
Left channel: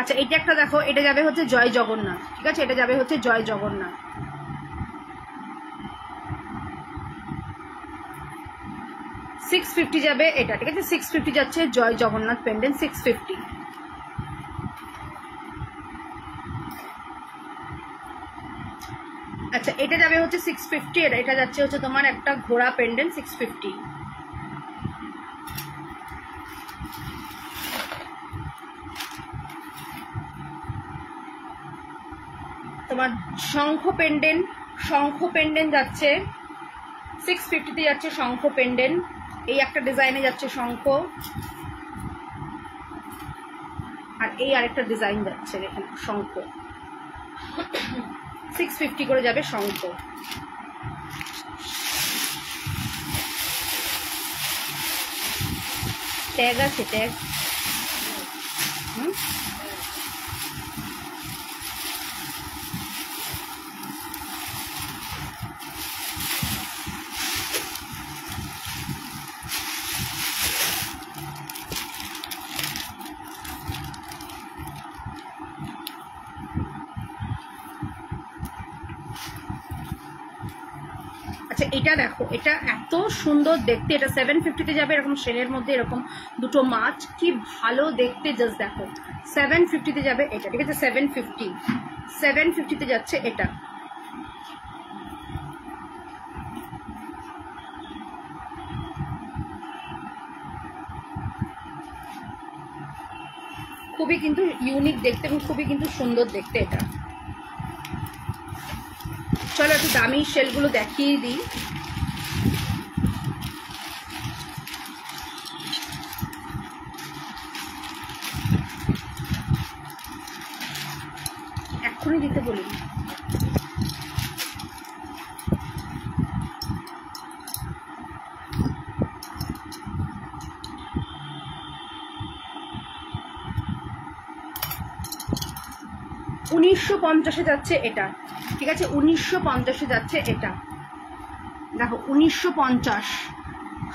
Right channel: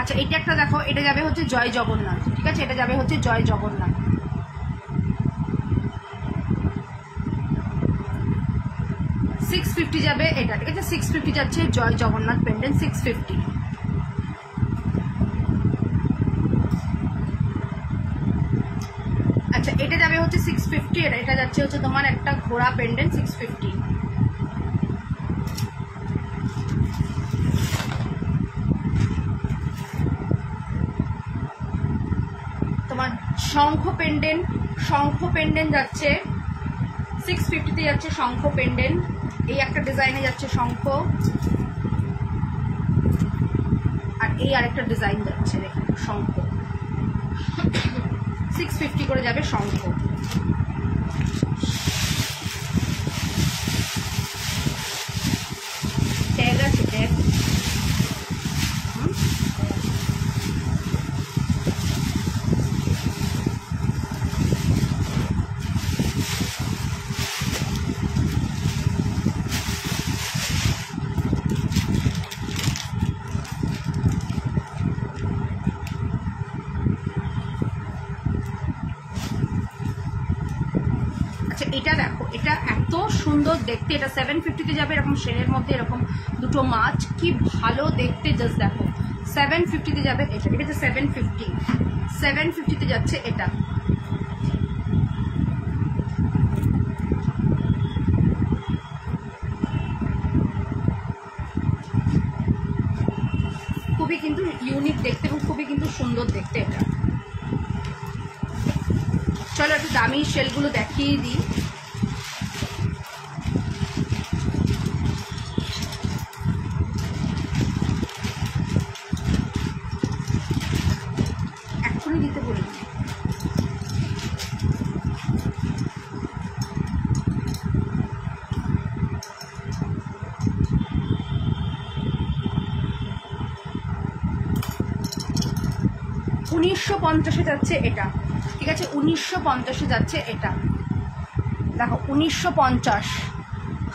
আচ্ছা এটা একটা দেখো, এটা যাবে হচ্ছে জয় জগন্নাথ, ঠিক আছে, এটা যাবে হচ্ছে জয় জগন্নাথ। 650 যাবে এটা, ঠিক আছে? 650 যাচ্ছে জয় জগন্নাথ পেন্ডেন্ট 650। আচ্ছা এটা যাবে হচ্ছে 650, এটা যাচ্ছে হচ্ছে তোমার একটা ঘোড়া পেন্ডেন্ট 650। তোমার শঙ্খ পেন্ডেন্ট যাচ্ছে 650 তে যাচ্ছে শঙ্খ পেন্ডেন্ট। এই একটা ডিজাইনে যাচ্ছে শঙ্খ, আর এই আরেকটা ডিজাইন যাচ্ছে দেখেন শঙ্খ, 650 করে যাবে শঙ্খ। ট্যাগ আছে, ট্যাগ। আচ্ছা এটা দেখো, এটা এত সুন্দর দেখতে, এটা 750 তে যাবে। এরকম শেলের মধ্যে এরকম দুটো মাছ, কি ভালো দেখতে, জাস্ট দেখো। 750 তে যাবে এটা, ঠিক আছে? 750 তে যাচ্ছে এটা। খুবই কিন্তু ইউনিক দেখতে এবং খুবই কিন্তু সুন্দর দেখতে এটা। চলো একটু দামি শেলগুলো দেখিয়ে দিই। এক্ষুনি দিতে বলি। $1950 যাচ্ছে এটা, ঠিক আছে? 1950 যাচ্ছে এটা। দেখো 1950,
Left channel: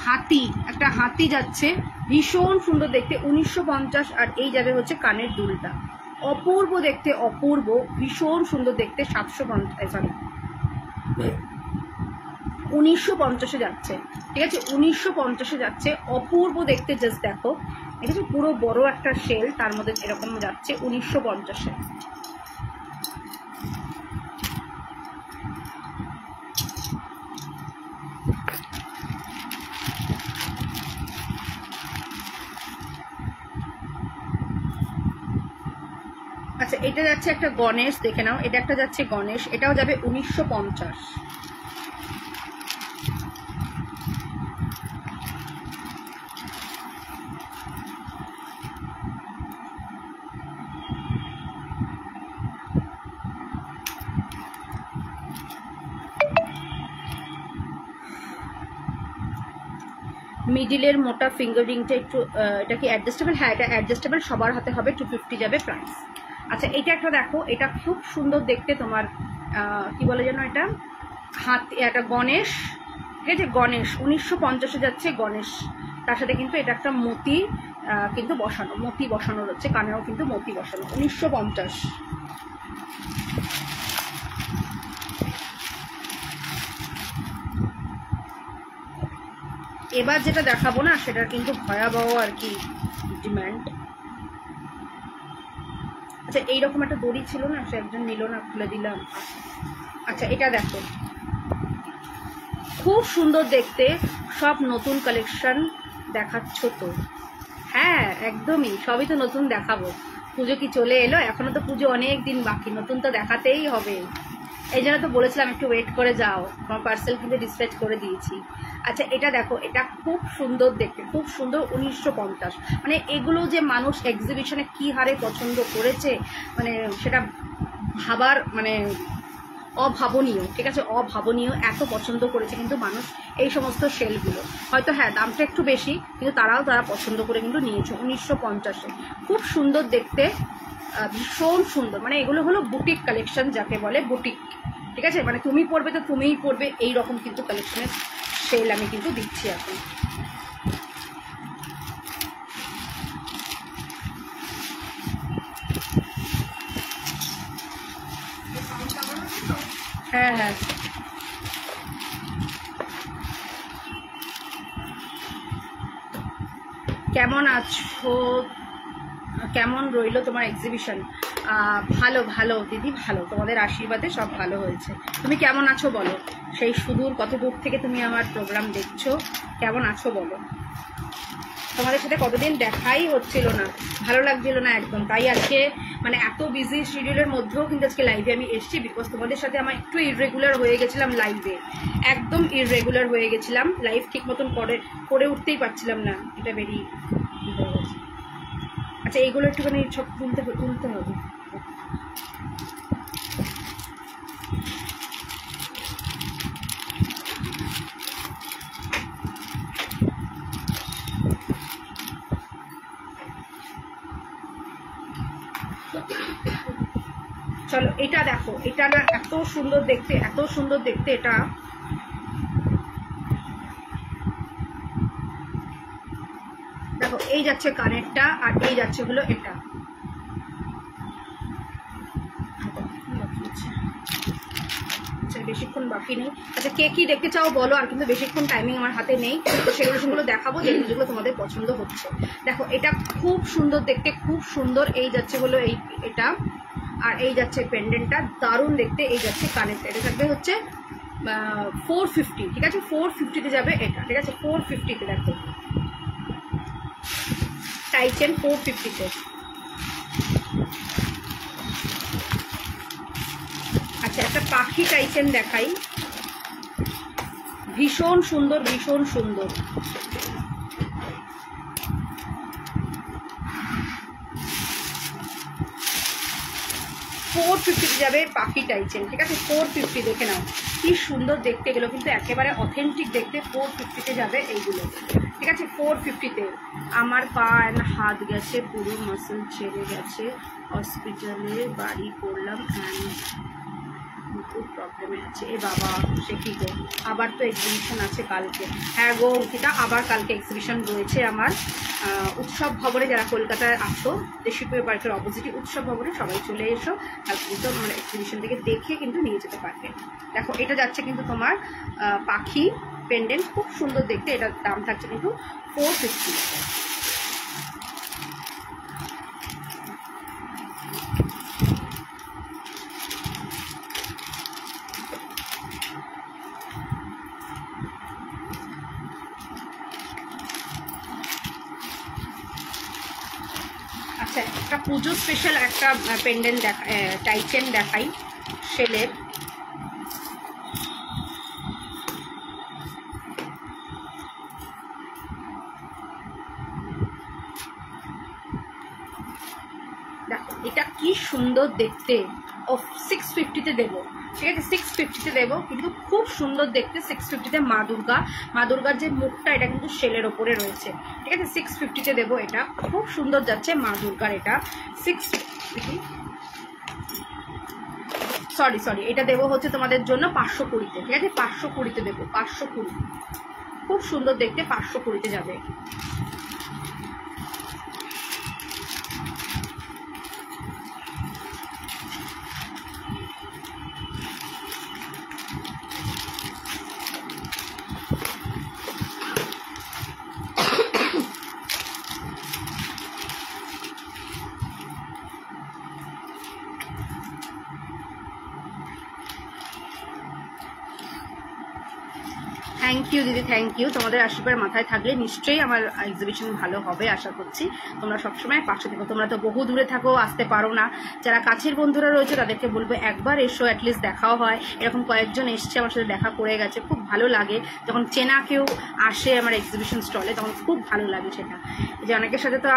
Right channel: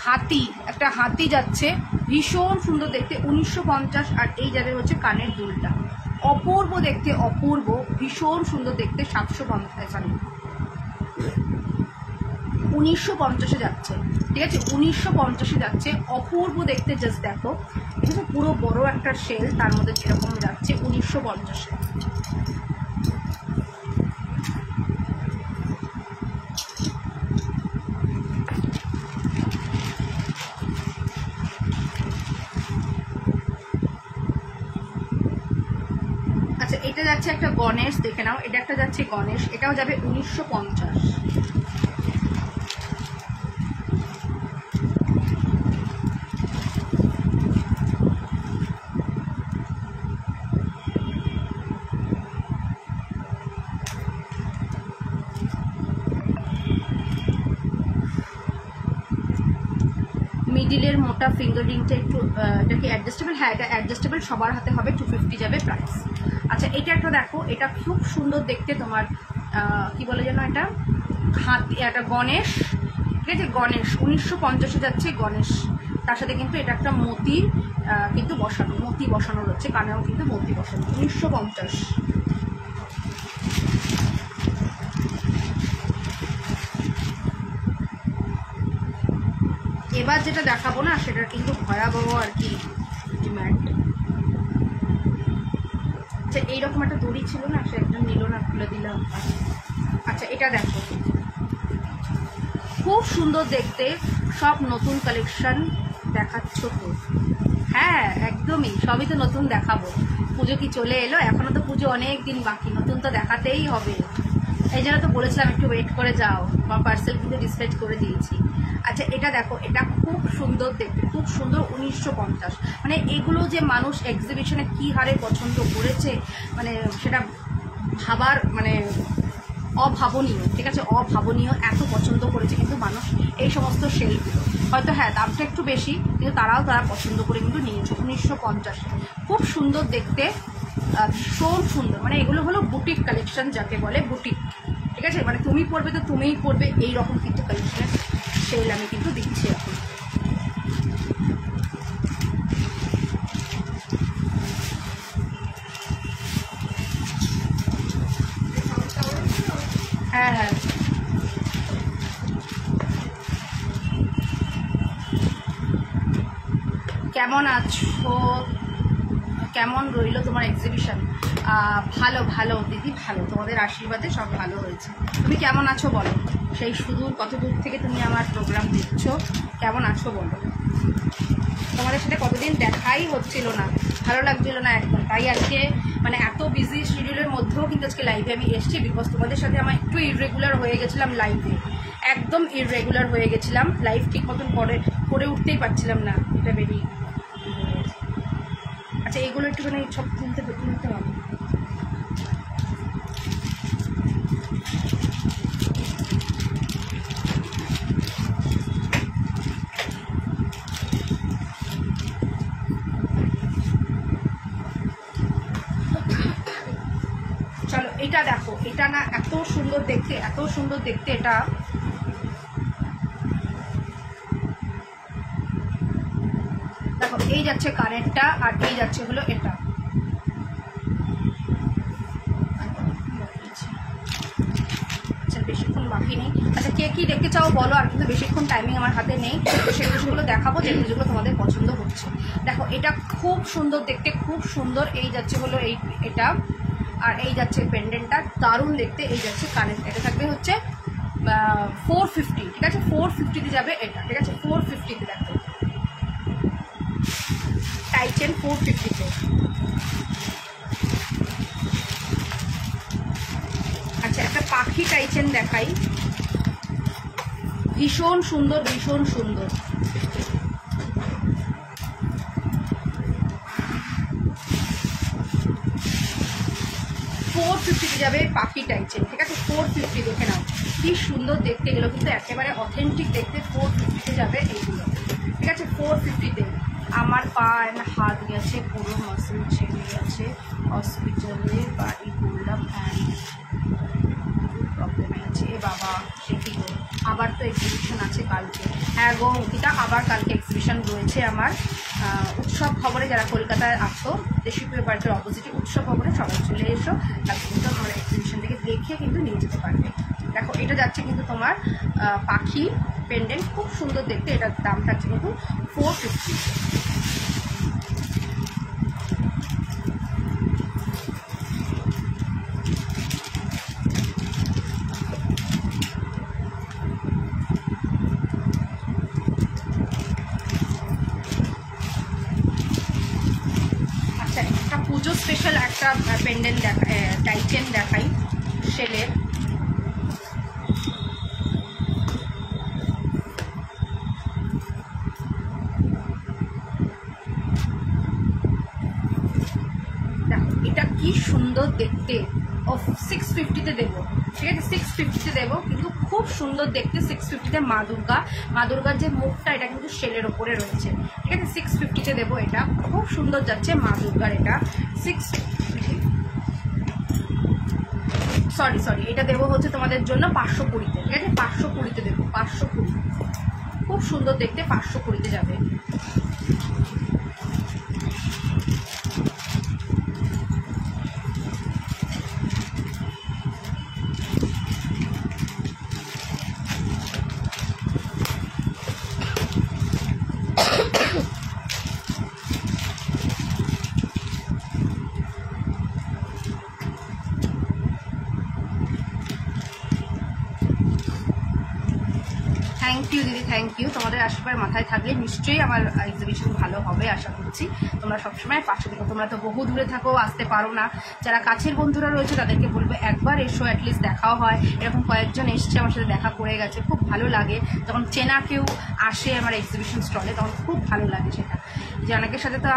হাতি, একটা হাতি যাচ্ছে, ভীষণ সুন্দর দেখতে, 1950। আর এই যাবে হচ্ছে কানের দুলটা, অপূর্ব দেখতে, অপূর্ব, ভীষণ সুন্দর দেখতে। 1950 যাচ্ছে, ঠিক আছে? 1950 যাচ্ছে, অপূর্ব দেখতে, জাস্ট দেখো। ঠিক আছে? পুরো বড় একটা শেল, তার মধ্যে এরকম যাচ্ছে 1950। আচ্ছা এটা যাচ্ছে একটা গণেশ, দেখে নাও। এটা একটা যাচ্ছে গণেশ, এটাও যাবে 1950। মিডিলের মোটা ফিঙ্গার রিংটা একটু, এটা কি অ্যাডজাস্টেবল? হ্যাঁ এটা অ্যাডজাস্টেবল, সবার হাতে হবে। 250 যাবে প্রাইস। আচ্ছা এটা একটা দেখো, এটা খুব সুন্দর দেখতে, তোমার কি বলে যেন এটা, হাতি, একটা গণেশ, ঠিক আছে? গণেশ 1950 যাচ্ছে গণেশ। তার সাথে কিন্তু এটা একটা মতি কিন্তু বসানো, মতি বসানো রয়েছে, কানেও কিন্তু মতি বসানো, 1950। এবার যেটা দেখাবো না, সেটার কিন্তু ভয়াবহ আর কি ডিমান্ড। আচ্ছা এইরকম একটা দড়ি ছিল না, সে একজন নিল না, খুলে দিলাম। আচ্ছা এটা দেখো, খুব সুন্দর দেখতে, সব নতুন কালেকশন দেখাচ্ছ তো? হ্যাঁ একদমই, সবই তো নতুন দেখাবো। পুজো কি চলে এলো? এখনো তো পুজো অনেক দিন বাকি, নতুন তো দেখাতেই হবে। এই জন্য তো বলেছিলাম একটু ওয়েট করে যাও, আমার পার্সেল কিন্তু ডিসপ্যাচ করে দিয়েছি। আচ্ছা এটা দেখো, এটা খুব সুন্দর দেখতে, খুব সুন্দর, 1950। মানে এগুলো যে মানুষ এক্সিবিশনে কি হারে পছন্দ করেছে, মানে সেটা ভাবার মানে অভাবনীয়, ঠিক আছে? অভাবনীয়, এত পছন্দ করেছে কিন্তু মানুষ এই সমস্ত শেলগুলো। হয়তো হ্যাঁ দামটা একটু বেশি, কিন্তু তারা পছন্দ করে কিন্তু নিয়েছে। 1950-এ খুব সুন্দর দেখতে, ভীষণ সুন্দর। মানে এগুলো হলো বুটিক কালেকশন, যাকে বলে বুটিক, ঠিক আছে? মানে তুমি পরবে তো তুমিই পরবে, এই রকম কিন্তু কালেকশনের সেল আমি কিন্তু দিচ্ছি এখন। হ্যাঁ হ্যাঁ কেমন আছো, কেমন রইলো তোমার এক্সিবিশন? ভালো ভালো দিদি, ভালো, তোমাদের আশীর্বাদে সব ভালো হয়েছে। তুমি কেমন আছো বলো? সেই সুদূর কত দূর থেকে তুমি আমার প্রোগ্রাম দেখছো, কেমন আছো বলো? তোমাদের সাথে কতদিন দেখাই হচ্ছিল না, ভালো লাগছিল না একদম, তাই আজকে মানে এত বিজি শিডিউলের মধ্যেও কিন্তু আজকে লাইভে আমি এসেছি, বিকজ তোমাদের সাথে আমার একটু ইররেগুলার হয়ে গেছিলাম লাইভে, একদম ইররেগুলার হয়ে গেছিলাম, লাইভ ঠিক মতন করে উঠতেই পারছিলাম না, এটা বেরিয়ে। আচ্ছা এগুলো একটুখানি সব তুলতে হবে। চলো এটা দেখো, এটা না এত সুন্দর দেখতে, এত সুন্দর দেখতে এটা। দেখো এই যাচ্ছে কানেরটা, আর এই যাচ্ছে হলো এটা। আচ্ছা বেশিক্ষণ বাকি নেই। আচ্ছা কে কি দেখতে চাও বলো, আর কিন্তু বেশিক্ষণ টাইমিং আমার হাতে নেই, তো সেগুলো দেখাবো যেগুলো তোমাদের পছন্দ হচ্ছে। দেখো এটা খুব সুন্দর দেখতে, খুব সুন্দর। এই যাচ্ছে হলো এটা, আর এই যাচ্ছে পেন্ডেন্টটা, দারুণ দেখতে। এই যাচ্ছে কানেরটা, এটা থাকবে হচ্ছে 450, ঠিক আছে? 450-তে যাবে এটা, ঠিক আছে? 450-তে দেখো, টাইচেন 450-তে। আচ্ছা একটা পাখি টাইচেন দেখাই, ভীষণ সুন্দর, ভীষণ সুন্দর। $450 যাবে পাখি টাইচেন, ঠিক আছে? 450 দেখে নাও কি সুন্দর দেখতে, এগুলো কিন্তু একেবারে অথেন্টিক দেখতে। 450-তে যাবে এইগুলো, ঠিক আছে? 450-তে। আমার পা অ্যান্ড হাত গেছে, পুরো মাসেল ছেড়ে গেছে, হসপিটালে বাড়ি করলাম অ্যান্ড খুব প্রবলেমে আছে। এ বাবা, সে কি গো, আবার তো এক্সিবিশন আছে কালকে। হ্যাঁ গো অঙ্কিতা, আবার কালকে এক্সিবিশন রয়েছে আমার উৎসব ভবনে। যারা কলকাতায় আসতো, দেশীপুর পার্কের অপোজিটে উৎসব ভবনে, সবাই চলে এসো, কালকে কিন্তু আমার এক্সিবিশন থেকে দেখে কিন্তু নিয়ে যেতে পারবে। দেখো এটা যাচ্ছে কিন্তু তোমার পাখি পেন্ডেন্ট, খুব সুন্দর দেখতে। এটার দাম থাকছে কিন্তু 450। আচ্ছা একটা পুজো স্পেশাল একটা পেন্ডেন্ট টাইচেন দেখাই, শেলের। দেখো এটা কি সুন্দর দেখতে। ও 650-তে দেবো, ঠিক আছে? 650-তে দেবো, কিন্তু খুব সুন্দর দেখতে। 650-তে মা দুর্গার যে মুখটা, এটা কিন্তু শেলের ওপরে রয়েছে, ঠিক আছে? 650-তে দেবো, এটা খুব সুন্দর যাচ্ছে মা দুর্গার। এটা 650, সরি এটা দেবো হচ্ছে তোমাদের জন্য 520-তে, ঠিক আছে? 520-তে দেবো, 520, খুব সুন্দর দেখতে। 520-তে যাবে। থ্যাংক ইউ দিদি, থ্যাংক ইউ। তোমাদের আশীর্বাদ মাথায় থাকলে নিশ্চয়ই আমার এক্সিবিশন ভালো হবে, আশা করছি। তোমরা সবসময় পাশে থেকো। তোমরা তো বহু দূরে থাকো, আসতে পারো না। যারা কাছের বন্ধুরা রয়েছে তাদেরকে বলবো একবার এসো, অ্যাটলিস্ট দেখাও হয়। এরকম কয়েকজন এসছে, আমার সাথে দেখা করে গেছে, খুব ভালো লাগে যখন চেনা কেউ আসে আমার এক্সিবিশন স্টলে, তখন খুব ভালো লাগে সেটা। যে অনেকের সাথে তো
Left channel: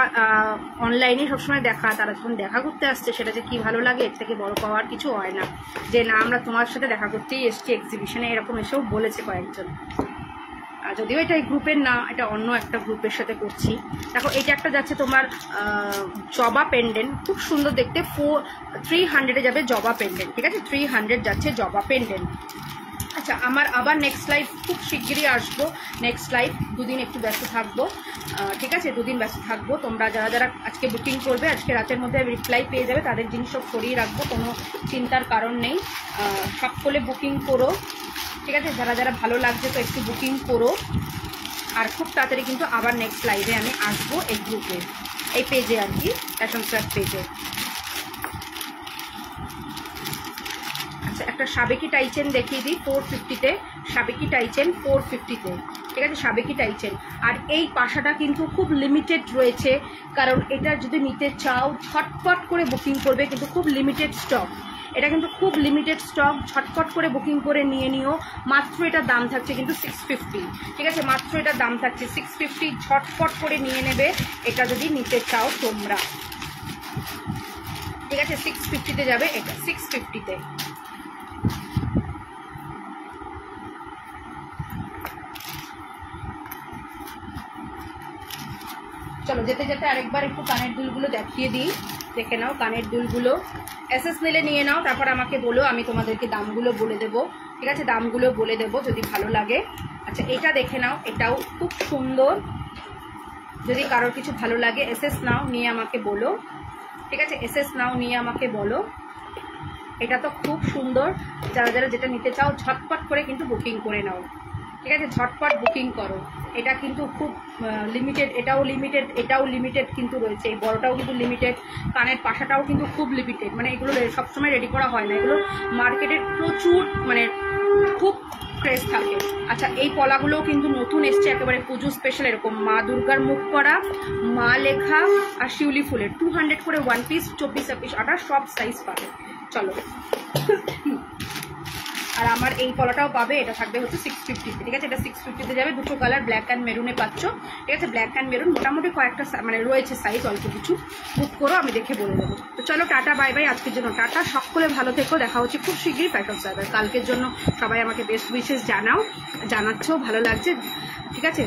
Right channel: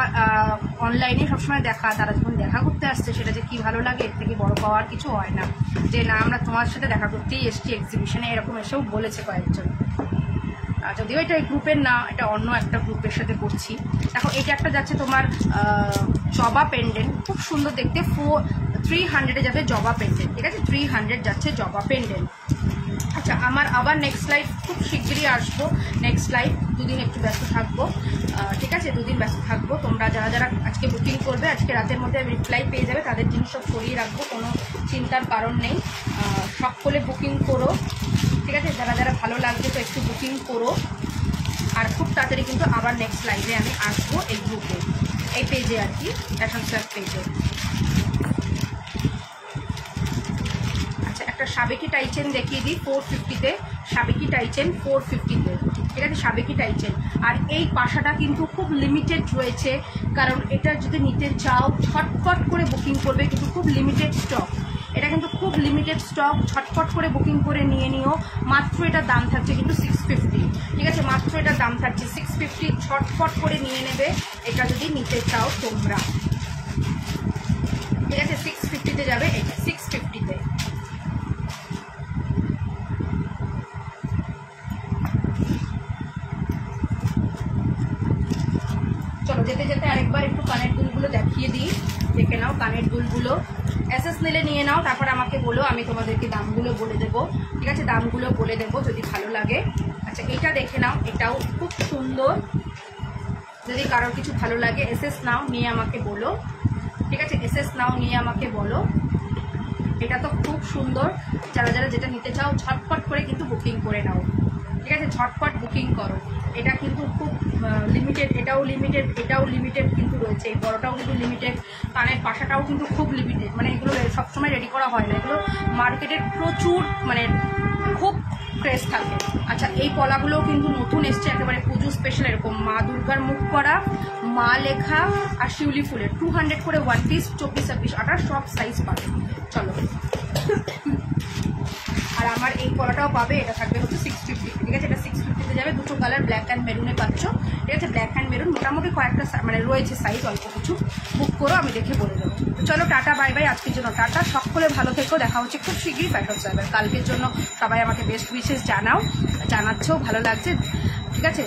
অনলাইনে সবসময় দেখা, তারা যখন দেখা করতে আসছে, সেটা যে কি ভালো লাগে, এর থেকে বড় পাওয়ার কিছু হয় না। যে না আমরা তোমার সাথে দেখা করতেই এসছি এক্সিবিশনে, এরকম এসেও বলেছে কয়েকজন। যদিও এটা এই গ্রুপের না, এটা অন্য একটা গ্রুপের সাথে করছি। দেখো এটা একটা যাচ্ছে তোমার জবা পেন্ডেন্ট, খুব সুন্দর দেখতে। 300-এ যাবে জবা পেন্ডেন্ট, ঠিক আছে? 300 যাচ্ছে জবা পেন্ডেন্ট। আচ্ছা আমার আবার নেক্সট লাইভ খুব শিগগিরই আসবো। নেক্সট লাইভ দুদিন একটু ব্যস্ত থাকবো, ঠিক আছে? দুদিন ব্যস্ত থাকবো। তোমরা যারা যারা আজকে বুকিং করবে, আজকে রাতের মধ্যে রিপ্লাই পেয়ে যাবে, তাদের জিনিস সব সরিয়ে রাখবো, কোনো চিন্তার কারণ নেই। সকলে বুকিং করো, ঠিক আছে? যারা যারা ভালো লাগছে তো একটু বুকিং করো। আর খুব তাড়াতাড়ি কিন্তু আবার নেক্সট লাইভে আমি আসবো এই গ্রুপে, এই পেজে আর কি, ফ্যাশন সোয়াগ পেজে। আচ্ছা, একটা সাবেকি টাইচেন দেখিয়ে দিই 450-তে, সাবেকি টাইচেন 450-তে, ঠিক আছে, সাবেকি টাইচেন। আর এই পাশাটা কিন্তু খুব লিমিটেড রয়েছে, কারণ এটা যদি নিতে চাও ঝটপট করে বুকিং করবে, কিন্তু খুব লিমিটেড স্টক, এটা কিন্তু খুব লিমিটেড স্টক, ঝটপট করে বুকিং করে নিয়ে নিও। মাত্র এটার দাম থাকছে কিন্তু 650, ঠিক আছে, মাত্র এটার দাম থাকছে 650, ঝটপট করে নিয়ে নেবে এটা যদি নিতে চাও তোমরা, ঠিক আছে। 650-তে যাবে এটা, 650-তে। চলো যেতে যেতে আরেকবার একটু কানের দুলগুলো দেখিয়ে দিই, দেখে নাও কানের দুলগুলো। এসএস নিলে নিয়ে নাও, তারপর আমাকে বলো, আমি তোমাদেরকে দামগুলো বলে দেবো, ঠিক আছে, দামগুলো বলে দেবো যদি ভালো লাগে। আচ্ছা, এটা দেখে নাও, এটাও খুব সুন্দর, যদি কারোর কিছু ভালো লাগে এসএস নাও, নিয়ে আমাকে বলো, ঠিক আছে, এসএস নাও, নিয়ে আমাকে বলো। এটা তো খুব সুন্দর, যারা যারা যেটা নিতে চাও ঝটপট করে কিন্তু বুকিং করে নাও, ঠিক আছে, ঝটপট বুকিং করো। এটা কিন্তু খুব লিমিটেড, এটাও লিমিটেড কিন্তু রয়েছে, এই বড়টাও কিন্তু লিমিটেড, কানের পাশাটাও কিন্তু খুব লিমিটেড, মানে এগুলো সবসময় রেডি করা হয় না, এগুলো মার্কেটে প্রচুর মানে খুব ক্রেজ থাকে। আচ্ছা, এই পলাগুলোও কিন্তু নতুন এসছে, একেবারে পুজো স্পেশাল, এরকম মা দুর্গার মুখ করা, মা লেখা আর শিউলি ফুলের 200 করে 1 পিস, 24, 26, 28 সব সাইজ পাবে। চলো, আর আমার এই পলাটাও পাবে, এটা থাকবে হচ্ছে 650, ঠিক আছে, এটা 650-তে যাবে। দুটো কালার ব্ল্যাক অ্যান্ড মেরুনে পাচ্ছ, ঠিক আছে, ব্ল্যাক অ্যান্ড মেরুন, মোটামুটি কয়েকটা মানে রয়েছে সাইজ, অল্প কিছু, বুক করো, আমি দেখে বলে দেবো। তো চলো, টাটা, বাই বাই, আজকের জন্য টাটা, সকলে ভালো থেকো, দেখা হচ্ছে খুব শীঘ্রই ফ্যাশন সোয়াগ। কালকের জন্য সবাই আমাকে বেস্ট উইশেস জানাচ্ছো, ভালো লাগছে, ঠিক আছে।